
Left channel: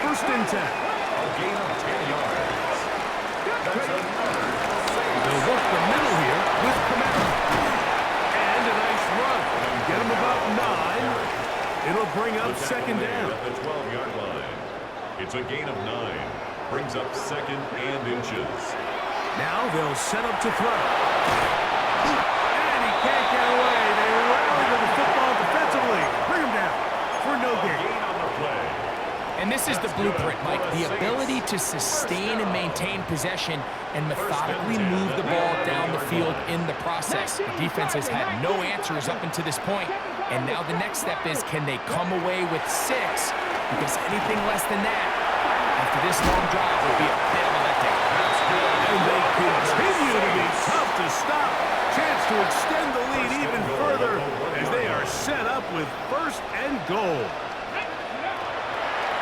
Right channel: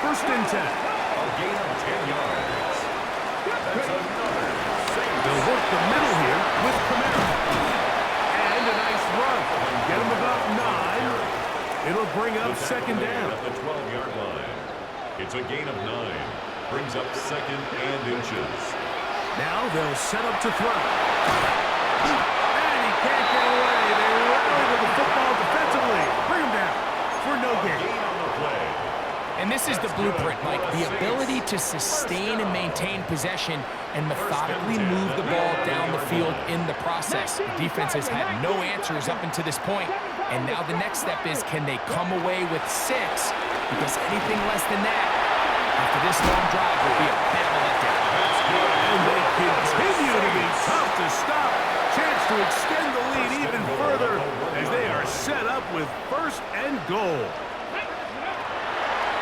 First and 10. A gain of 10 yards. That's another Saints. They'll work the middle here with Kamara. And a nice run. Get him about 9. It'll bring up second down. At the 12-yard line. It's a gain of 9. Brings up 2nd and inches. Now they'll set up to throw. And he can't get away. They rally to the football defensively. Bring him down for no gain. Gain on the play. And this is the blueprint, Mike. The ability to sustain and maintain possession and methodically move the ball down the field in the process. The defense has had no answers up until this point, and now the next step is, can they come away with 6? Because anything less than that, after this long drive, would be a bit of a letdown. That's good. And they continue to be tough to stop. Chance to extend the lead even further as they are set up with first and goal.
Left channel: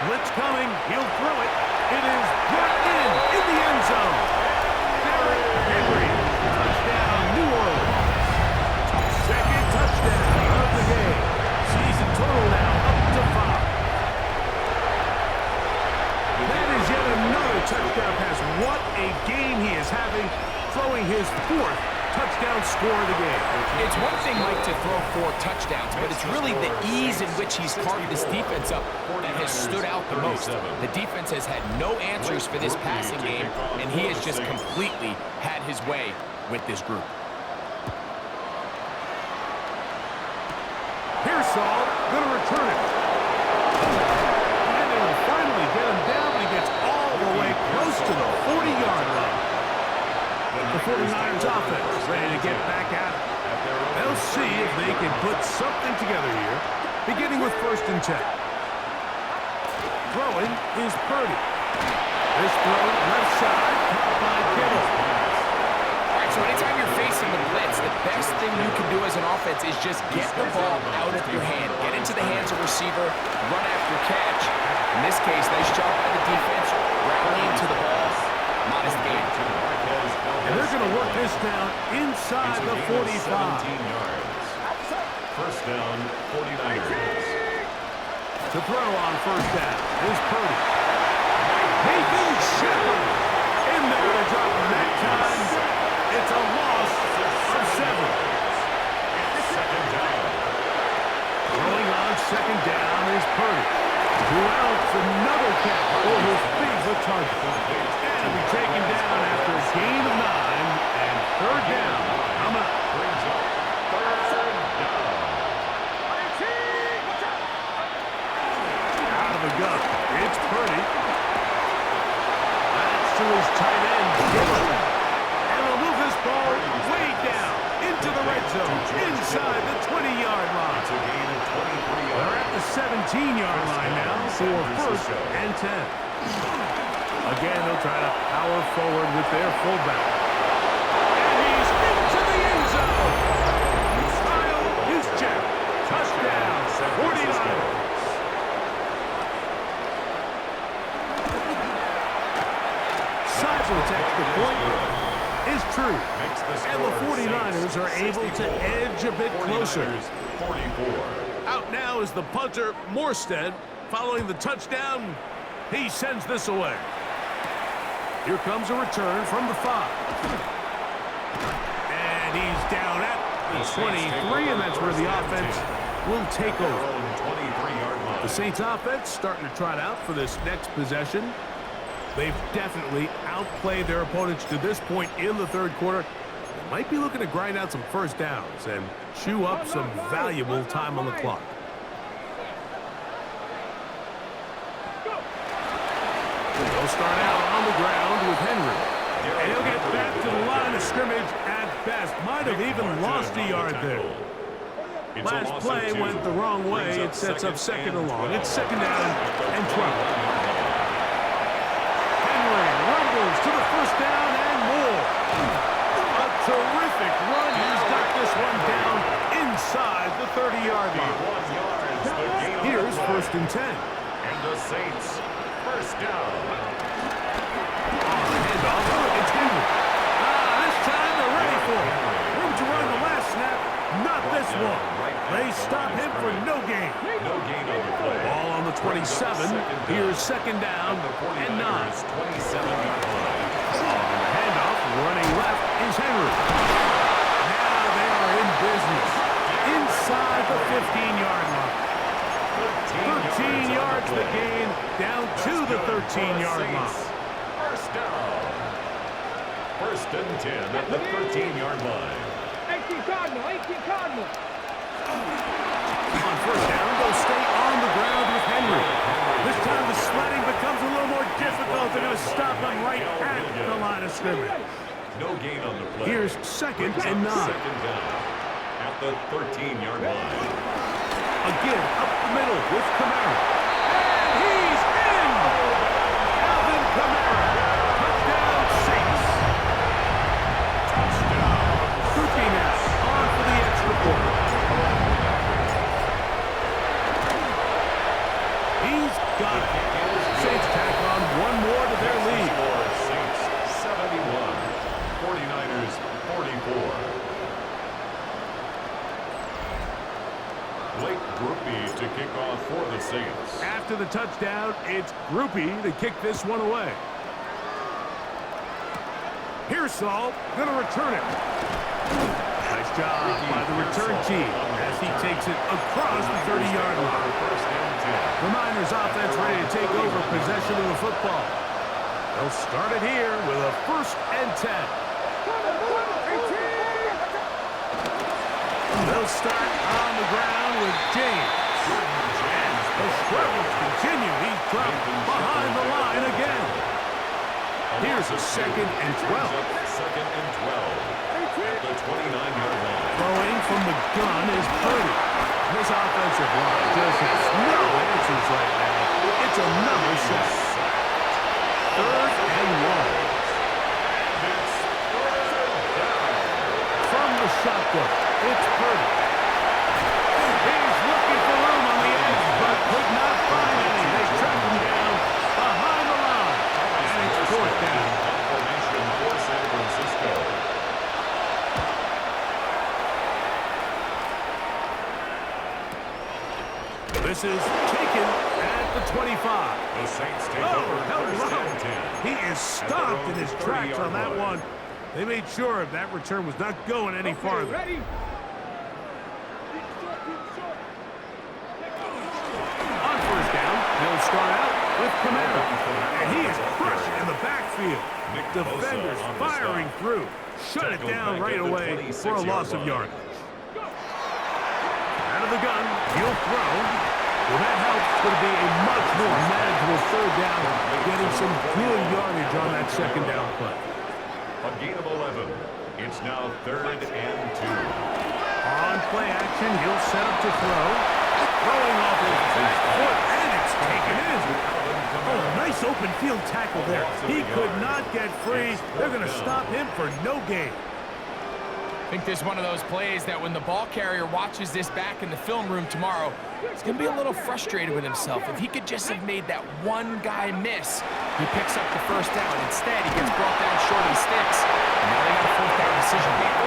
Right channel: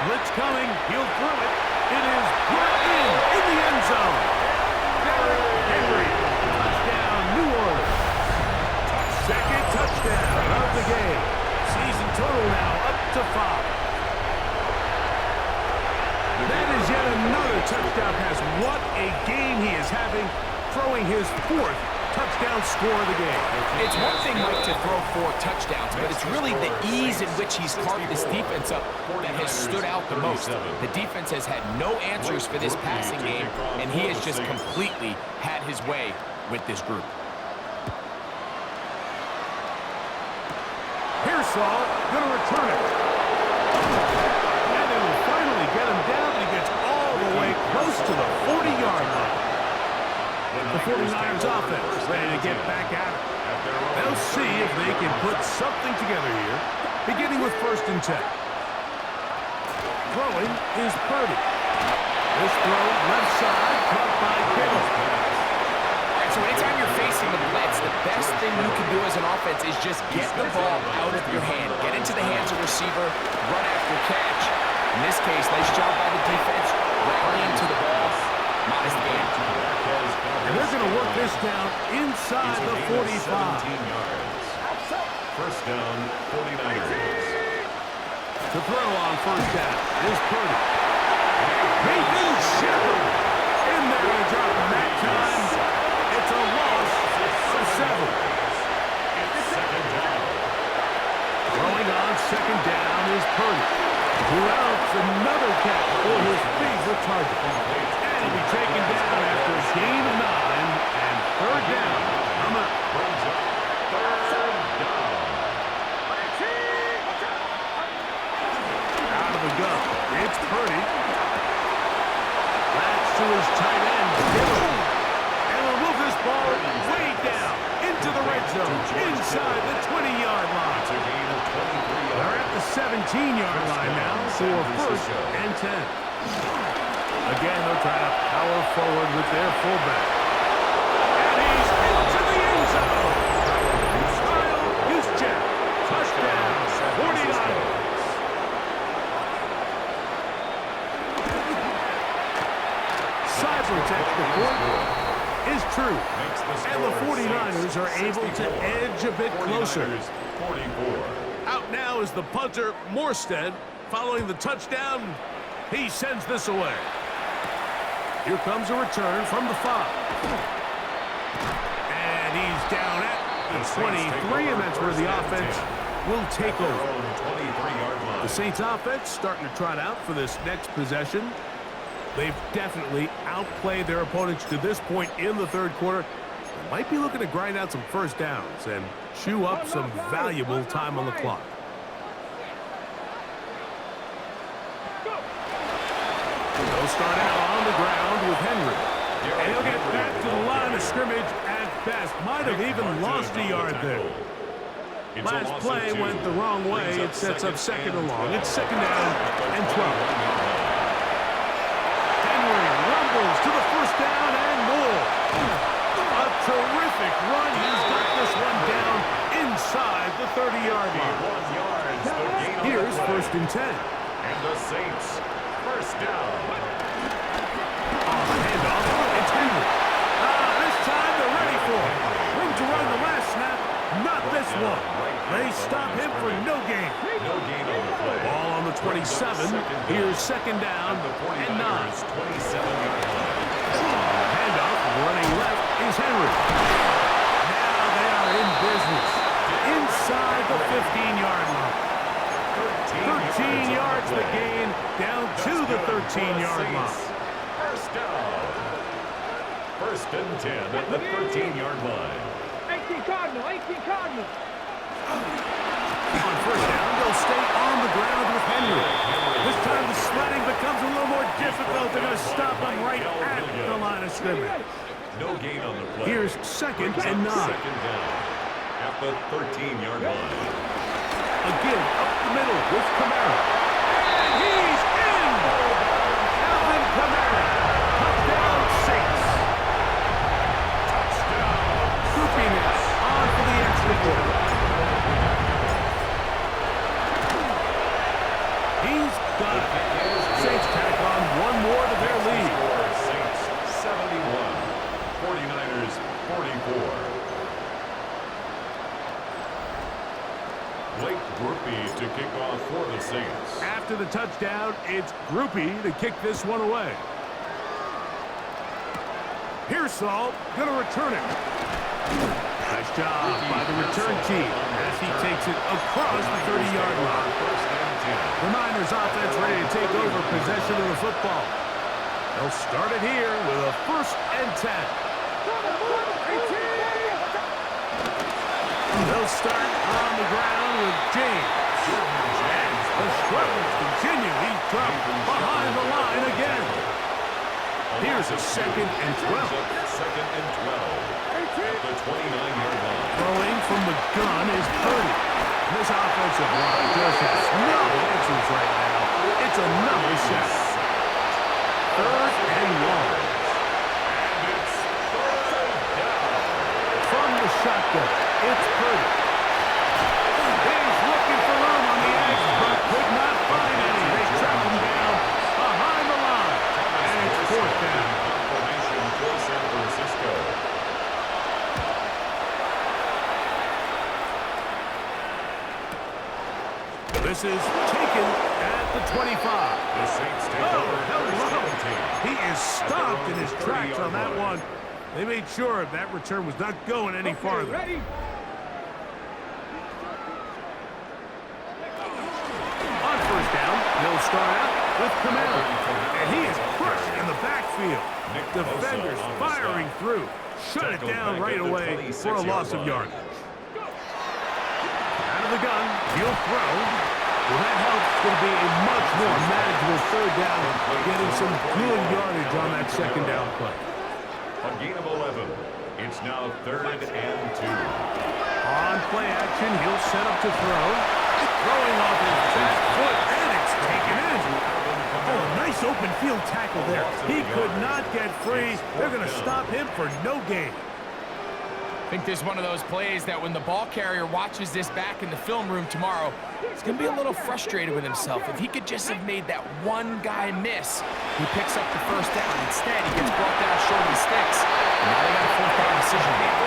Blitz coming. He'll throw it. It is brought in the end zone. Derrick Henry. Touchdown, New Orleans. Second touchdown of the game. Season total now up to 5. That is yet another touchdown pass. What a game he is having, throwing his 4th touchdown score of the game. It's one thing, Mike, to throw 4 touchdowns, but it's really the ease in which he's carved this defense up that has stood out the most. The defense has had no answers for this passing game, and he has just completely had his way with this group. Pearsall going to return it. And they will finally get him down, but he gets all the way close to the 40-yard line. The 49ers offense ready to get back at it. They'll see if they can put something together here, beginning with first and 10. Throwing is Purdy. This throw left side, caught by Kittle. All right, so anytime you're facing the blitz, the best thing you can do as an offense is just get the ball out of your hand. Get into the hands of receiver, run after catch. In this case, nice job by the defense, rallying to the ball. Modest gain. And they're going to work this down inside the 45. 17 yards. First down, 49ers. To throw on first down is Purdy. Nathan Shepard in there to drop him that time. It's a loss of 7. It's second down. Throwing on second down is Purdy. Who else? Another catch for his favorite target. And he'll be taken down after a gain of 9 and third down. Coming up. Brings up third down. Out of the gun. It's Purdy. That's to his tight end, Kittle. And he'll move this ball way down into the red zone, inside the 20-yard line. It's a gain of 23 yards. They're at the 17-yard line now for first and 10. Again, they'll try to power forward with their fullback. And he's into the end zone. Kyle Juszczyk, touchdown, 49ers. Cybertech, the point is true. And the 49ers are able to edge a bit closer. 44. Out now is the punter, Morstead. Following the touchdown, he sends this away. Here comes a return from the 5. And he's down at the 23, and that's where the offense will take over. The Saints offense starting to trot out for this next possession. They've definitely outplayed their opponents to this point in the third quarter. They might be looking to grind out some first downs and chew up some valuable time on the clock. They'll start out on the ground with Henry. And he'll get back to the line of scrimmage at best. Might have even lost a yard there. Last play went the wrong way. It sets up second and long. It's second down and 12. Rumbles to the first down and more. A terrific run. He's got this one down inside the 30-yard line. Here's first and 10. And the Saints, first down. On the handoff, it's Henry. This time they're ready for it. Room to run the last snap. Not this one. They stop him for no gain. No gain on the play. Ball on the 27. Here's second down and 9. 27-yard line. On the handoff, running left is Henry. Now they are in business. Inside the 15-yard line. 13 yards the gain, down to the 13-yard line. First down. First and 10 at the 13-yard line. 18 Cardinal, 18 Cardinal. On first down, they'll stay on the ground with Henry. This time the sledding becomes a little more difficult. They're going to stop him right at the line of scrimmage. No gain on the play. Here's second and 9. Second down at the 13-yard line. Again, up the middle with Kamara. And he's in! Alvin Kamara. Touchdown, Saints. Touchdown. Groupie now on for the extra point. He's got it. Saints tack on one more to their lead. Saints 71, 49ers 44. Blake Groupie to kick off for the Saints. After the touchdown, it's Groupie to kick this one away. Pearsall gonna return it. Nice job by the return team as he takes it across the 30-yard line. The Niners offense ready to take over possession of the football. They'll start it here with a first and 10. They'll start on the ground with James. And the struggles continue. He's dropped behind the line again. Here's a second and 12. Second and 12 at the 29-yard line. Throwing from the gun is Purdy. This offensive line just has no answers right now. It's another sack. Third and long. And it's third down. From the shotgun, it's Purdy. He's looking for room on the edge, but could not find any. They track him down behind the line. And it's fourth down. Formation for San Francisco. This is taken at the 25. The Saints take over first and 10. He is stopped in his tracks on that one. They made sure that return was not going any farther. Ready? On first down, they'll start out with Kamara. And he is crushed in the backfield. Defenders firing through. Shut it down right away for a loss of yardage. Out of the gun, he'll throw. Well, that helps. It's going to be a much more manageable third down, getting some good yardage on that second down play. A gain of 11. It's now third and 2. play action. He'll set up to throw. Throwing off his back foot, and it's taken in. Oh, nice open field tackle there. He could not get free. They're going to stop him for no gain. I think this is one of those plays that when the ball carrier watches this back in the film room tomorrow, he's going to be a little frustrated with himself. If he could just have made that one guy miss, he picks up the first down. Instead, he gets brought down short of the sticks. And now they got a fourth down decision to make.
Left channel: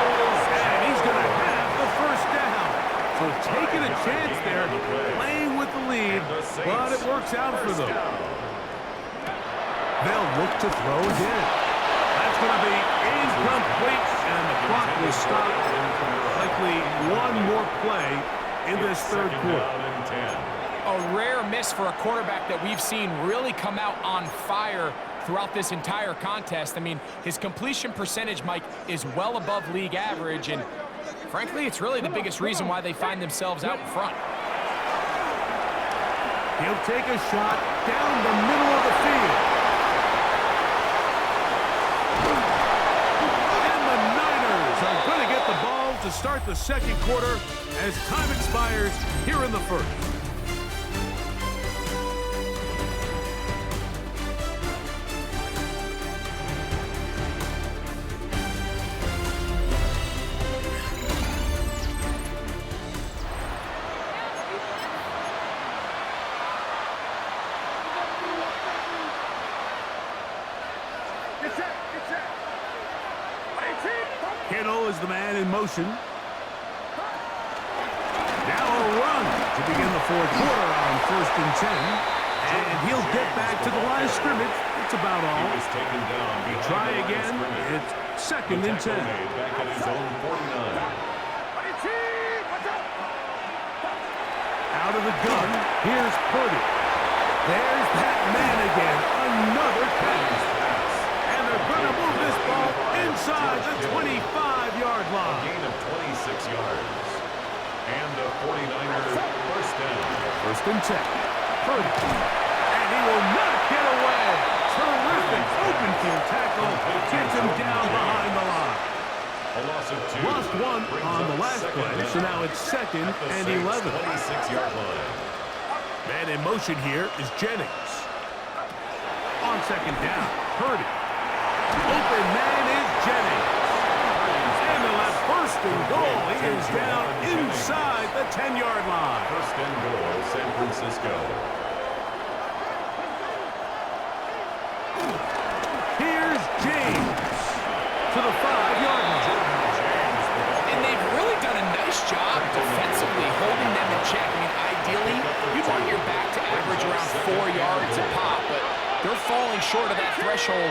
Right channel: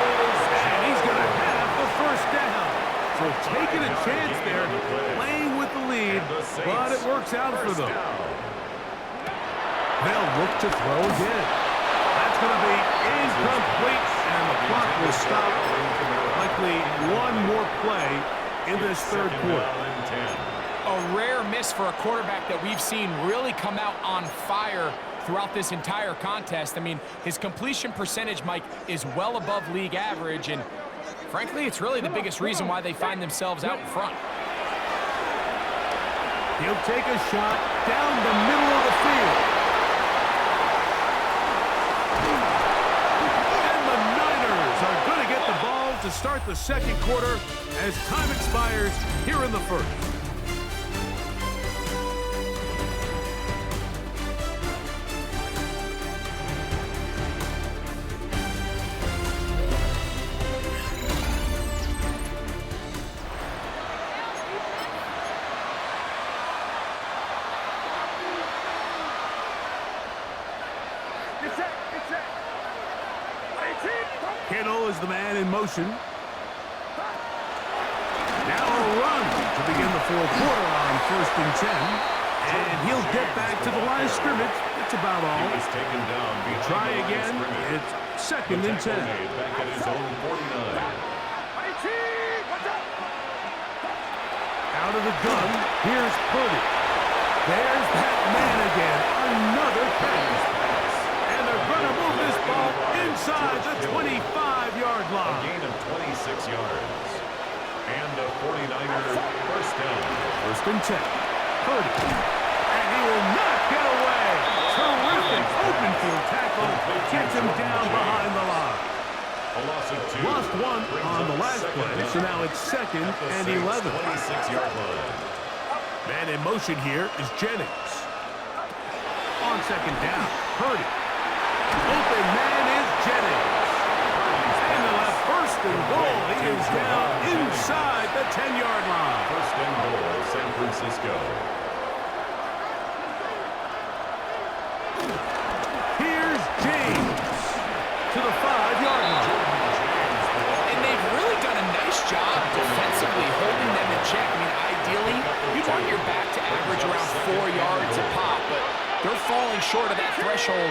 And he's going to have the first down. So taking a chance there, playing with the lead, but it works out for them. They'll look to throw again. That's going to be incomplete, and the clock will stop. Likely one more play in this third quarter. A rare miss for a quarterback that we've seen really come out on fire throughout this entire contest. I mean, his completion percentage, Mike, is well above league average, and frankly, it's really the biggest reason why they find themselves out in front. He'll take a shot down the middle of the field. And the Niners are going to get the ball to start the second quarter as time expires here in the first. Kittle is the man in motion. Now a run to begin the fourth quarter on 1st and 10. And he'll get back to the line of scrimmage. That's about all. He was taken down. Try again. It's 2nd and 10. Back at his own 49. Out of the gun. Here's Purdy. There's that man again. Another catch. And they're going to move this ball inside the 25-yard line. A gain of 26 yards. And a 49er first down. 1st and 10. Purdy. And he will not get away. Terrific open field tackle. Gets him down behind the line. A loss of 2. Lost one on the last play, so now it's 2nd and 11. 26-yard line. Man in motion here is Jennings. On 2nd down, Purdy. Open man is Jennings. And they'll have 1st and goal. He is down inside the 10-yard line. 1st and goal, San Francisco. Here's James to the 5-yard line. And they've really done a nice job defensively holding them in check. I mean, ideally, you'd want your back to average around 4 yards a pop, but they're falling short of that threshold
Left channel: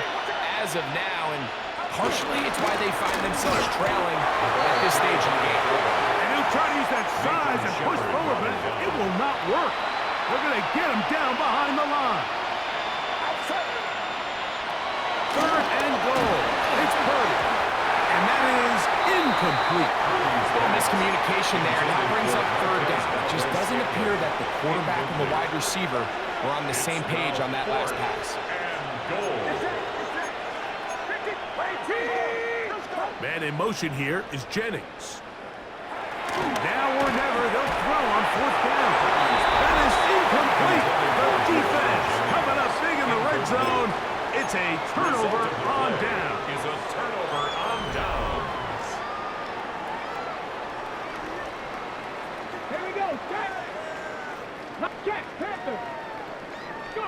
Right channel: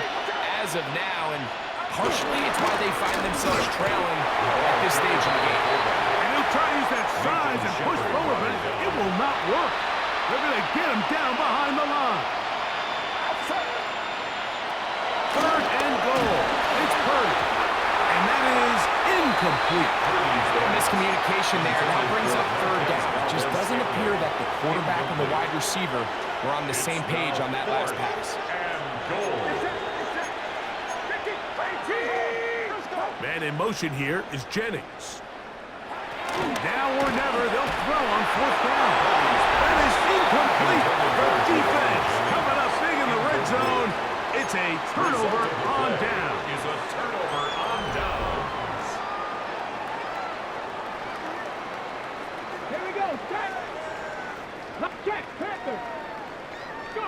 as of now, and partially it's why they find themselves trailing at this stage in the game. And he'll try to use that size and push forward, but it will not work. They're going to get him down behind the line. 3rd and goal. It's Purdy. And that is incomplete. Little miscommunication there, and that brings up 3rd down. It just doesn't appear that the quarterback and the wide receiver were on the same page on that last pass. And goal. Man in motion here is Jennings. Now or never, they'll throw on 4th down. That is incomplete. The defense coming up big in the red zone. It's a turnover on down. Is a turnover on downs. Here we go. Check. Panther. Go.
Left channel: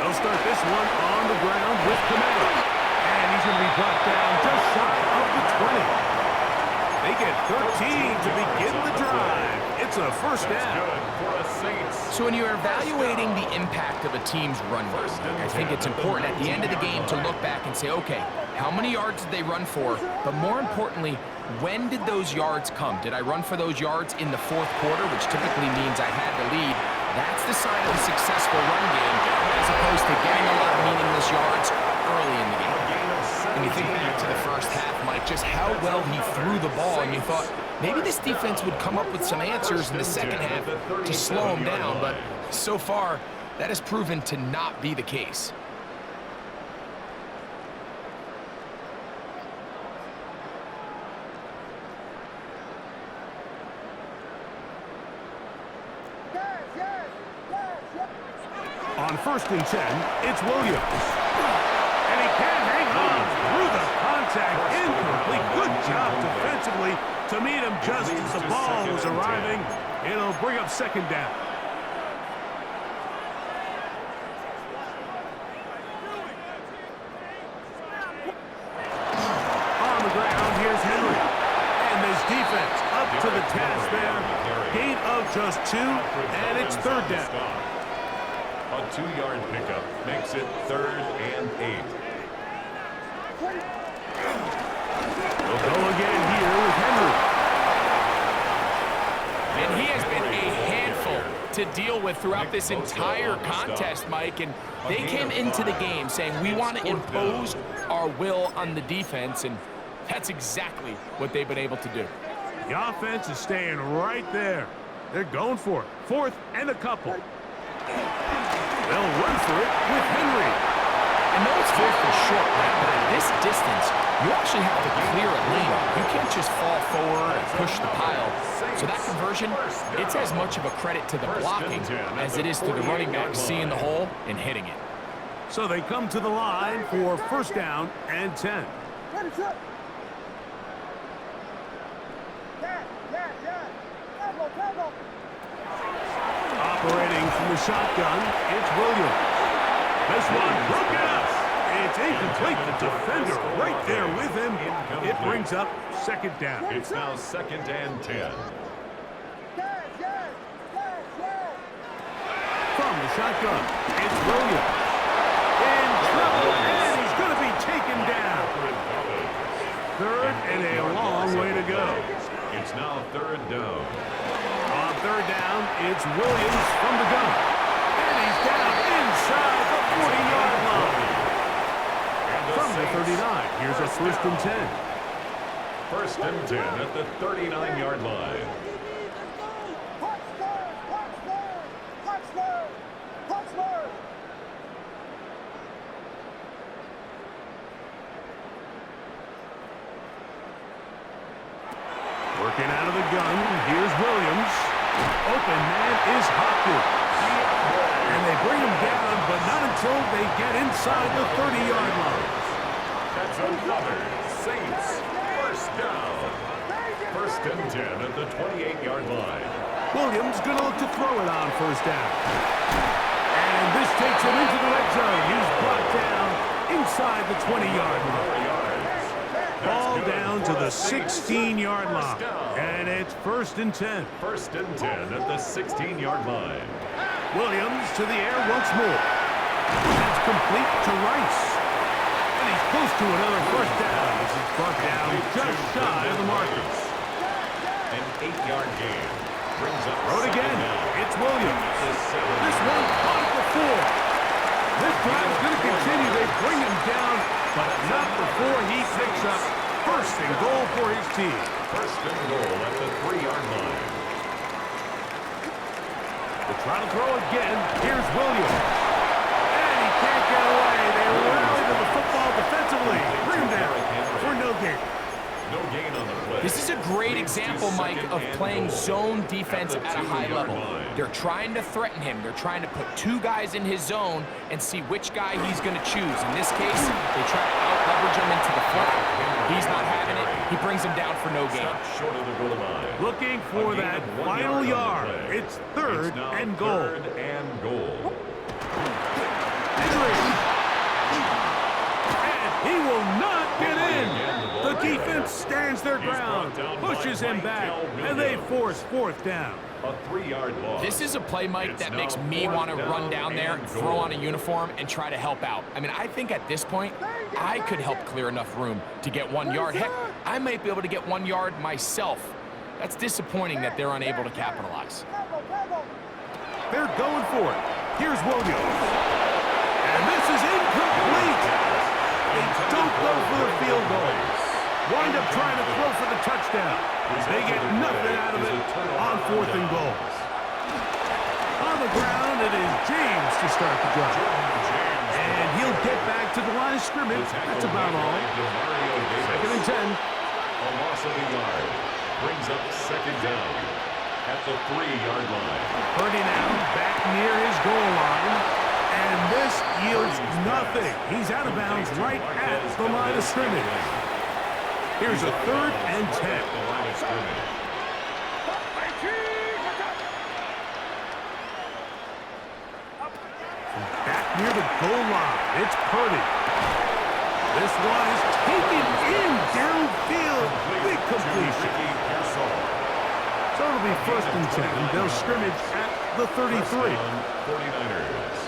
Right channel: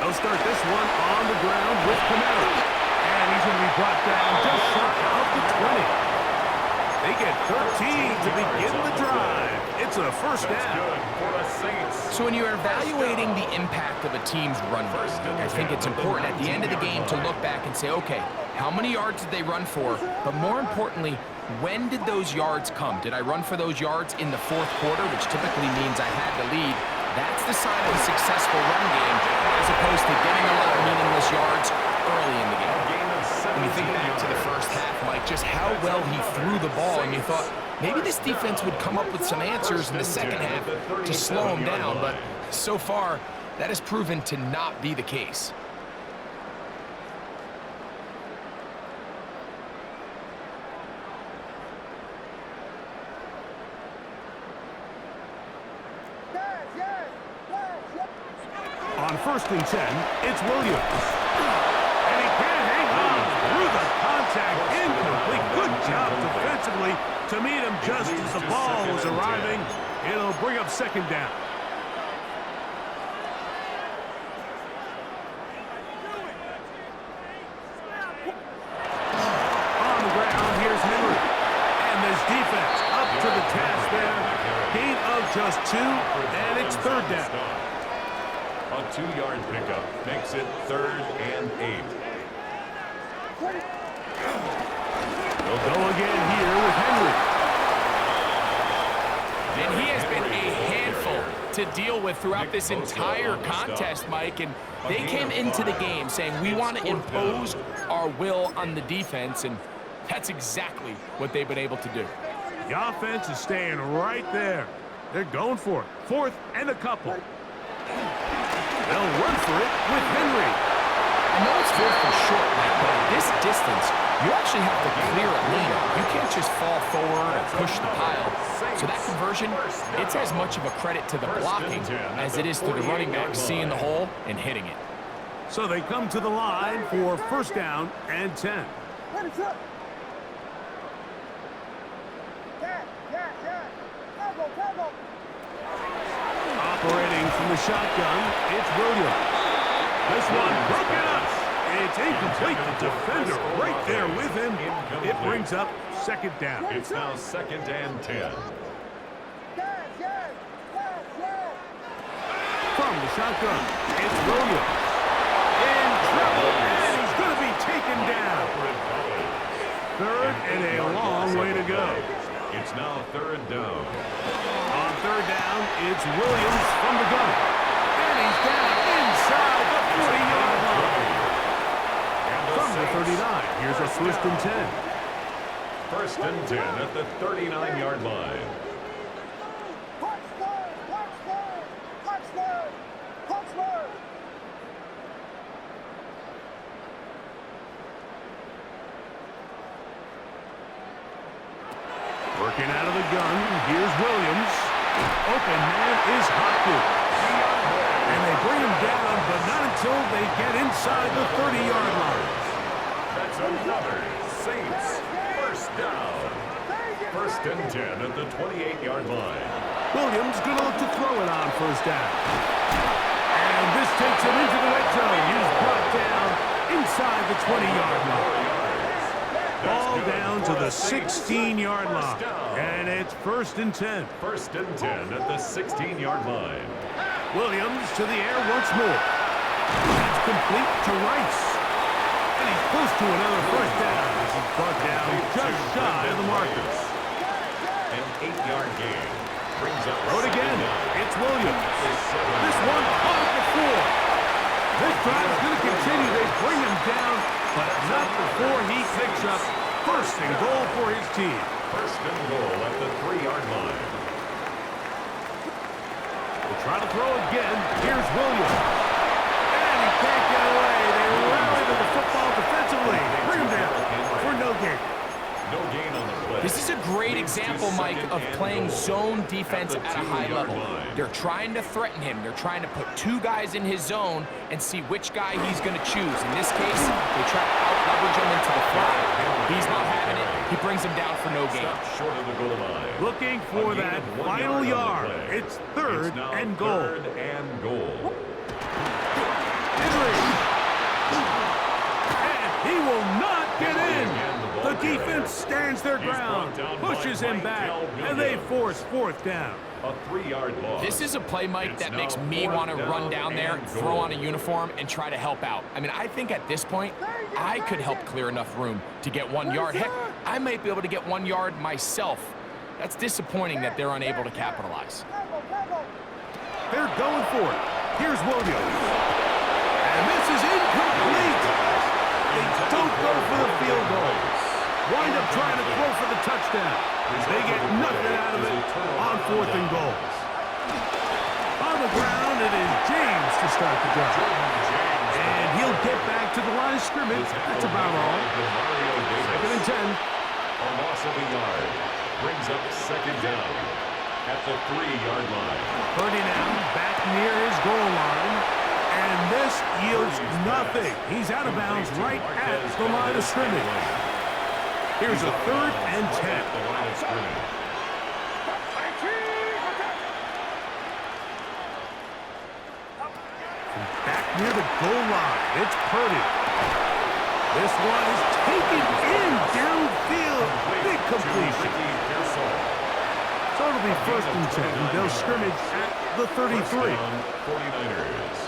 They'll start this one on the ground with Camaro. And he's going to be brought down just shy of the 20. They get 13 to begin the drive. It's a 1st down. Good for a Saints. So when you're evaluating the impact of a team's run game, I think it's important at the end of the game to look back and say, okay, how many yards did they run for? But more importantly, when did those yards come? Did I run for those yards in the 4th quarter, which typically means I had to lead? That's the sign of a successful run game, as opposed to getting a lot of meaningless yards early in the game. And you think back to the first half, Mike, just how well he threw the ball, and you thought maybe this defense would come up with some answers in the second half to slow him down, but so far, that has proven to not be the case. on 1st and 10, it's Williams. And he can't hang on through the contact. Incomplete. Good job defensively to meet him just as the ball was arriving. It'll bring up 2nd down. On the ground, here's Henry. And this defense up to the task there. Gain of just 2, and it's 3rd down. A 2-yard pickup makes it 3rd and 8. They'll go again here with Henry. And he has been a handful to deal with throughout this entire contest, Mike. And they came into the game saying, we want to impose our will on the defense, and that's exactly what they've been able to do. The offense is staying right there. They're going for it. 4th and a couple. They'll run for it with Henry. I know it's 4th and short, Mike, but at this distance, you actually have to clear a lane. You can't just fall forward and push the pile. So that conversion, it's as much of a credit to the blocking as it is to the running back seeing the hole and hitting it. So they come to the line for 1st down and 10. Operating from the shotgun, it's Williams. This one broken up. It's incomplete. The defender right there with him. It brings up 2nd down. It's now 2nd and 10. From the shotgun, it's Williams. In trouble, and he's going to be taken down. 3rd and a long way to go. It's now 3rd down. On 3rd down, it's Williams from the gun. And he's down inside the 40-yard line. From the 39, here's a 1st and 10. 1st and 10 at the 39-yard line. Working out of the gun, here's Williams. Open man is Hopkins. And they bring him down, but not until they get inside the 30-yard line. That's another Saints 1st down. 1st and 10 at the 28-yard line. Williams going to look to throw it on 1st down. And this takes him into the red zone. He's brought down inside the 20-yard line. Ball down to the 16-yard line. And it's 1st and 10. 1st and 10 at the 16-yard line. Williams to the air once more. That's complete to Rice. And he's close to another 1st down as he's brought down just shy of the markers. An 8-yard gain brings up. Throw it again. It's Williams. This one caught it before. This drive is going to continue. They bring him down, but not before he picks up 1st and goal for his team. 1st and goal at the 3-yard line. They try to throw again. Here's Williams. And he can't get away. They rally to the football defensively. Bring him down for no gain. No gain on the play. This is a great example, Mike, of playing zone defense at a high level. They're trying to threaten him. They're trying to put 2 guys in his zone and see which guy he's going to choose. In this case, they try to out-leverage him into the flat. He's not having it. He brings him down for no gain. Short of the goal line. Looking for that final yard. It's 3rd and goal. 3rd and goal. Henry. And he will not get in. The defense stands their ground, pushes him back, and they force 4th down. A 3-yard loss. This is a play, Mike, that makes me want to run down there, throw on a uniform, and try to help out. I mean, I think at this point, I could help clear enough room to get 1 yard. Heck, I might be able to get 1 yard myself. That's disappointing that they're unable to capitalize. They're going for it. Here's Williams. And this is incomplete. They don't go for the field goal. Wind up trying to throw for the touchdown. They get nothing out of it on 4th and goal. On the ground, it is James to start the drive. And he'll get back to the line of scrimmage. That's about all. 2nd and 10. A loss of a yard brings up 2nd down at the 3-yard line. Purdy now back near his goal line. And this yields nothing. He's out of bounds right at the line of scrimmage. Here's a 3rd and 10. Back near the goal line, it's Purdy. This one is taken in downfield. Big completion. So it'll be 1st and 10. They'll scrimmage at the 33. 49ers.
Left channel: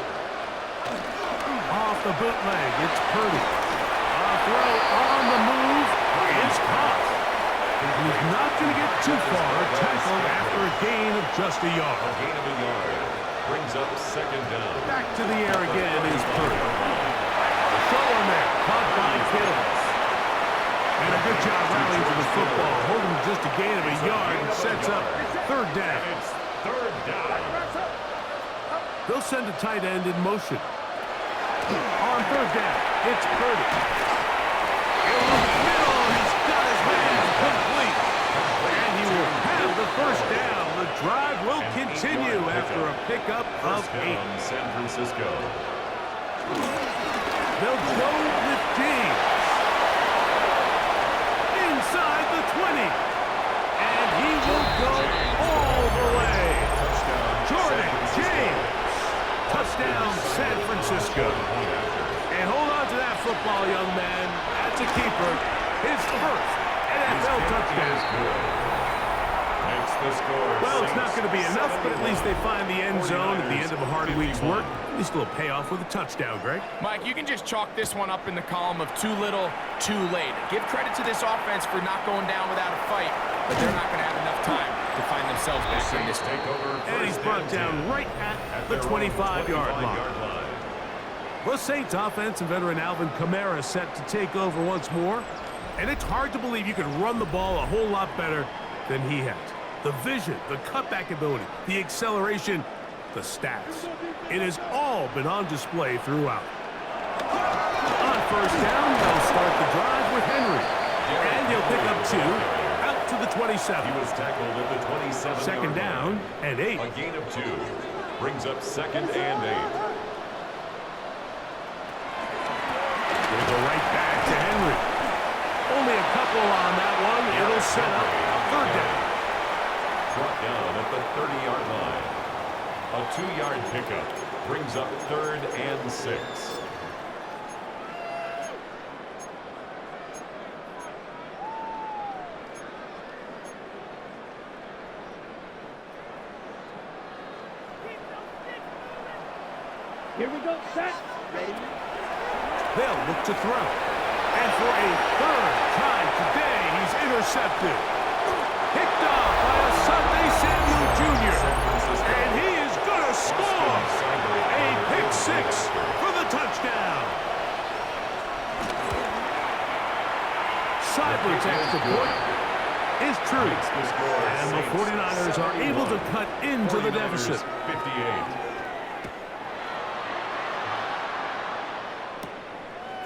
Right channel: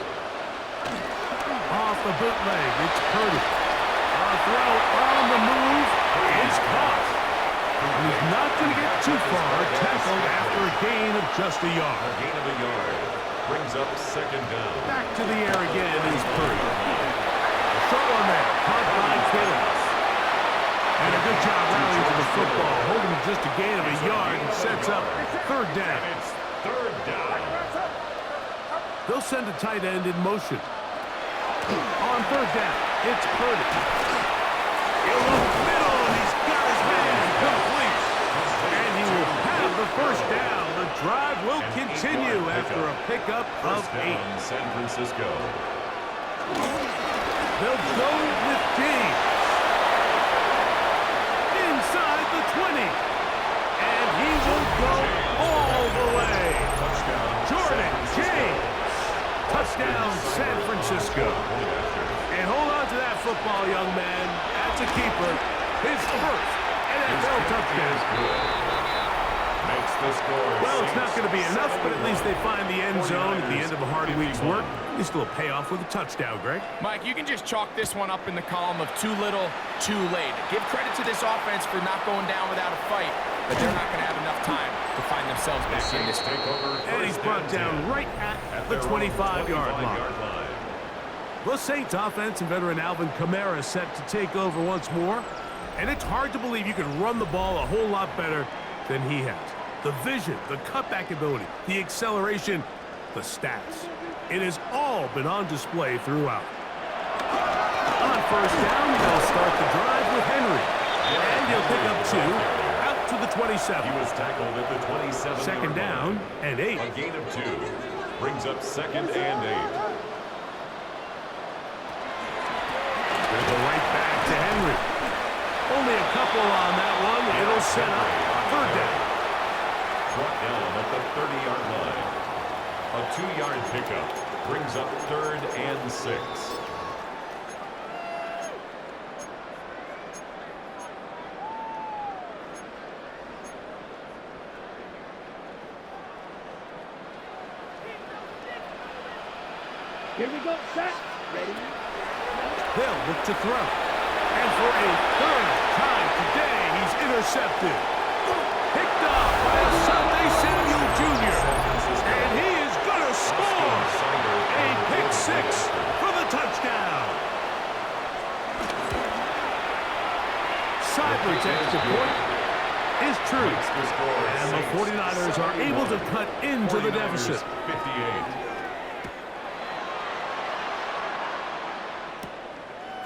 Off the bootleg, it's Purdy. A throw on the move is caught. He's not going to get too far. Tackled after a gain of just a yard. A gain of a yard. Brings up 2nd down. Back to the air again is Purdy. A throw on there, caught by Kittle. And a good job rallying to the football, holding just a gain of a yard and sets up 3rd down. It's 3rd down. They'll send a tight end in motion. On 3rd down, it's Purdy. He'll look middle, and he's got his man complete. And he will have the 1st down. The drive will continue after a pickup of 8. San Francisco. They'll go with James. Inside the 20. And he will go all the way. Touchdown. Jordan James. Touchdown, San Francisco. And hold on to that football, young man. That's a keeper. His 1st NFL touchdown. Makes the score. Well, it's not going to be enough, but at least they find the end zone at the end of a hard week's work. At least a little payoff with a touchdown, Greg. Mike, you can just chalk this one up in the column of too little, too late. Give credit to this offense for not going down without a fight, but they're not going to have enough time to find themselves back in this game. And he's brought down right at the 25-yard line. The Saints offense and veteran Alvin Kamara set to take over once more. And it's hard to believe you could run the ball a whole lot better than he has. The vision, the cutback ability, the acceleration, the stats. It has all been on display throughout. On 1st down, they'll start the drive with Henry. And he'll pick up 2 out to the 27. He was tackled at the 27. 2nd down and 8. A gain of 2. Brings up 2nd and 8. Gonna go right back to Henry. Only a couple on that one. It'll set up 3rd down. Brought down at the 30-yard line. A 2-yard pickup brings up 3rd and 6. Here we go, set, ready. They'll look to throw. And for a 3rd time today, he's intercepted. Picked off by Asante Samuel Jr. And he is going to score. A pick 6 for the touchdown. Cyber's extra point is true. And the 49ers are able to cut into the deficit. 58.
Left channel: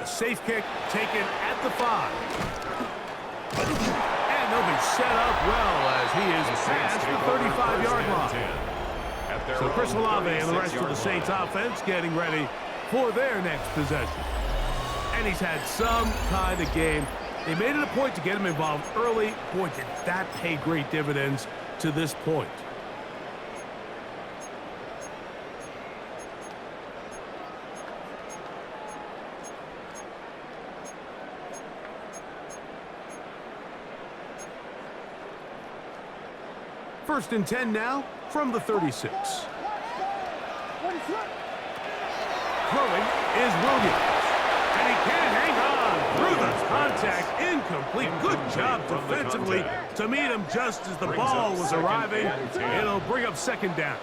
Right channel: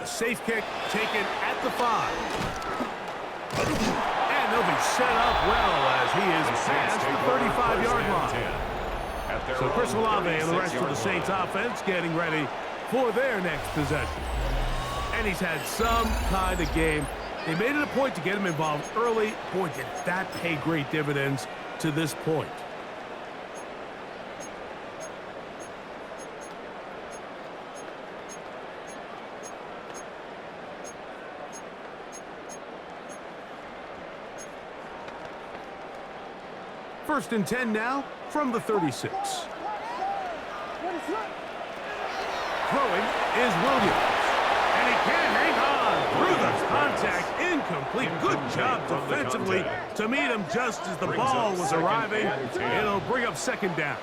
A safe kick taken at the 5. And they'll be set up well as he is past the 35-yard line. So Chris Olave and the rest of the Saints offense getting ready for their next possession. And he's had some kind of game. They made it a point to get him involved early. Boy, did that pay great dividends to this point. First and 10 now from the 36. Throwing is Williams. And he can't hang on through the contact. Incomplete. Good job defensively to meet him just as the ball was arriving. It'll bring up 2nd down.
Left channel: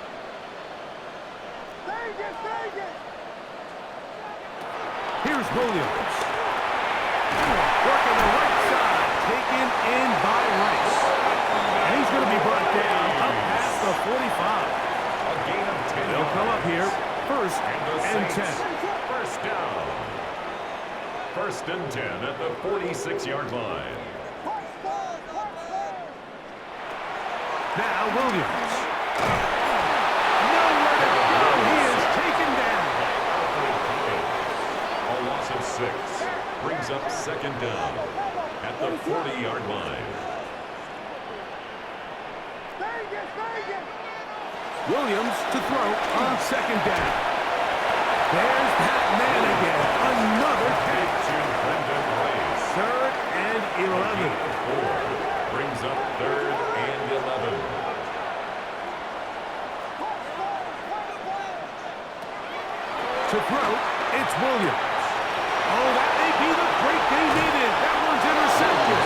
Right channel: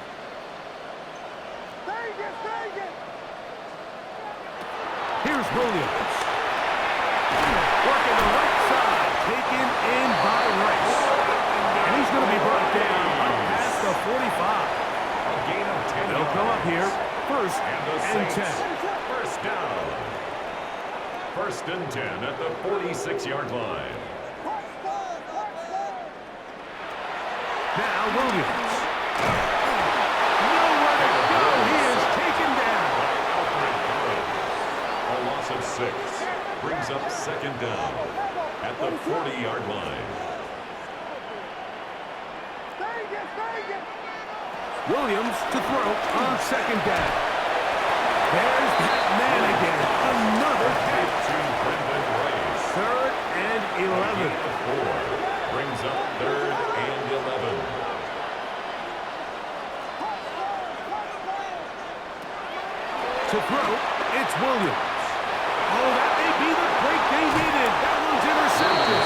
Here's Williams. Working the right side. Taken in by Rice. And he's going to be brought down up past the 45. A gain of 10 They'll come up here, 1st and 10. 1st down. 1st and 10 at the 46-yard line. Now Williams. Nowhere to go. He is taken down. loss of 6. Brings up second down at the 40-yard line. Williams to throw on second down. There's that man again. Another catch. To Brendan Rice. 3rd and 11. 4. Brings up 3rd and 11. To throw, it's Williams. Oh, that may be the break they needed. That one's intercepted.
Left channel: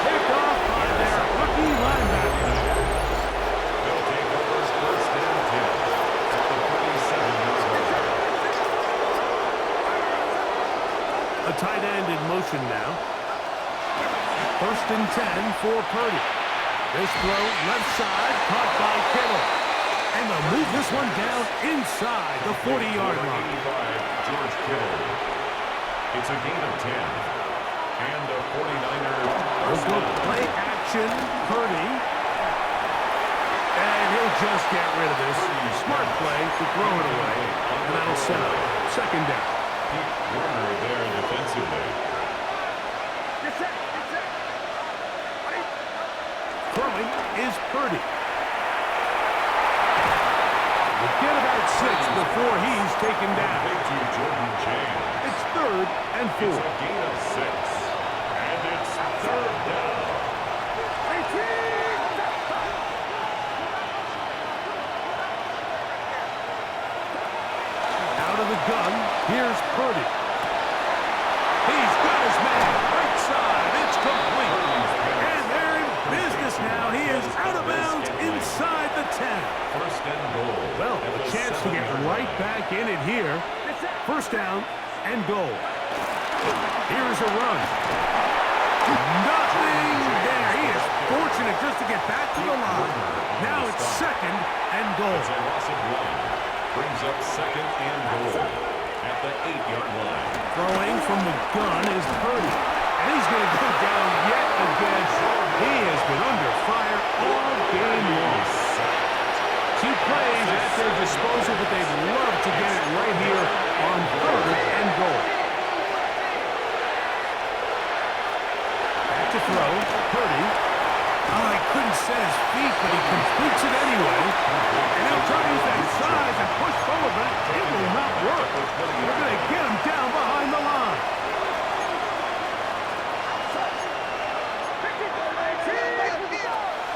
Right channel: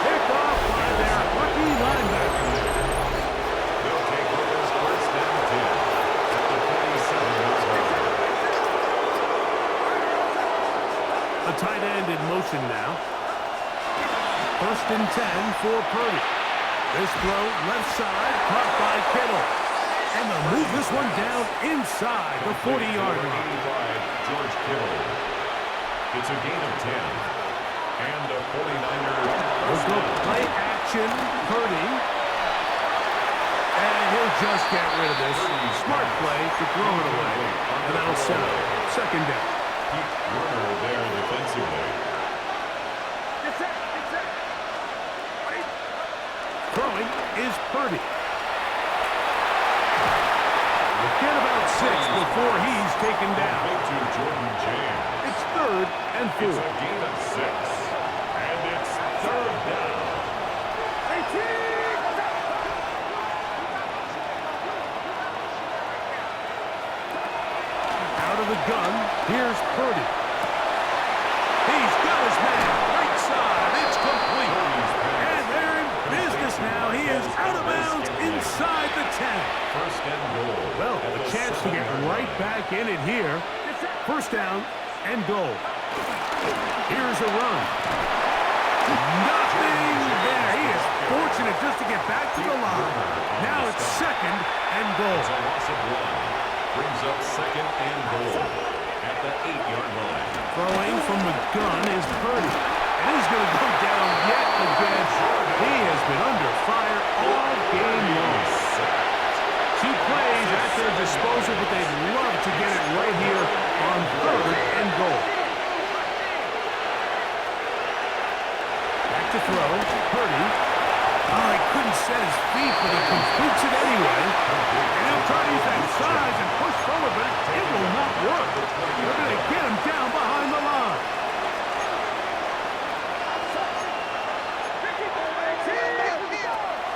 Picked off by their rookie linebacker. They'll take over 1st and 10 at the 47-yard line. A tight end in motion now. 1st and 10 for Purdy. This throw left side, caught by Kittle. And they'll move this one down inside the 40-yard line. 85, George Kittle. It's a gain of 10. And a 49er. Let's go play action, Purdy. And he'll just get rid of this. Smart play to throw it away. And that'll set up second down. Pete Werner there defensively. Throwing is Purdy. We'll get about 6 before he's taken down. Big to Jordan James. It's 3rd and 4. It's a gain of 6. And it's 3rd down. Out of the gun, here's Purdy. He's got his man. Right side, it's complete. And they're in business now. He is out of bounds inside the 10. 1st and goal. Well, a chance to get right back in it here. 1st down and goal. Here's a run. Nothing there. He is fortunate just to get back to the line. Now it's 2nd and goal. It's a loss of 1. Brings up 2nd and goal at the 8-yard line. Throwing from the gun is Purdy. And he's going to go down yet again. He has been under fire all game long. 2 plays at their disposal, but they'd love to get it right here on 3rd and goal. Back to throw. Purdy. Oh, he couldn't set his feet, but he completes it anyway. And he'll try to use that size and push forward, but it will not work. They're going to get him down behind the line.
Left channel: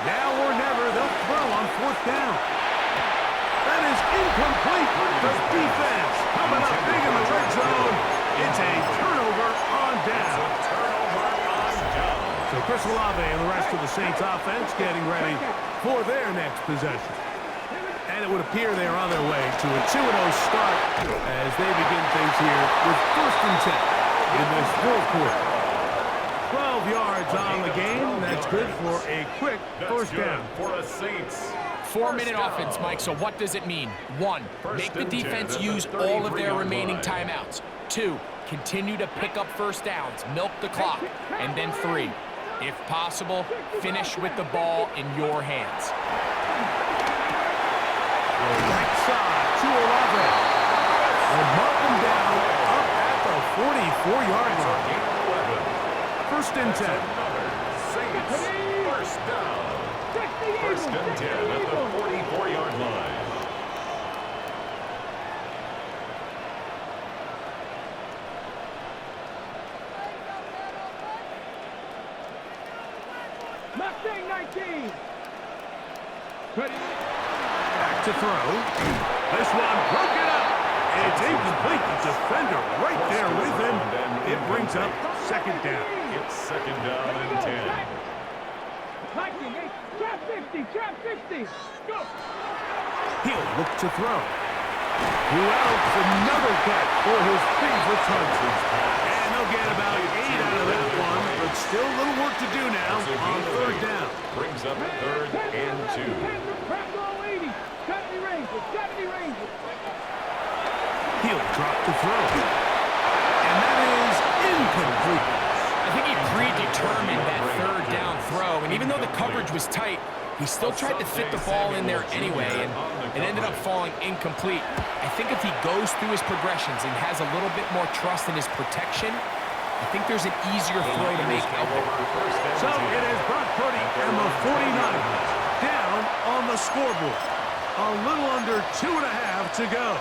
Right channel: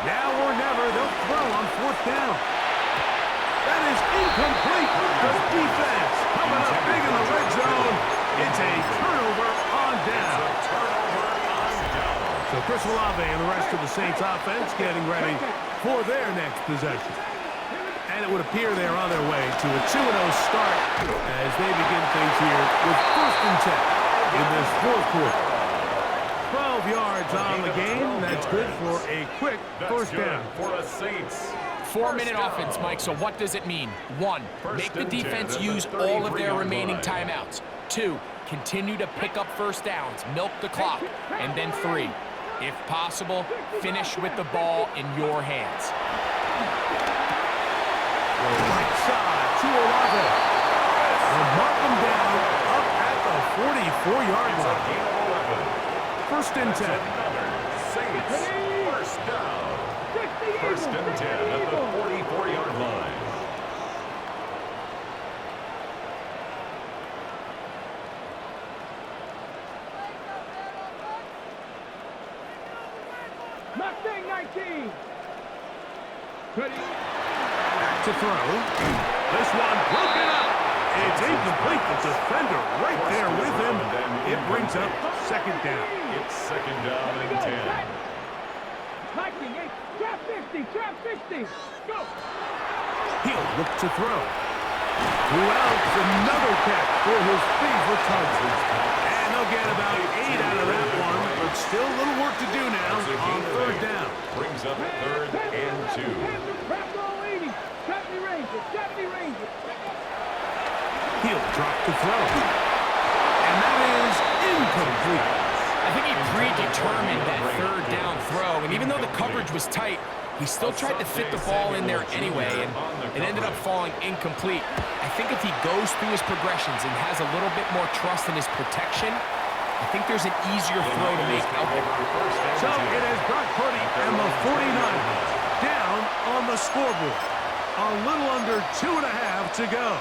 Now or never, they'll throw on 4th down. That is incomplete. The defense coming up big in the red zone. It's a turnover on down. So Chris Olave and the rest of the Saints offense getting ready for their next possession. And it would appear they're on their way to a 2-0 start as they begin things here with 1st and 10 in this 4th quarter. 12 yards on the game. That's good for a quick 1st down. For the Saints. 4-minute offense, Mike, so what does it mean? 1, make the defense use all of their remaining timeouts. 2, continue to pick up 1st downs, milk the clock. And then 3, if possible, finish with the ball in your hands. Right side to Olave. They'll mark him down up at the 44-yard line. Gain of 11. 1st and 10. Another Saints 1st down. 1st and 10 at the 44-yard line. Mustang 19. Back to throw. This one broken up. It's incomplete. The defender right there with him. It brings up 2nd down. It's 2nd down and 10. Viking 8. Trap 50. Trap 50. Go. He'll look to throw. Who else? Another catch for his favorite target. And they'll get about 8 out of that one, but still a little work to do now on 3rd down. Brings up 3rd and 2. Trap goal 80. 70 Rangers. 70 Rangers. He'll drop to throw. And that is incomplete. I think he predetermined that 3rd down throw, and even though the coverage was tight, He still tried to fit the ball in there anyway, and it ended up falling incomplete. I think if he goes through his progressions and has a little bit more trust in his protection, I think there's an easier throw to make out there. So it is Brock Purdy and the 49ers down on the scoreboard. A little under 2.5 to go.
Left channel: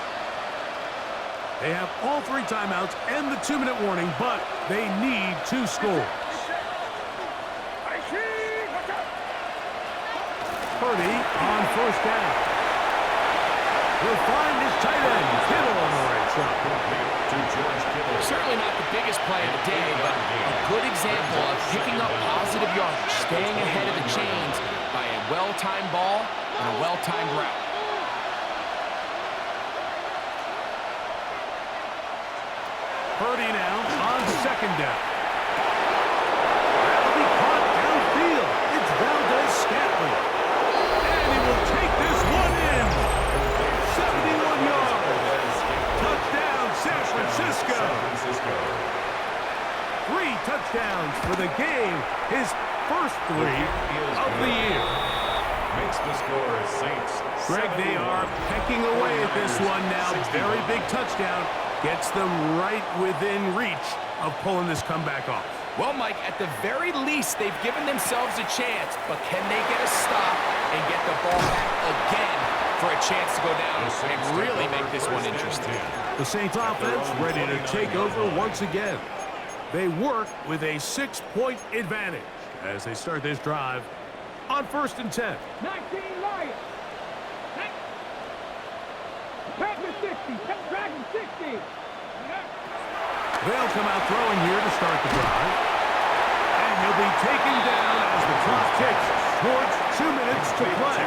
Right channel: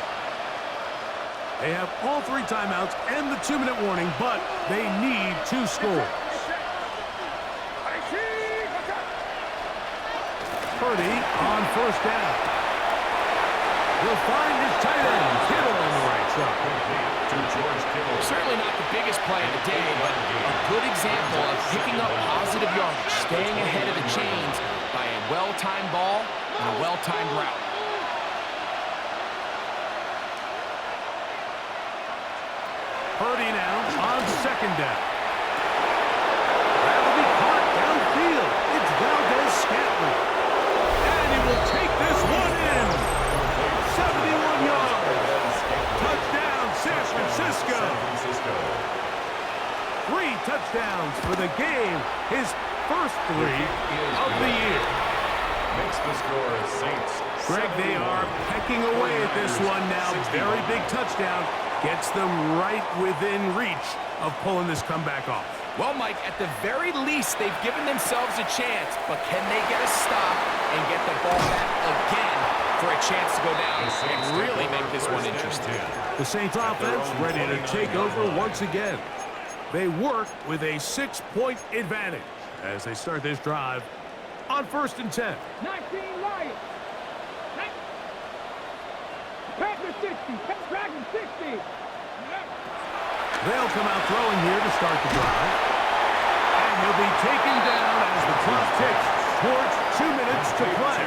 They have all 3 timeouts and the 2-minute warning, but they need 2 scores. Purdy on first down. He'll find his tight end, Kittle on the right side. To George Kittle. Certainly not the biggest play of the day, but a good example of picking up positive yardage, staying ahead of the chains by a well-timed ball and a well-timed route. Purdy now on second down. That'll be caught downfield. It's Valdez-Scantling. And he will take this one in. 71 yards. Touchdown, San Francisco. 3 touchdowns for the game. His first 3 of the year. Makes the score Saints. Greg, they are pecking away at this one now. Very big touchdown. Gets them right within reach of pulling this comeback off. Well, Mike, at the very least, they've given themselves a chance, but can they get a stop and get the ball back again for a chance to go down and really make this one interesting? The Saints offense ready to take over once again. They work with a 6-point advantage as they start this drive on 1st and 10. 19 Lions. Panther 60. Dragon 60. They'll come out throwing here to start the drive. And he'll be taken down as the clock ticks towards 2 minutes to play.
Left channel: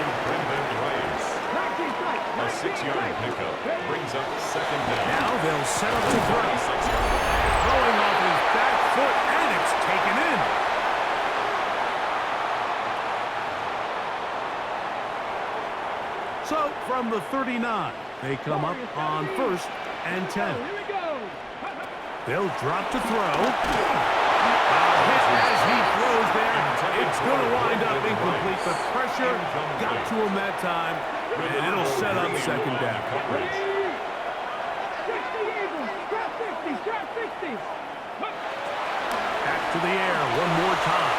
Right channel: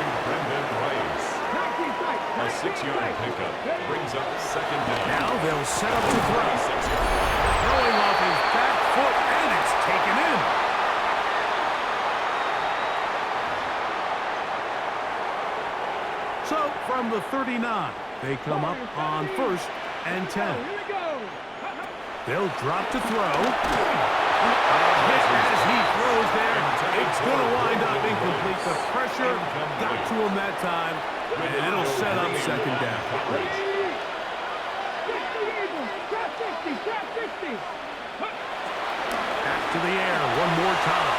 A 6-yard pickup brings up second down. Now they'll set up to throw. Throwing off his back foot, and it's taken in. So from the 39, they come up on 1st and 10. They'll drop to throw. A hit as he throws there. It's going to wind up incomplete. The pressure got to him that time, and it'll set up second down. Back to the air one more time.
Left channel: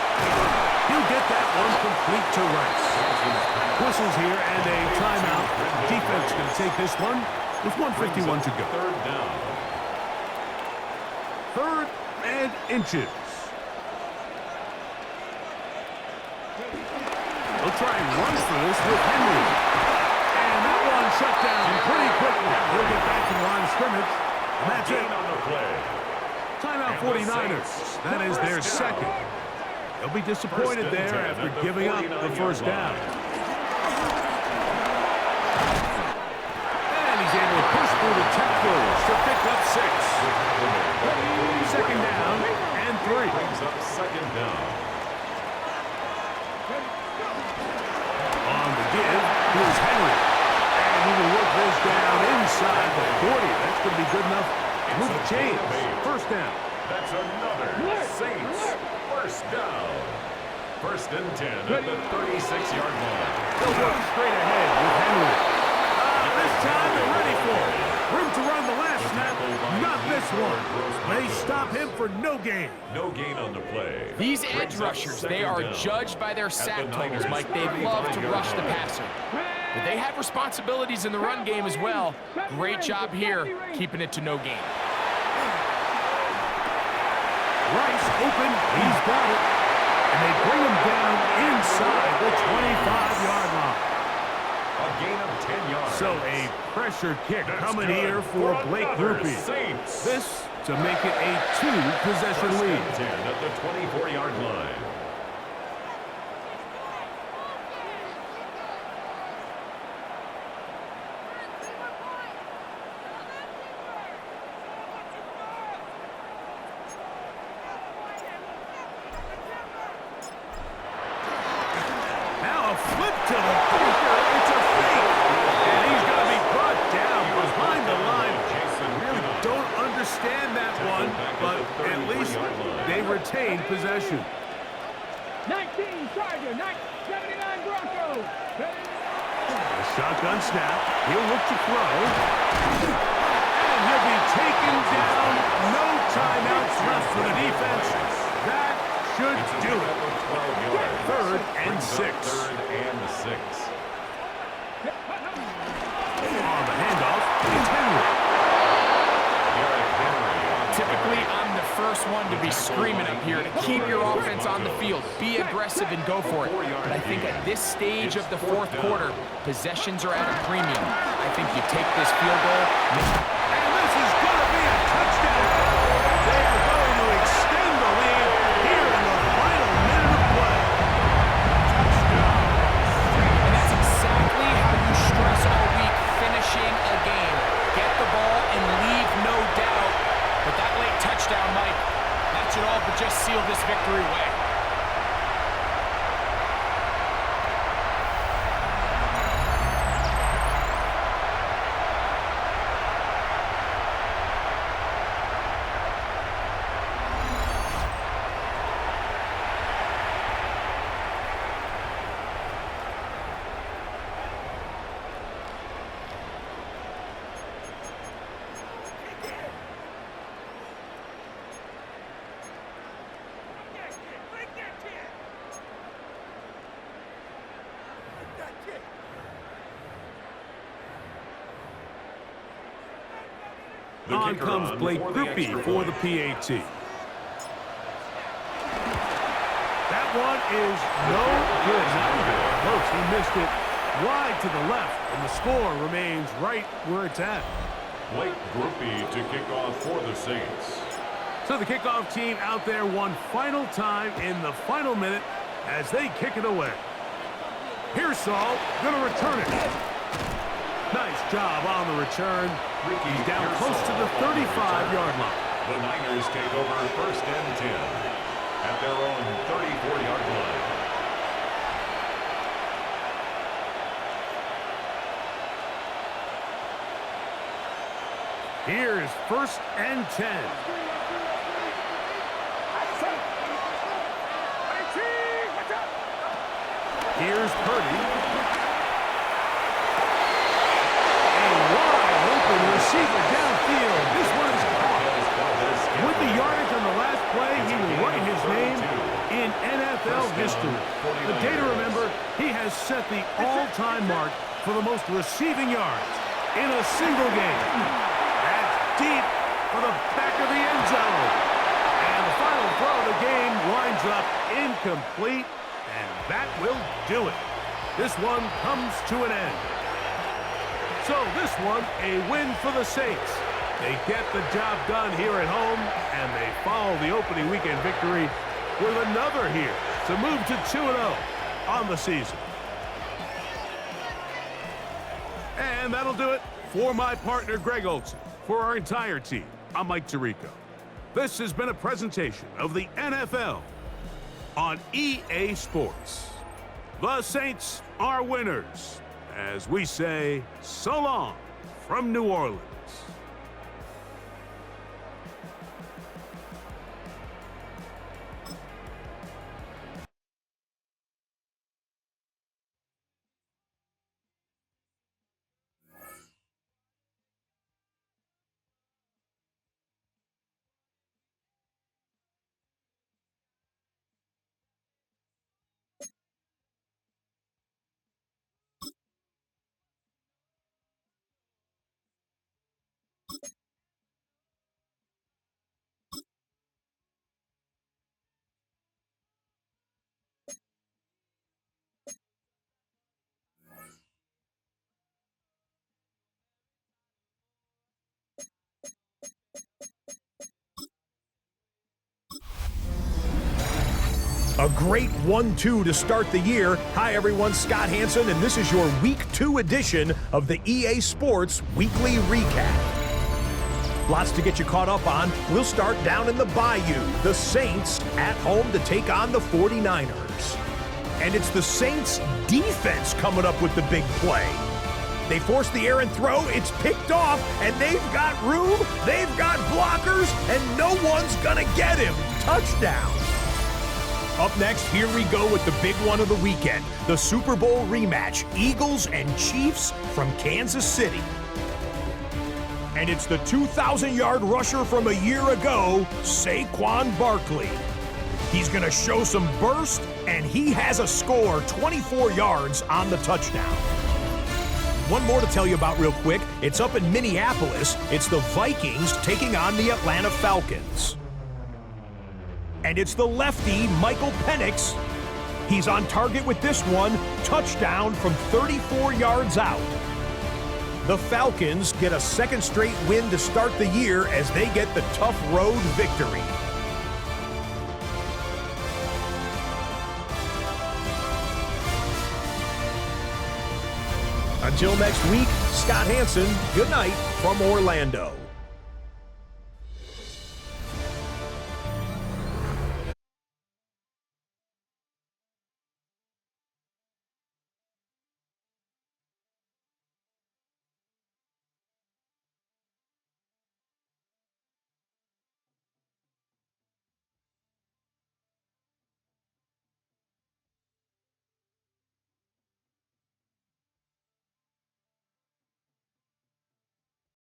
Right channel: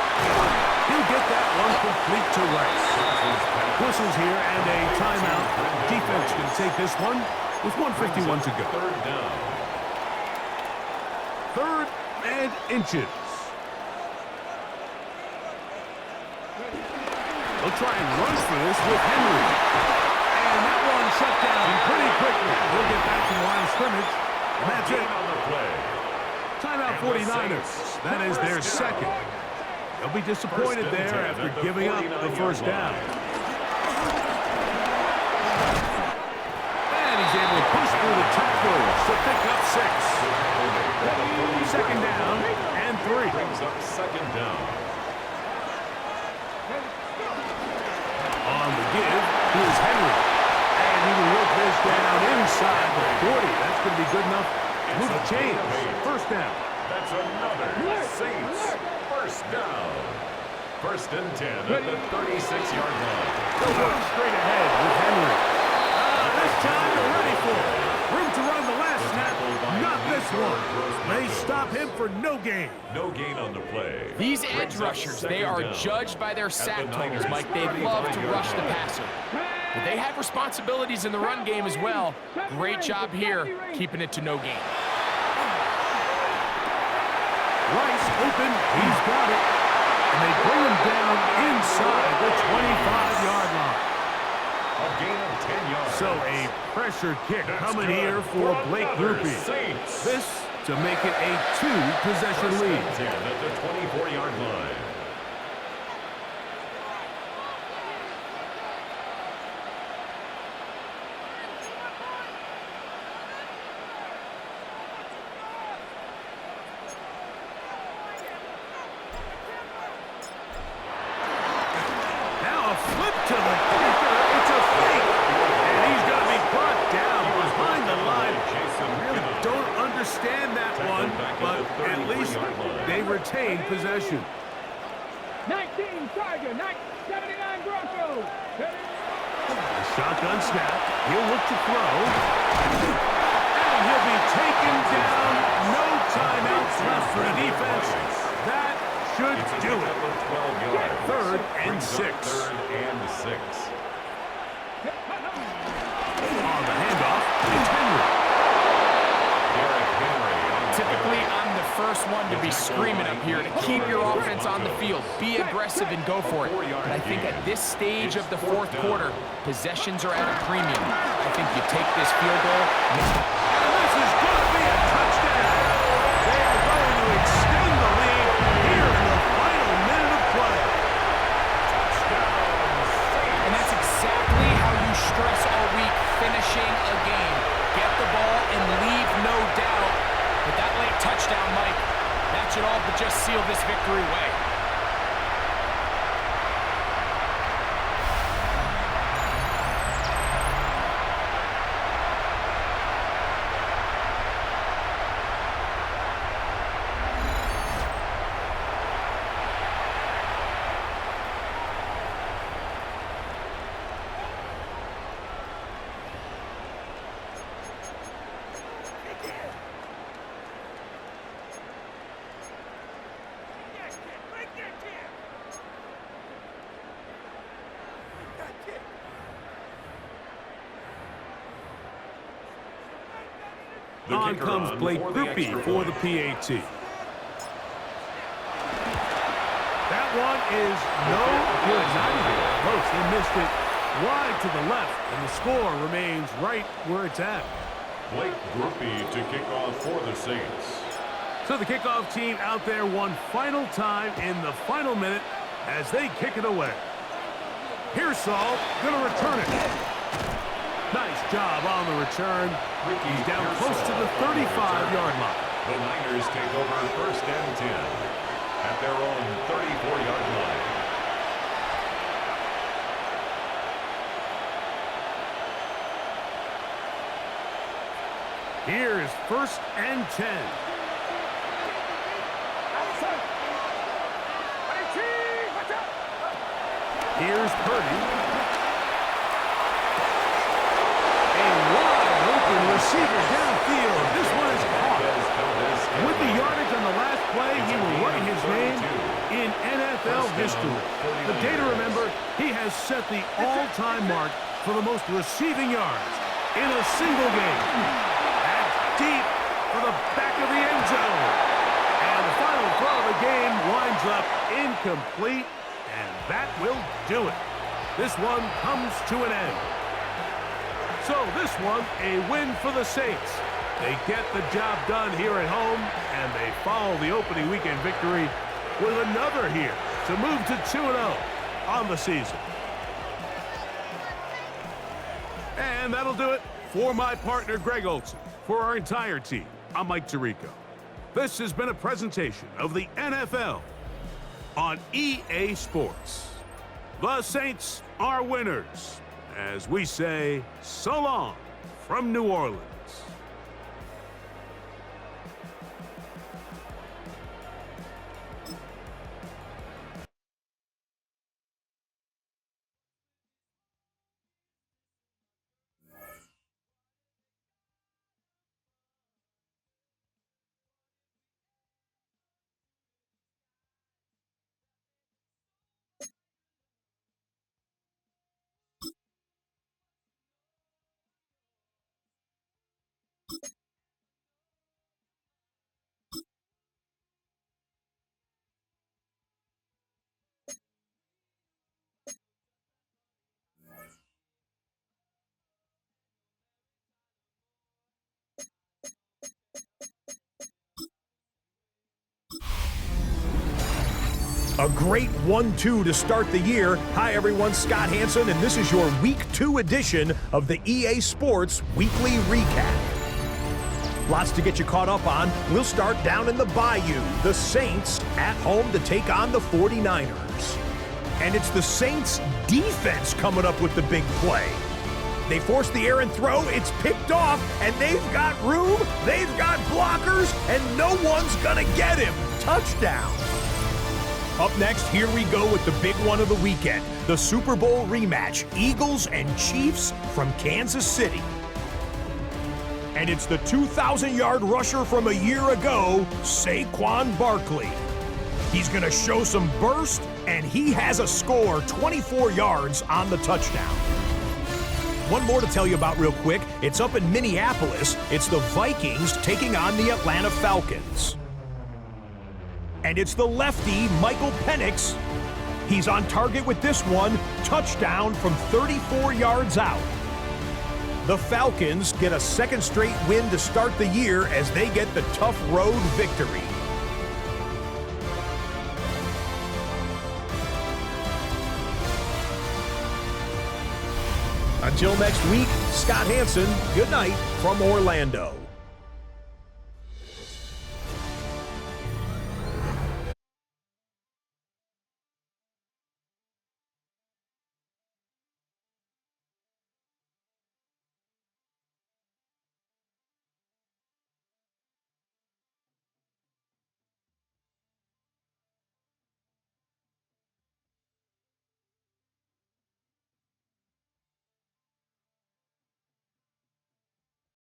He'll get that one complete to Rice. Whistles here and a timeout. Defense going to take this one with 1:51 to go. Third down. 3rd and inches. They'll try and run for this with Henry. And that one shut down pretty quickly. He'll get back to the line of scrimmage. And that's it. On the play. Timeout 49ers. That is their second. They'll be disappointed there after giving up the first down. And he's able to push through the tacklers to pick up 6. Second down and 3. Brings up second down. On the give, here's Henry. And he will work this down inside the 40. That's going to be good enough to move the chains. First down. That's another Saints first down. 1st and 10 at the 36-yard line. They'll work straight ahead with Henry. This time they're ready for it. Room to run the last snap. Not this one. They stop him for no gain. No gain on the play. These edge rushers, they are judged by their sack totals, Mike. They love to rush the passer. But they have responsibilities in the run game as well. Great job here, keeping it to no gain. Rice open. He's got it. And they bring him down inside the 25-yard line. A gain of 10 yards. So a pressure kick coming here for Blake Rupe. This to make it a 2-possession lead. 10 at the 24-yard line. Now a flip to the kicker. It's a fake. And he's going to be brought down behind the line. Really don't understand that one, but at least they retain possession. 19 Charger, 79 Broncos. A shotgun snap. He'll look to throw. And he'll be taken down. No timeouts left for the defense. That should do it. 12 yards. Third and Brings up 6. Third and 6. On the handoff, it's Henry. Derrick Henry on the Typically, carry. I'm the first one to be screaming up here to keep your offense on the field. Be aggressive and go for it. But I think at this stage of the fourth quarter, possessions are at a premium. I think you take this field goal. And this is going to be a touchdown. They are going to extend the lead here in the final minute of play. Touchdown. And that's exactly how you stress all week, finishing a game. Get the ball and leave no doubt. But that late touchdown, Mike, that should all but just seal this victory away. On comes Blake Groupie for the PAT. That one is no good. Not even close. He missed it wide to the left, and the score remains right where it's at. Blake Groupie to kick off for the Saints. So the kickoff team out there one final time in the final minute as they kick it away. Here's Saul, gonna return it. Nice job on the return. He's down close to the 35-yard line. The Niners take over first and 10 at their own 34-yard line. Here's first and 10. Here's Purdy. Receiver downfield. This one is caught. With the yardage on the last play, he will write his name in NFL history. The day to remember, he has set the all-time mark for the most receiving yards in a single game. That's deep for the back of the end zone. And the final throw of the game winds up incomplete, and that will do it. This one comes to an end. So this one, a win for the Saints. They get the job done here at home, and they follow the opening weekend victory with another here to move to 2-0 on the season. And that'll do it for my partner, Greg Olson. For our entire team, I'm Mike Tirico. This has been a presentation of the NFL on EA Sports. The Saints are winners, as we say so long from New Orleans. A great 1-2 to start the year. Hi everyone, Scott Hansen, and this is your Week 2 edition of the EA Sports Weekly Recap. Lots to get you caught up on. We'll start down in the Bayou. The Saints at home to take on the 49ers. And it's the Saints defense coming up with the big play. They force the errant throw, it's picked off, and they've got room, they've got blockers, and no one's gonna get him. Touchdown. Up next, here we go with the big one of the weekend, the Super Bowl rematch, Eagles and Chiefs from Kansas City. And it's the 2,000-yard rusher from a year ago, Saquon Barkley. He's going to show some burst, and he has a score, 24 yards on the touchdown. One more to tell you about real quick. It's up in Minneapolis. It's the Vikings taking on the Atlanta Falcons. And it's the lefty, Michael Penix. He's on target with this one, touchdown from 34 yards out. The Falcons get a second straight win to start the year as they get the tough road victory. Until next week, Scott Hansen, good night from Orlando.